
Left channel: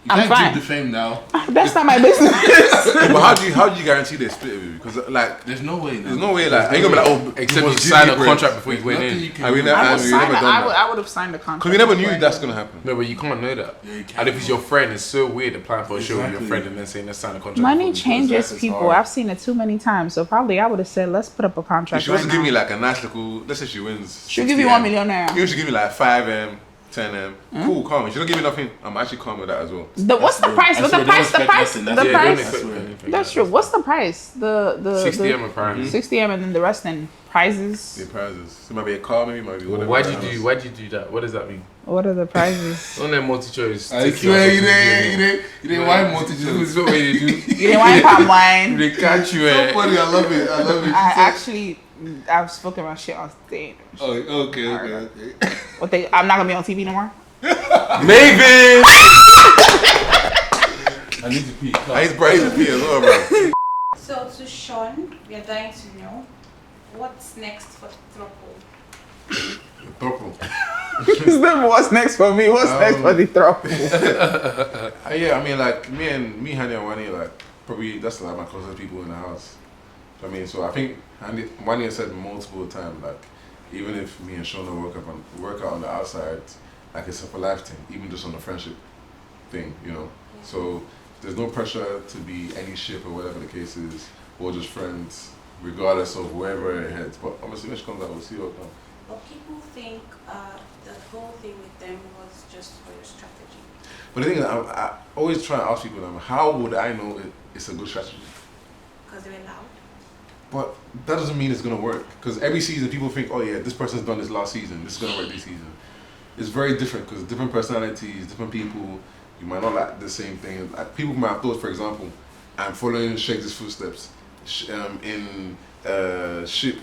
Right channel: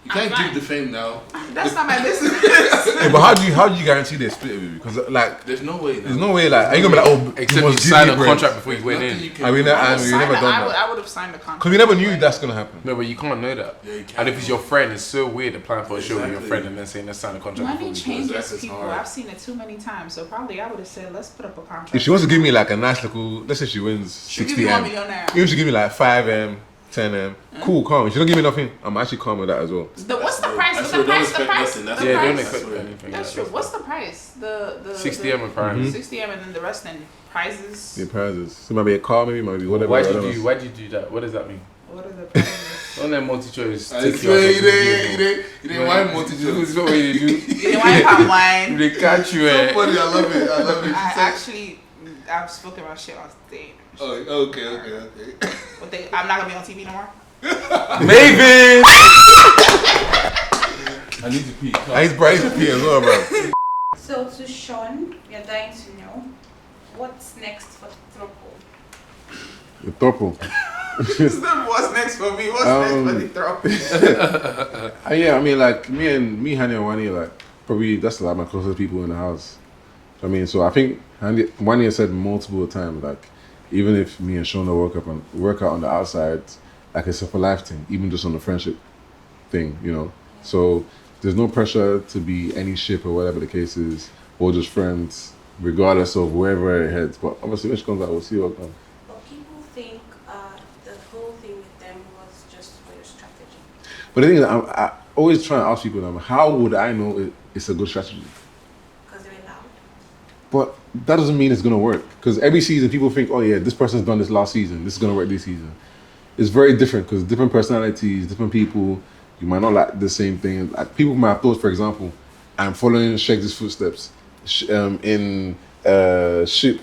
You I'm can't fine. keep the fame now. That's not my business. Yeah, but how do you guarantee they split with you? Because like, There's no way now. there's no way like, are you gonna be like, oh, Except you must signed give a me contract bread. before you went Nothing in. you can And we do. never, I and we never done that. I would have signed a contract. Because we never knew that's gonna happen. No, but you can't know that. Yeah, you can't And if it's know. your friend, it's so weird applying for a show with your Exactly. friend and then saying let's sign a contract. Money before we go. changes It's people. hard. I've seen it too many times. So probably I would have said, let's put up a contract. If she wants to right give now. me like a nice little, let's say she wins. She'll give you 1 60M. million naira. Even if she give me like 5M, 10M, cool, calm. If she don't give me nothing, I'm actually calm with that as well. What's the price? I What's swear, the price? don't The price? expect The nothing. Yeah, don't price? expect That's anything. That's true. What's the price? The 60M apparently. 60M and then the rest then prizes. The prizes. It might be a car, maybe, might be whatever. Why'd else. you do that? What does that mean? What are the prizes? On that multi-choice. I swear you didn't want multitude. This is what we do. You didn't want palm wine. They catch you. So funny, I love it. I actually I've spoken about shit on stage. Oh, okay. I'm not gonna be on TV no more. Maven! I need to pee. He's bright to pee as well, bro. So to Shaun, we are dying to know what's next for the throuple. The throuple. What's next for me? What's next for the throuple? Yeah, I mean, like me, Hani and Wani, like probably that's like my closest people in the house. I mean, so I think Wani has said multiple times, like even if me and Shauna work out on the outside, like it's a for life thing, even just on the friendship thing, you know. So there's no pressure to be any ship or whatever the case is, or just friends, regardless of wherever it heads. But obviously, when she comes out, we'll see what comes. But people think the whole thing with them was just for your strategy. But the thing is, I always try and ask people, how would I know it's a good strategy? Because they were loud. But that doesn't mean it's gonna work. Because every season, people think, oh yeah, this person's done this last season. This is gonna work this season. It's very different because different personalities, different people. You might not like the same thing. Like, people might have thought, for example, I'm following Sheggz' footsteps in Ship,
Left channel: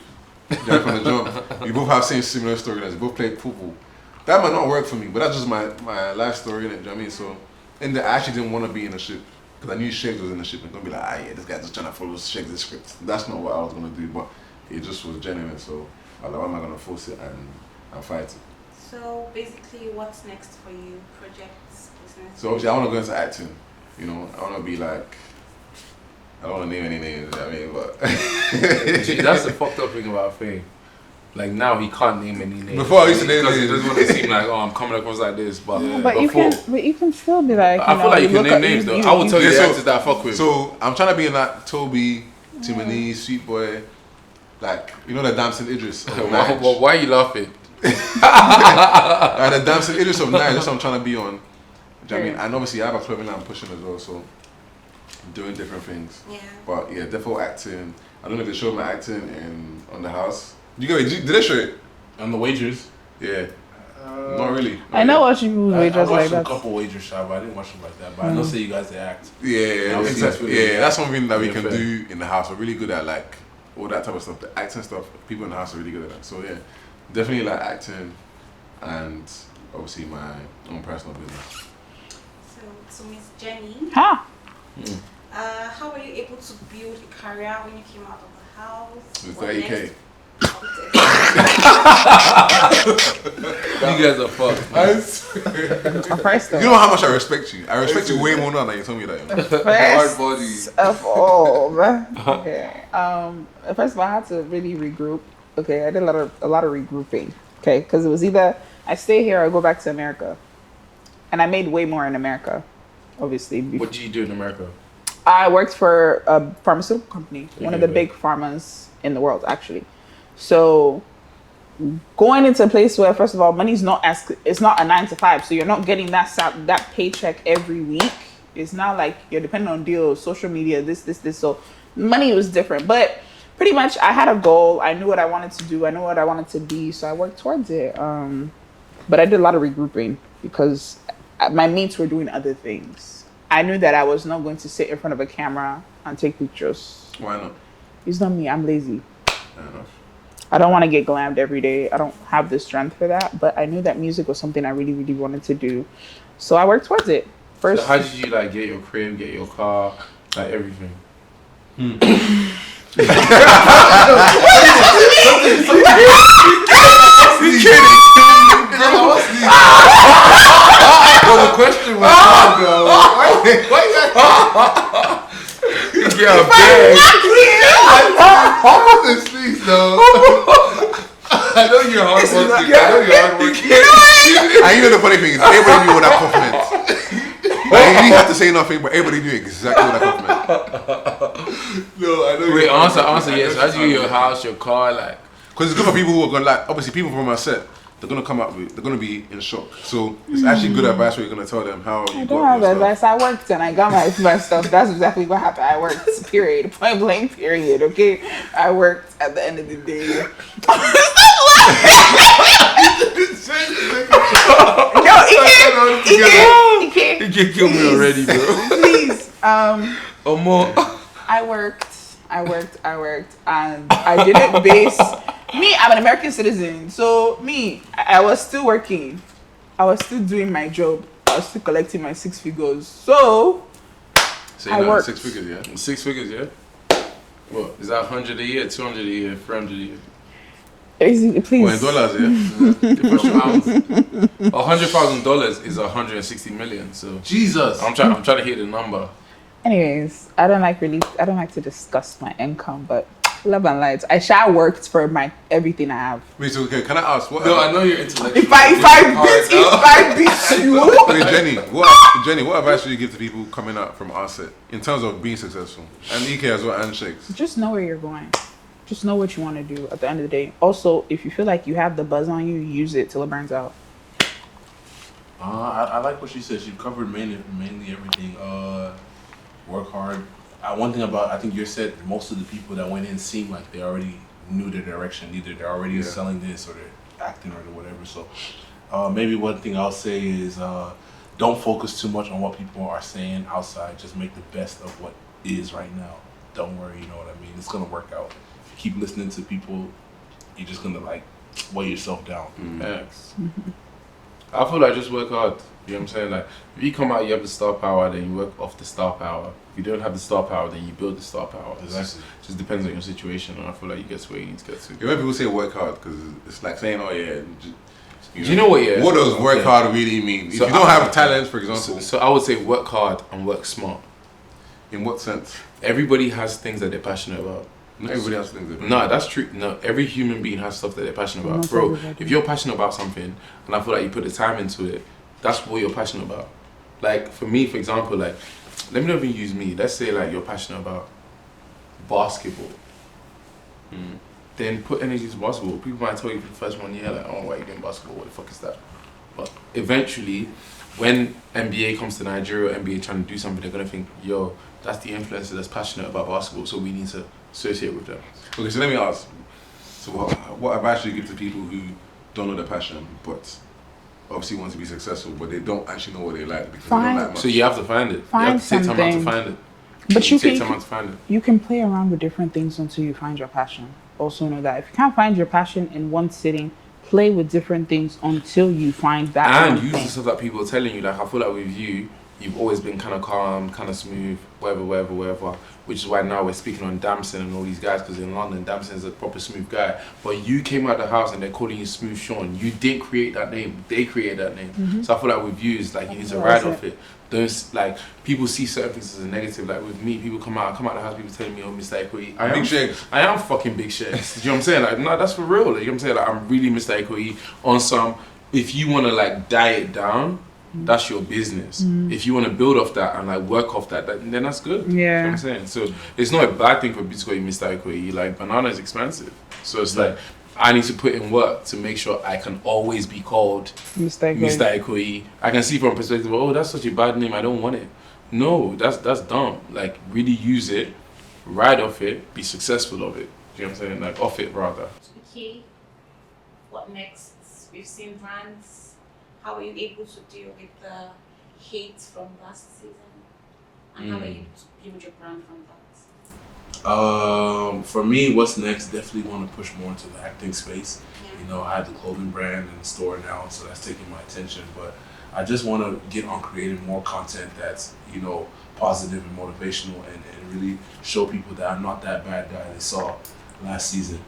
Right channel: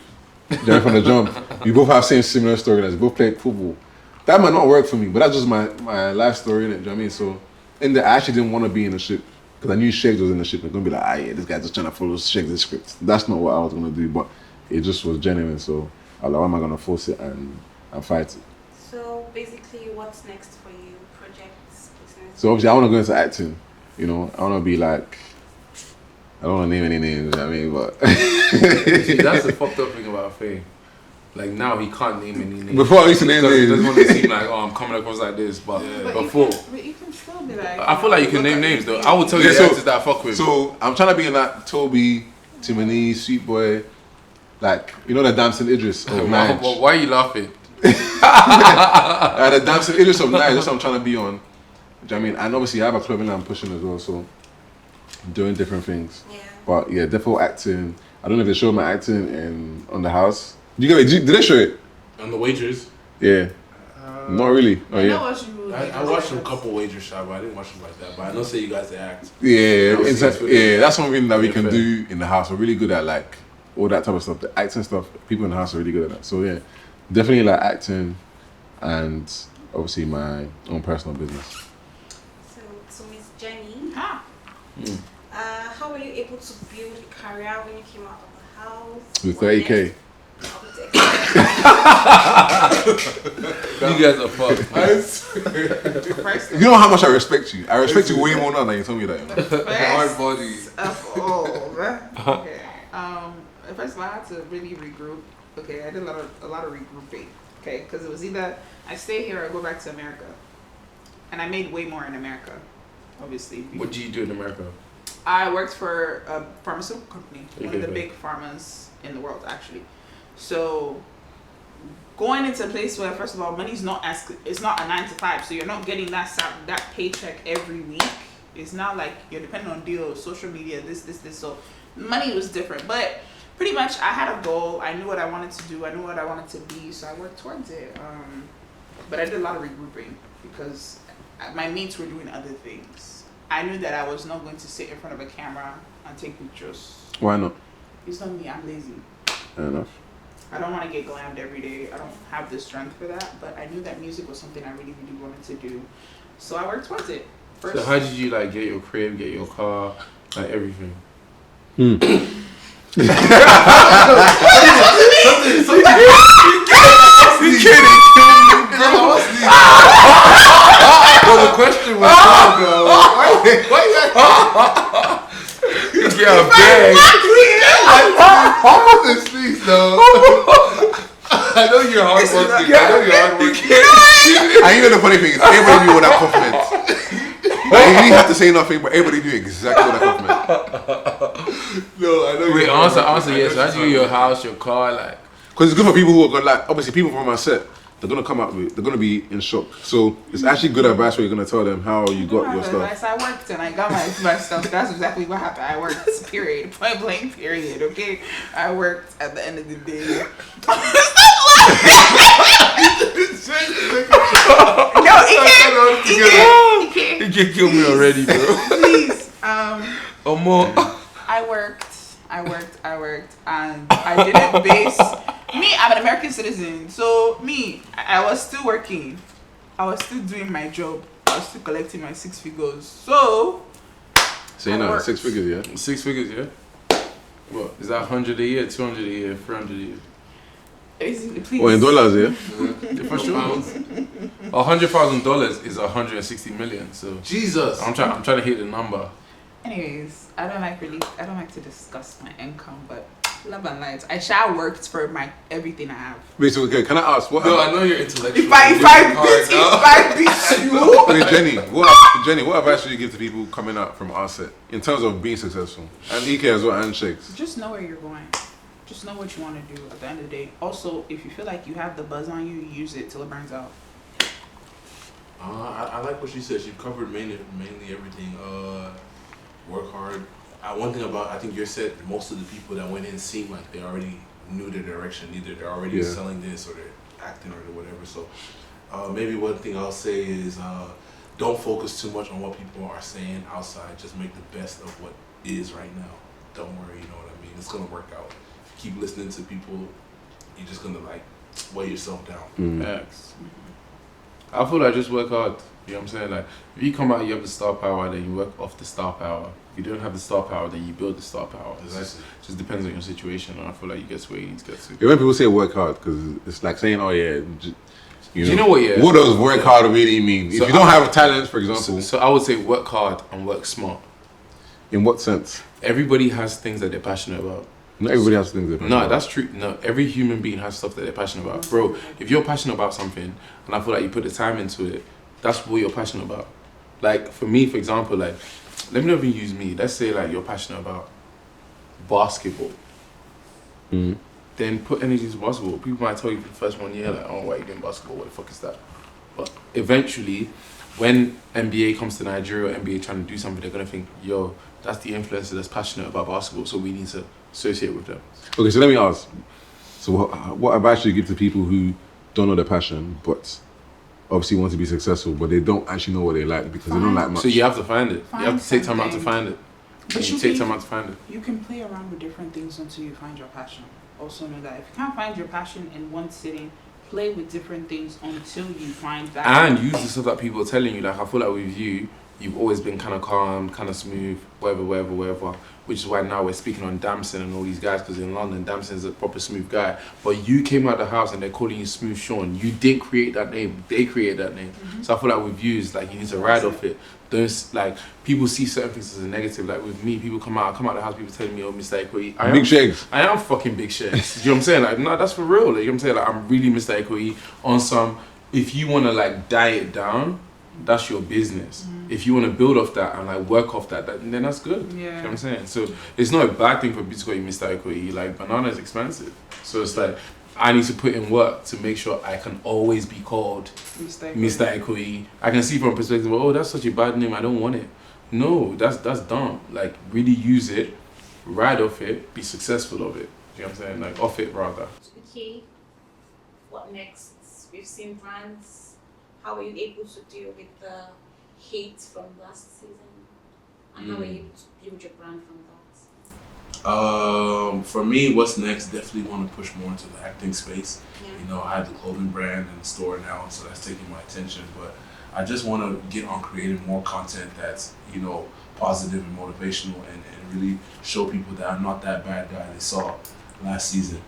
Journey from the Jump. We both have similar storylines. We both play football. That might not work for me, but that's just my life story, innit? Do you know what I mean? So, I actually didn't want to be in the ship because I knew Sheggz was in the ship. I'm gonna be like, yeah, this guy's just trying to follow Sheggz' script. That's not what I was gonna do, but it just was genuine. So, I was like, why am I gonna force it and fight it? So basically, what's next for you? Projects, business? So obviously I want to go into acting, you know. I want to be like, I don't want to name any names, you know what I mean, but See, that's the fucked up thing about Faye. Like now he can't name any names. Before I used to name because he names. doesn't want to seem like, oh, I'm coming across like this. But But before, you can still be like. I feel like you can name names though. I will tell you Yeah, the so- actors that I fuck with. So I'm trying to be in that Toby, Timony, Sweet Boy, like, you know, the Damson Idris of Nige. Why are you laughing? And the Damson Idris of Nige, that's what I'm trying to be on. Do you know what I mean? And obviously I have a clothing line I'm pushing as well, so I'm doing different things. Yeah. But yeah, definitely acting. I don't know if they showed my acting on the house. Did they show it? On the Wagers. Yeah. Not really. I know what you mean. I Just watched like a couple Wagers shots, but I didn't watch them like that. But I know say you guys they act. Yeah, I'll see exactly. that. Yeah, that's something that we Yeah, can fair. do in the house. We're really good at like all that type of stuff. The acting stuff, people in the house are really good at that. So yeah, definitely like acting and obviously my own personal business. So Miss Jenny, Huh? how were you able to build a career when you came out of the house? With What 30K. next? You guys are fucked. First You know how much I respect you. I respect you way more now than you told me that. You know? Hard body. of all, man. Okay. First of all, I had to really regroup. Okay, I did a lot of regrouping. Okay, because it was either I stay here or I go back to America, and I made way more in America, obviously. What did you do in America? I worked for a pharmaceutical company, one of the Okay. big pharmas in the world, actually. So going into a place where, first of all, money's it's not a 9 to 5, so you're not getting that paycheck every week. It's not like you're depending on deals, social media, this. So money was different, but pretty much I had a goal. I knew what I wanted to do. I knew what I wanted to be, so I worked towards it. But I did a lot of regrouping because my mates were doing other things. I knew that I was not going to sit in front of a camera and take pictures. Why not? It's not me. I'm lazy. Fair enough. I don't want to get glammed every day. I don't have the strength for that. But I knew that music was something I really, really wanted to do. So I worked towards it. First, So how did you like get your crib, get your car, like everything? Well, the question was, Yeah, bag. please, though. I know you're hardworking. And you know the funny thing is, everybody knew what that compliment. Like, you didn't have to say nothing, but everybody knew exactly what that compliment. No, I know Wait, you're answer hardworking. yes. How did you get your house, your car, like? Because it's good for people who are going, like, obviously people from our set, they're going to come out with, they're going to be in shock. So it's actually good advice where you're going to tell them how you I got don't have your stuff. advice. I worked and I got my stuff. That's exactly what happened. I worked, period. Point blank, period. Okay? I worked at the end of the day. Yo, he can't. You can kill me already, bro. Please. Or more. I worked, and I didn't base Me, I'm an American citizen. So me, I was still working. I was still doing my job. I was still collecting my 6 figures. So So you I know, worked. 6 figures, yeah? 6 figures, yeah? What? Is that 100 a year, 200 a year, 300 a year? Please. Well, in dollars, yeah? Different pounds. $100,000 is 160 million. So Jesus. I'm trying to hit the number. Anyways, I don't like to discuss my income, but love and light. I shall worked for my everything I have. Wait, so okay, can I ask what? No, I know you're intellectual. If I beat you. Okay, Jenny, what advice should you give to people coming up from our set in terms of being successful? And EK as well, and Sheggz. Just know where you're going. Just know what you want to do at the end of the day. Also, if you feel like you have the buzz on you, use it till it burns out. I like what she said. She covered mainly everything. Work hard. One thing about, I think you said most of the people that went in seemed like they already knew their direction. Either they're already selling this or they're acting or whatever. So maybe one thing I'll say is don't focus too much on what people are saying outside. Just make the best of what is right now. Don't worry, you know what I mean? It's going to work out. Keep listening to people. You're just going to like weigh yourself down. Facts. I feel like just work hard. You know what I'm saying? Like, if you come out, you have the star power, then you work off the star power. If you don't have the star power, then you build the star power. It just depends on your situation, and I feel like you get to where you need to get to. Yeah, when people say work hard, because it's like saying, oh yeah, Do you know what? Yeah. What does work hard really mean? So if you don't have talent, for example. So I would say work hard and work smart. In what sense? Everybody has things that they're passionate about. Not everybody has things. No, that's true. No, every human being has stuff that they're passionate about. Not Bro, everybody. if you're passionate about something, and I feel like you put the time into it, that's what you're passionate about. Like, for me, for example, like, let me not even use me. Let's say, like, you're passionate about basketball. Then put energy into basketball. People might tell you for the first 1 year, like, oh, why are you doing basketball? What the fuck is that? But eventually, when NBA comes to Nigeria, or NBA trying to do something, they're going to think, yo, that's the influencer that's passionate about basketball, so we need to associate with them. Okay, so let me ask. So what advice should you give to people who don't know their passion, but obviously want to be successful, but they don't actually know what they like because they don't like much? So you have to find it. Find you have to take time out to something. find it. But you take time out to find it. You can play around with different things until you find your passion. Also know that if you can't find your passion in one sitting, play with different things until you find that. And use the stuff that people are telling you. Like, I feel like with you, you've always been kind of calm, kind of smooth, whatever. Which is why now we're speaking on Damson and all these guys, because in London, Damson's a proper smooth guy. But you came out of the house and they're calling you Smooth Sean. You didn't create that name. They created that name. So I feel like with you, it's like you need to ride off it. Don't, like, people see certain things as a negative. Like with me, people come out of the house, people telling me, oh, Mr. Equity. Big Sheggz. I am fucking Big Sheggz. You know what I'm saying? Like, no, that's for real. Like, you know what I'm saying? Like, I'm really Mr. Equity on some, if you want to, like, diet it down, that's your business. If you want to build off that and like work off that, then that's good. Yeah. You know what I'm saying? So it's not a bad thing for people to call you Mr. Equity. Like, banana is expensive. So it's like, I need to put in work to make sure I can always be called Mr. Equity. I can see from a perspective, oh, that's such a bad name, I don't want it. No, that's dumb. Like, really use it, ride off it, be successful of it. You know what I'm saying? Like, off it rather. Okay, what next? We've seen brands. How were you able to deal with the hate from last season? And how were you able to build your brand from that? For me, what's next? Definitely want to push more into the acting space. Yeah. You know, I have the clothing brand and the store now, so that's taking my attention. But I just want to get on creating more content that's, you know, positive and motivational, and really show people that I'm not that bad guy they saw last season.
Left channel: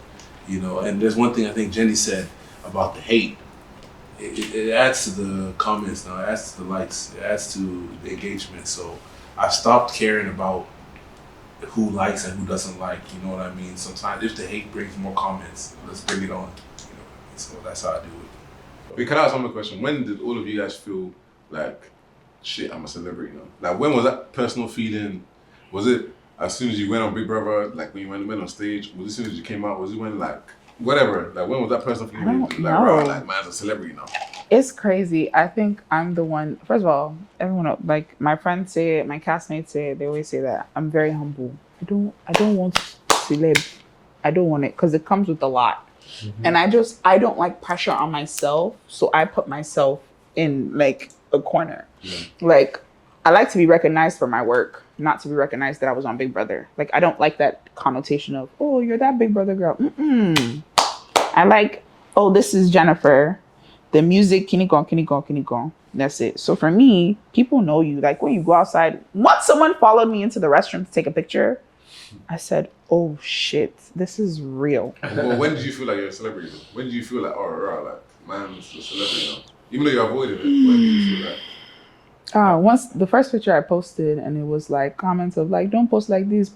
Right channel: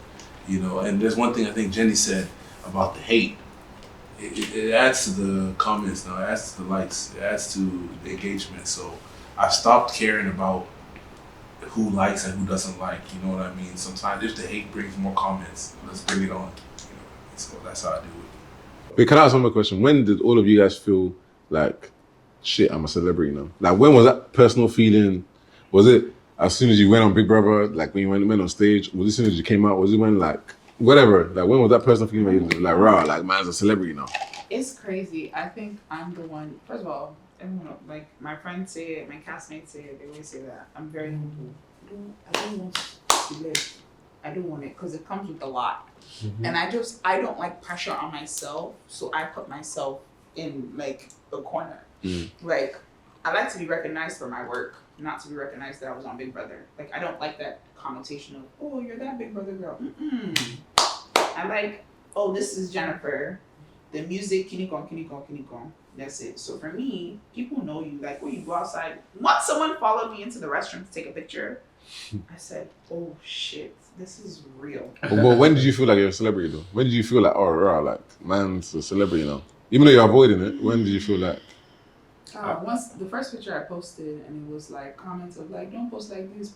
You know, and there's one thing I think Jenny said about the hate. It adds to the comments now, it adds to the likes, it adds to the engagement. So I stopped caring about who likes and who doesn't like, you know what I mean? Sometimes if the hate brings more comments, let's bring it on. You know what I mean? So that's how I do it. Wait, can I ask one more question? When did all of you guys feel like, shit, I'm a celebrity now? Like, when was that personal feeling? Was it as soon as you went on Big Brother, like when you went on stage? Was it as soon as you came out? Was it when, like, whatever, like when was that personal feeling? Like, raw, like, man's a celebrity now. It's crazy. I think I'm the one. First of all, everyone, like my friends say it, my castmates say it, they always say that I'm very humble. I don't want celeb. I don't want it because it comes with a lot, and I don't like pressure on myself, so I put myself in like a corner. Like, I like to be recognized for my work, not to be recognized that I was on Big Brother. Like, I don't like that connotation of, oh, you're that Big Brother girl. I like, oh, this is Jennifer. The music, kinikon. That's it. So for me, people know you. Like when you go outside, once someone followed me into the restroom to take a picture, I said, oh shit, this is real. But when did you feel like you're a celebrity though? When did you feel like, oh, right, like, man's a celebrity now? Even though you're avoiding it, when did you feel like? Once the first picture I posted and it was like comments of like, don't post like this,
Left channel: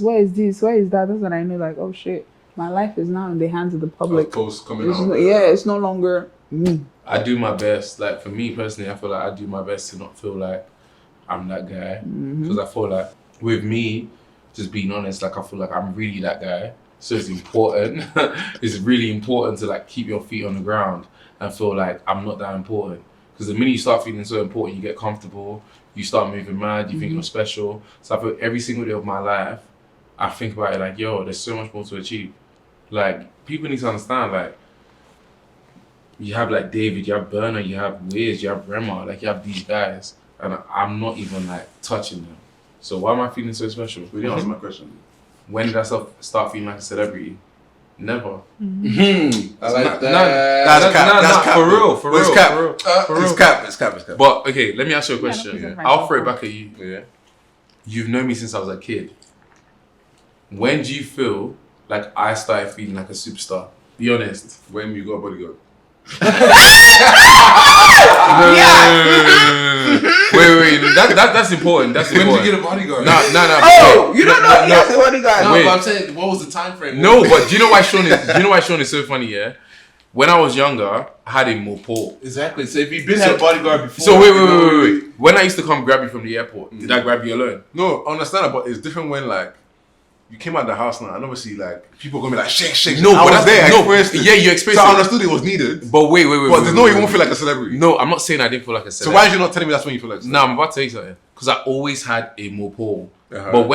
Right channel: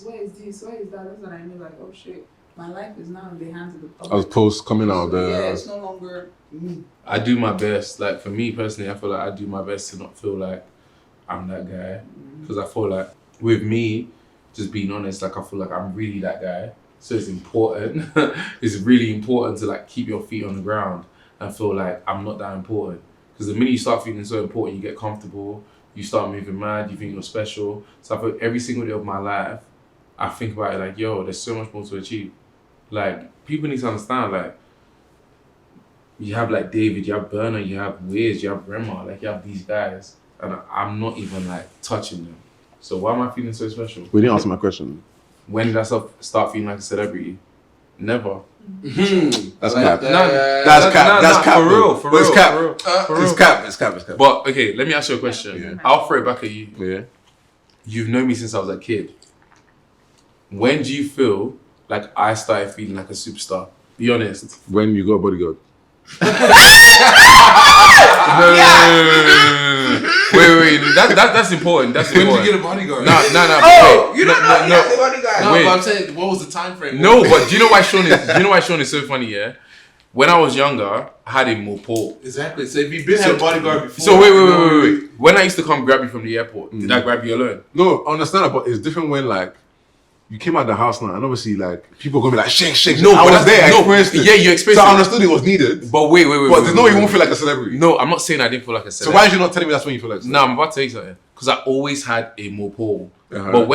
where is this, where is that? That's when I knew like, oh shit, my life is now in the hands of the public. Posts coming out. It's no longer me. I do my best. Like for me personally, I feel like I do my best to not feel like I'm that guy. Because I feel like with me, just being honest, like I feel like I'm really that guy. So it's important. It's really important to like keep your feet on the ground and feel like I'm not that important. Because the minute you start feeling so important, you get comfortable, you start moving mad, you think you're special. So I feel every single day of my life, I think about it like, yo, there's so much more to achieve. Like, people need to understand, like, you have like David, you have Burner, you have Wiz, you have Rema, like you have these guys, and I'm not even like touching them. So why am I feeling so special? We didn't answer my question. When did I start feeling like a celebrity? Never. That's cap. That's cap. For real. It's cap. But okay, let me ask you a question. Yeah. I'll throw it back at you. Yeah. You've known me since I was a kid. When do you feel like I started feeling like a superstar? Be honest. When you got bodyguard. Wait. That's important. That's When important. did you get a bodyguard? No. Oh, you don't know. Yes, what do you got? No, Wait. but I'm saying, what was the time frame? No, but do you know why Sean is so funny? Yeah. When I was younger, I had a mopo. Exactly. So if you've been had a bodyguard before. So wait. When I used to come grab you from the airport, did I grab you alone? No, I understand that, but it's different when like you came out the house now, and obviously like people are gonna be like shake. No, I but was there. I no, experienced it. yeah, you experienced So I it. understood it was needed. But wait. But there's no way you won't feel like a celebrity. No, I'm not saying I didn't feel like a So celebrity. why are you not telling me that's when you feel like a No, celebrity? I'm about to tell you something. Because I always had a mopo. Uh-huh. But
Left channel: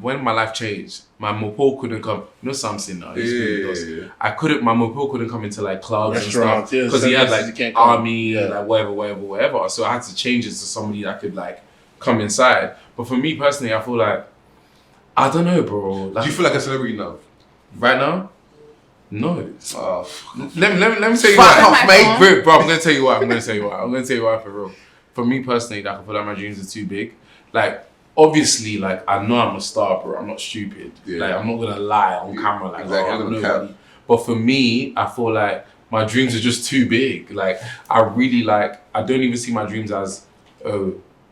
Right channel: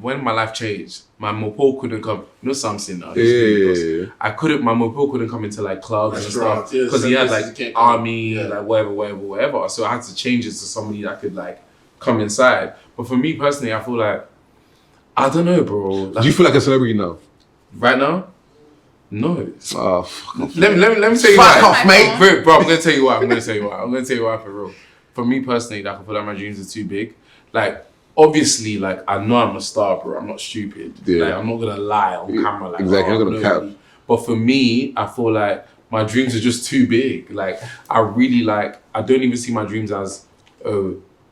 when my life changed, my mopo couldn't come. You know something now. Yeah. I couldn't. My mopo couldn't come into like clubs and Restaurants, stuff yeah, because he had services, like you can't come. army, Yeah. like whatever. So I had to change it to somebody that could like come inside. But for me personally, I feel like I don't know, bro. Like, Do you feel like a celebrity now? right now? No. Oh, fuck. Let me tell you Fuck why. off, mate. Bro, I'm gonna tell you why. I'm gonna tell you why for real. For me personally, like I feel like my dreams are too big. Like obviously, like I know I'm a star, bro. I'm not stupid. Yeah. Like I'm not gonna lie on camera. Like Exactly, oh, you're not gonna nobody. But for me, I feel like my dreams are just too big. Like I really like. I don't even see my dreams as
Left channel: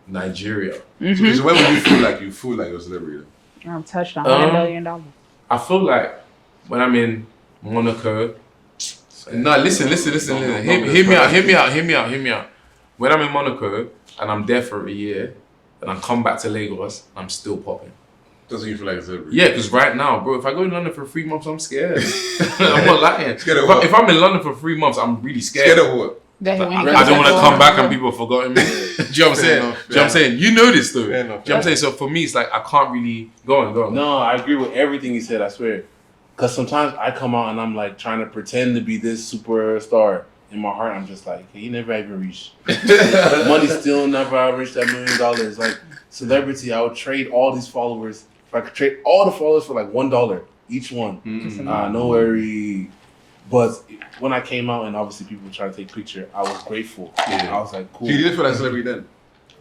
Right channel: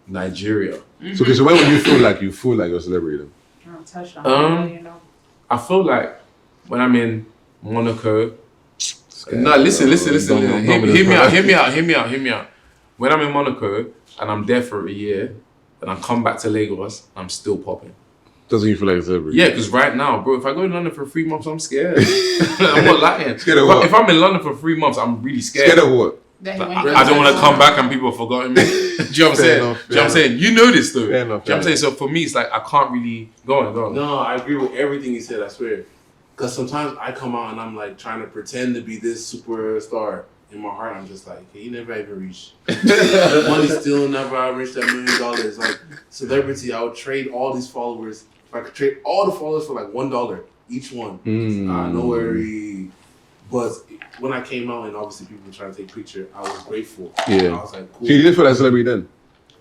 Nigeria. So when will you feel like you're a celebrity then? I'm touched on $100 million. I feel like when I'm in Monaco. No, listen. Hear me out. When I'm in Monaco and I'm there for a year and I come back to Lagos, I'm still popping. Doesn't you feel like a celebrity? Yeah, because right now, bro, if I go to London for 3 months, I'm scared. I'm not lying. Scared of what? If I'm in London for 3 months, I'm really scared. Scared of what? I don't want to come back and people have forgotten me. Do you know what I'm saying? enough, Do you know what I'm saying? You know this though. Fair enough, Do you know what I'm saying? So for me, it's like I can't really go on. No, I agree with everything you said, I swear. Because sometimes I come out and I'm like trying to pretend to be this superstar. In my heart, I'm just like, hey, you never even reached. Money still never reached that $1 million. Like, celebrity, I would trade all these followers. If I could trade all the followers for like $1 each one. No worry. But when I came out and obviously people were trying to take a picture, I was grateful. Yeah. I was like, cool. So you didn't feel like a celebrity then?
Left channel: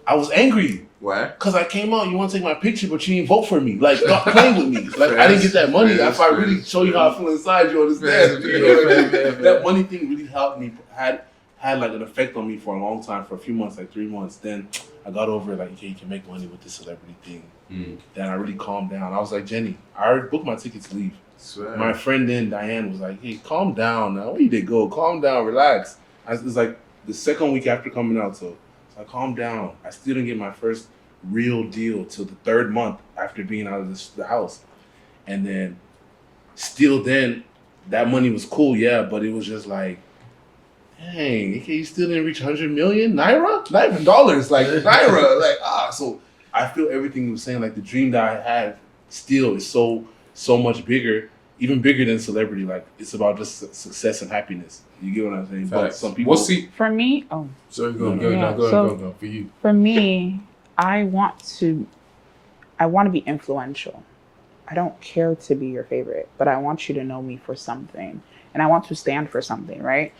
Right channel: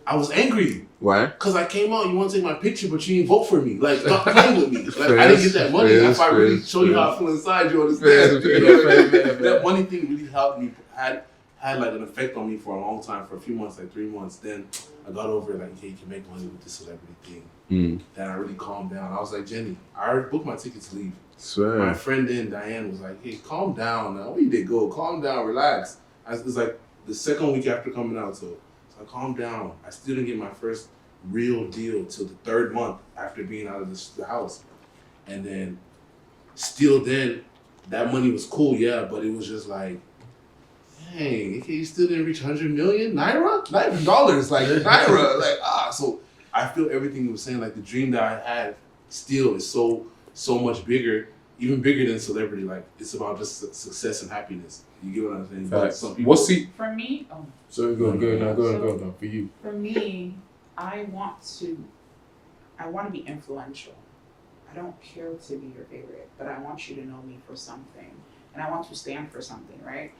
I was angry. Why? Because I came out, you want to take my picture, but you didn't vote for me. Like, stop playing with me. Like, I didn't get that money. If I really show you how I feel inside, you understand. Fair. That money thing really helped me, had like an effect on me for a long time, for a few months, like 3 months. Then I got over it, like, okay, you can make money with this celebrity thing. Then I really calmed down. I was like, Jenny, I already booked my ticket to leave. Swear. My friend then, Diane, was like, hey, calm down now. Where you did go? Calm down, relax. It was like the second week after coming out, so I calmed down. I still didn't get my first real deal till the 3rd month after being out of the house. And then, still then, that money was cool, yeah, but it was just like, dang, okay, you still didn't reach 100 million Naira? Not even dollars, like Naira. Like, so I feel everything you were saying, like the dream that I had still is so much bigger, even bigger than celebrity. Like, it's about just success and happiness. You get what I'm saying? But some people. For me, So go on. For you. For me, I want to be influential. I don't care to be your favorite, but I want you to know me for something. and I want to stand for something, right?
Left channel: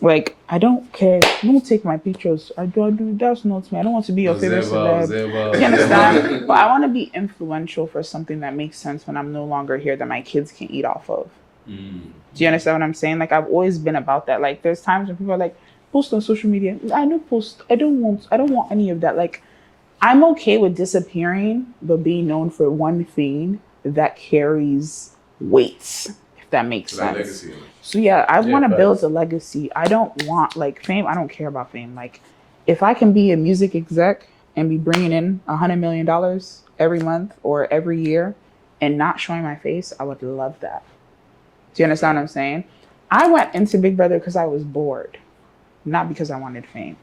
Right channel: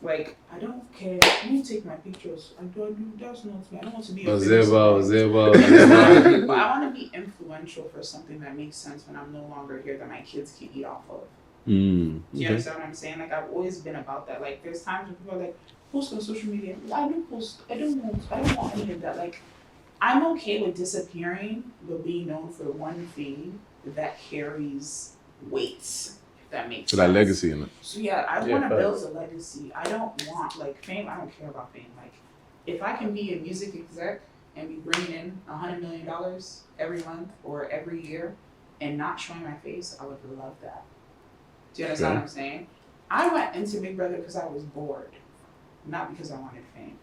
Like, I don't care. Don't take my pictures. I do. That's not me. I don't want to be your favorite celeb. You understand? But I want to be influential for something that makes sense when I'm no longer here that my kids can eat off of. Do you understand what I'm saying? Like, I've always been about that. Like, there's times when people are like, post on social media. I don't post. I don't want any of that. Like, I'm okay with disappearing, but being known for one thing that carries weight. That makes sense. Like legacy in it. So yeah, I want to build a legacy. I don't want like fame. I don't care about fame. Like, if I can be a music exec and be bringing in $100 million every month or every year and not showing my face, I would love that. Do you understand what I'm saying? I went into Big Brother because I was bored, not because I wanted fame.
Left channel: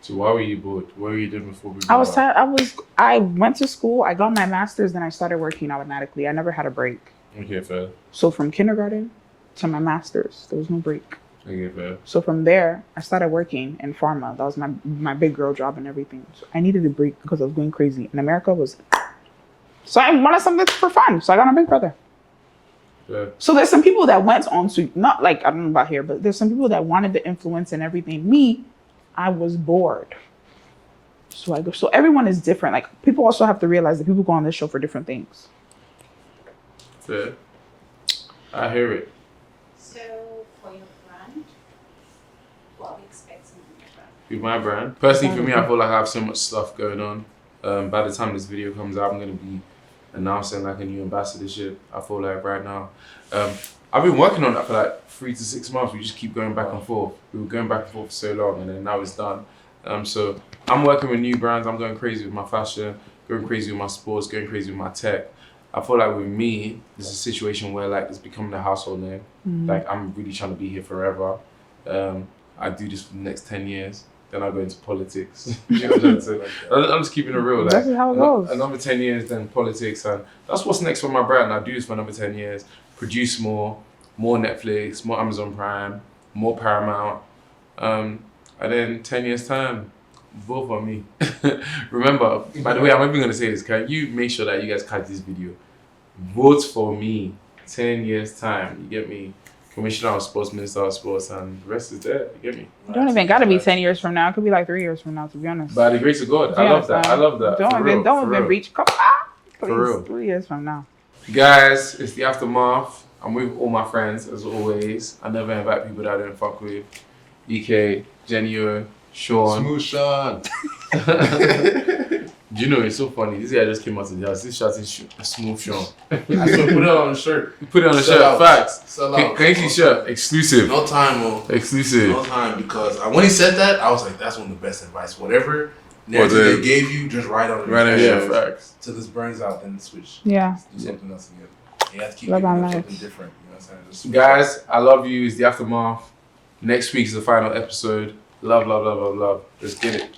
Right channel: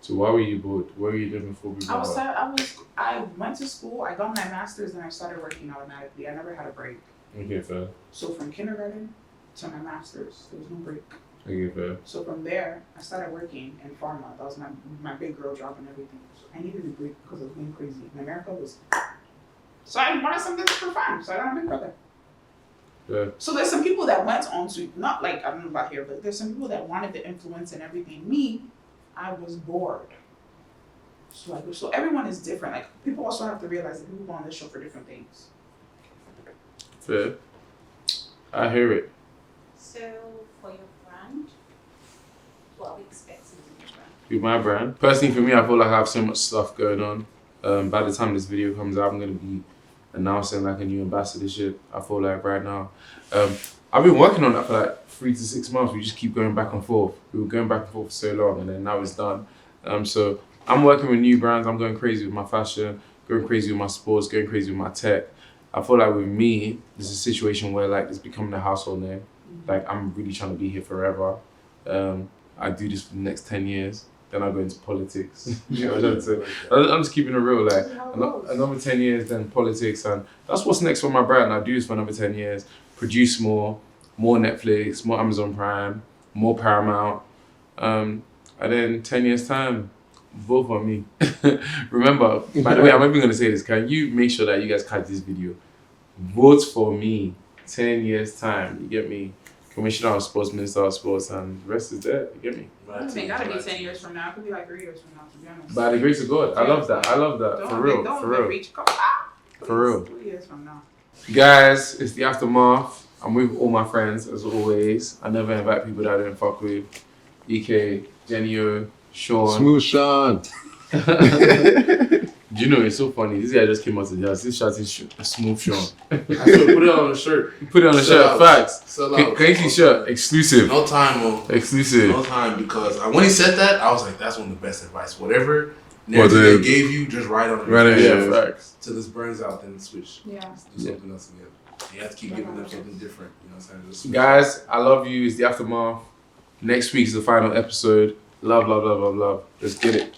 So why were you bored? What were you doing before Big Brother? I went to school. I got my master's, then I started working automatically. I never had a break. Okay, fair. So from kindergarten to my master's, there was no break. Okay, fair. So from there, I started working in pharma. That was my big girl job and everything. So I needed a break because I was going crazy. And America was... So I wanted something for fun. So I got on Big Brother. Yeah. So there's some people that went on to... Not like, I don't know about here, but there's some people that wanted the influence and everything. Me, I was bored. So I go... So everyone is different. Like, people also have to realize that people go on this show for different things. Fair. I hear it. So, for your brand, what are we expecting from your brand? With my brand. Personally, for me, I feel like I have so much stuff going on. By the time this video comes out, I'm going to be announcing like a new ambassadorship. I feel like right now. I've been working on that for like 3 to 6 months. We just keep going back and forth. We were going back and forth for so long, and then now it's done. So I'm working with new brands. I'm going crazy with my fashion, going crazy with my sports, going crazy with my tech. I feel like with me, there's a situation where like it's becoming a household name. Like I'm really trying to be here forever. I do this for the next 10 years. Then I go into politics. You know what I'm saying? I'm just keeping it real. Like That's how it goes. Another 10 years, then politics, and that's what's next for my brand. I do this for another 10 years. Produce more Netflix, more Amazon Prime, more Paramount, and then 10 years time. Vote for me. Remember, by the way, I'm even going to say this. Can you make sure that you guys catch this video? Vote for me. 10 years time. You get me? Commissioner of Sports, Minister of Sports, and the rest is there. You get me? You don't even got to be 10 years from now. It could be like 3 years from now, to be honest. By the grace of God. I love that. I love that. Don't even reach. For real. 3 years from now. Guys, it's the aftermath. I'm with all my friends, as always. I never invite people that I don't fuck with. EK, Jenni O, Shaun. Smooth Shaun. Do you know, it's so funny. This guy just came out to the house. This shot is a smooth Shaun. I still put it on the shirt. Put it on the shirt. out. Facts. Sell Can out. you see shirt? Exclusive. No time, Mo. Exclusive. No time, because when he said that, I was like, that's one of the best advice. Whatever narrative they gave you, just write on it. Right on, yeah, facts. Till this burns out, then switch. Yeah. Do something else again. You have to keep Love doing our lives. something different. You know what I'm saying? Just switch. Guys, I love you. It's the aftermath. Next week is the final episode. Love, love, love, love, love. Let's get it.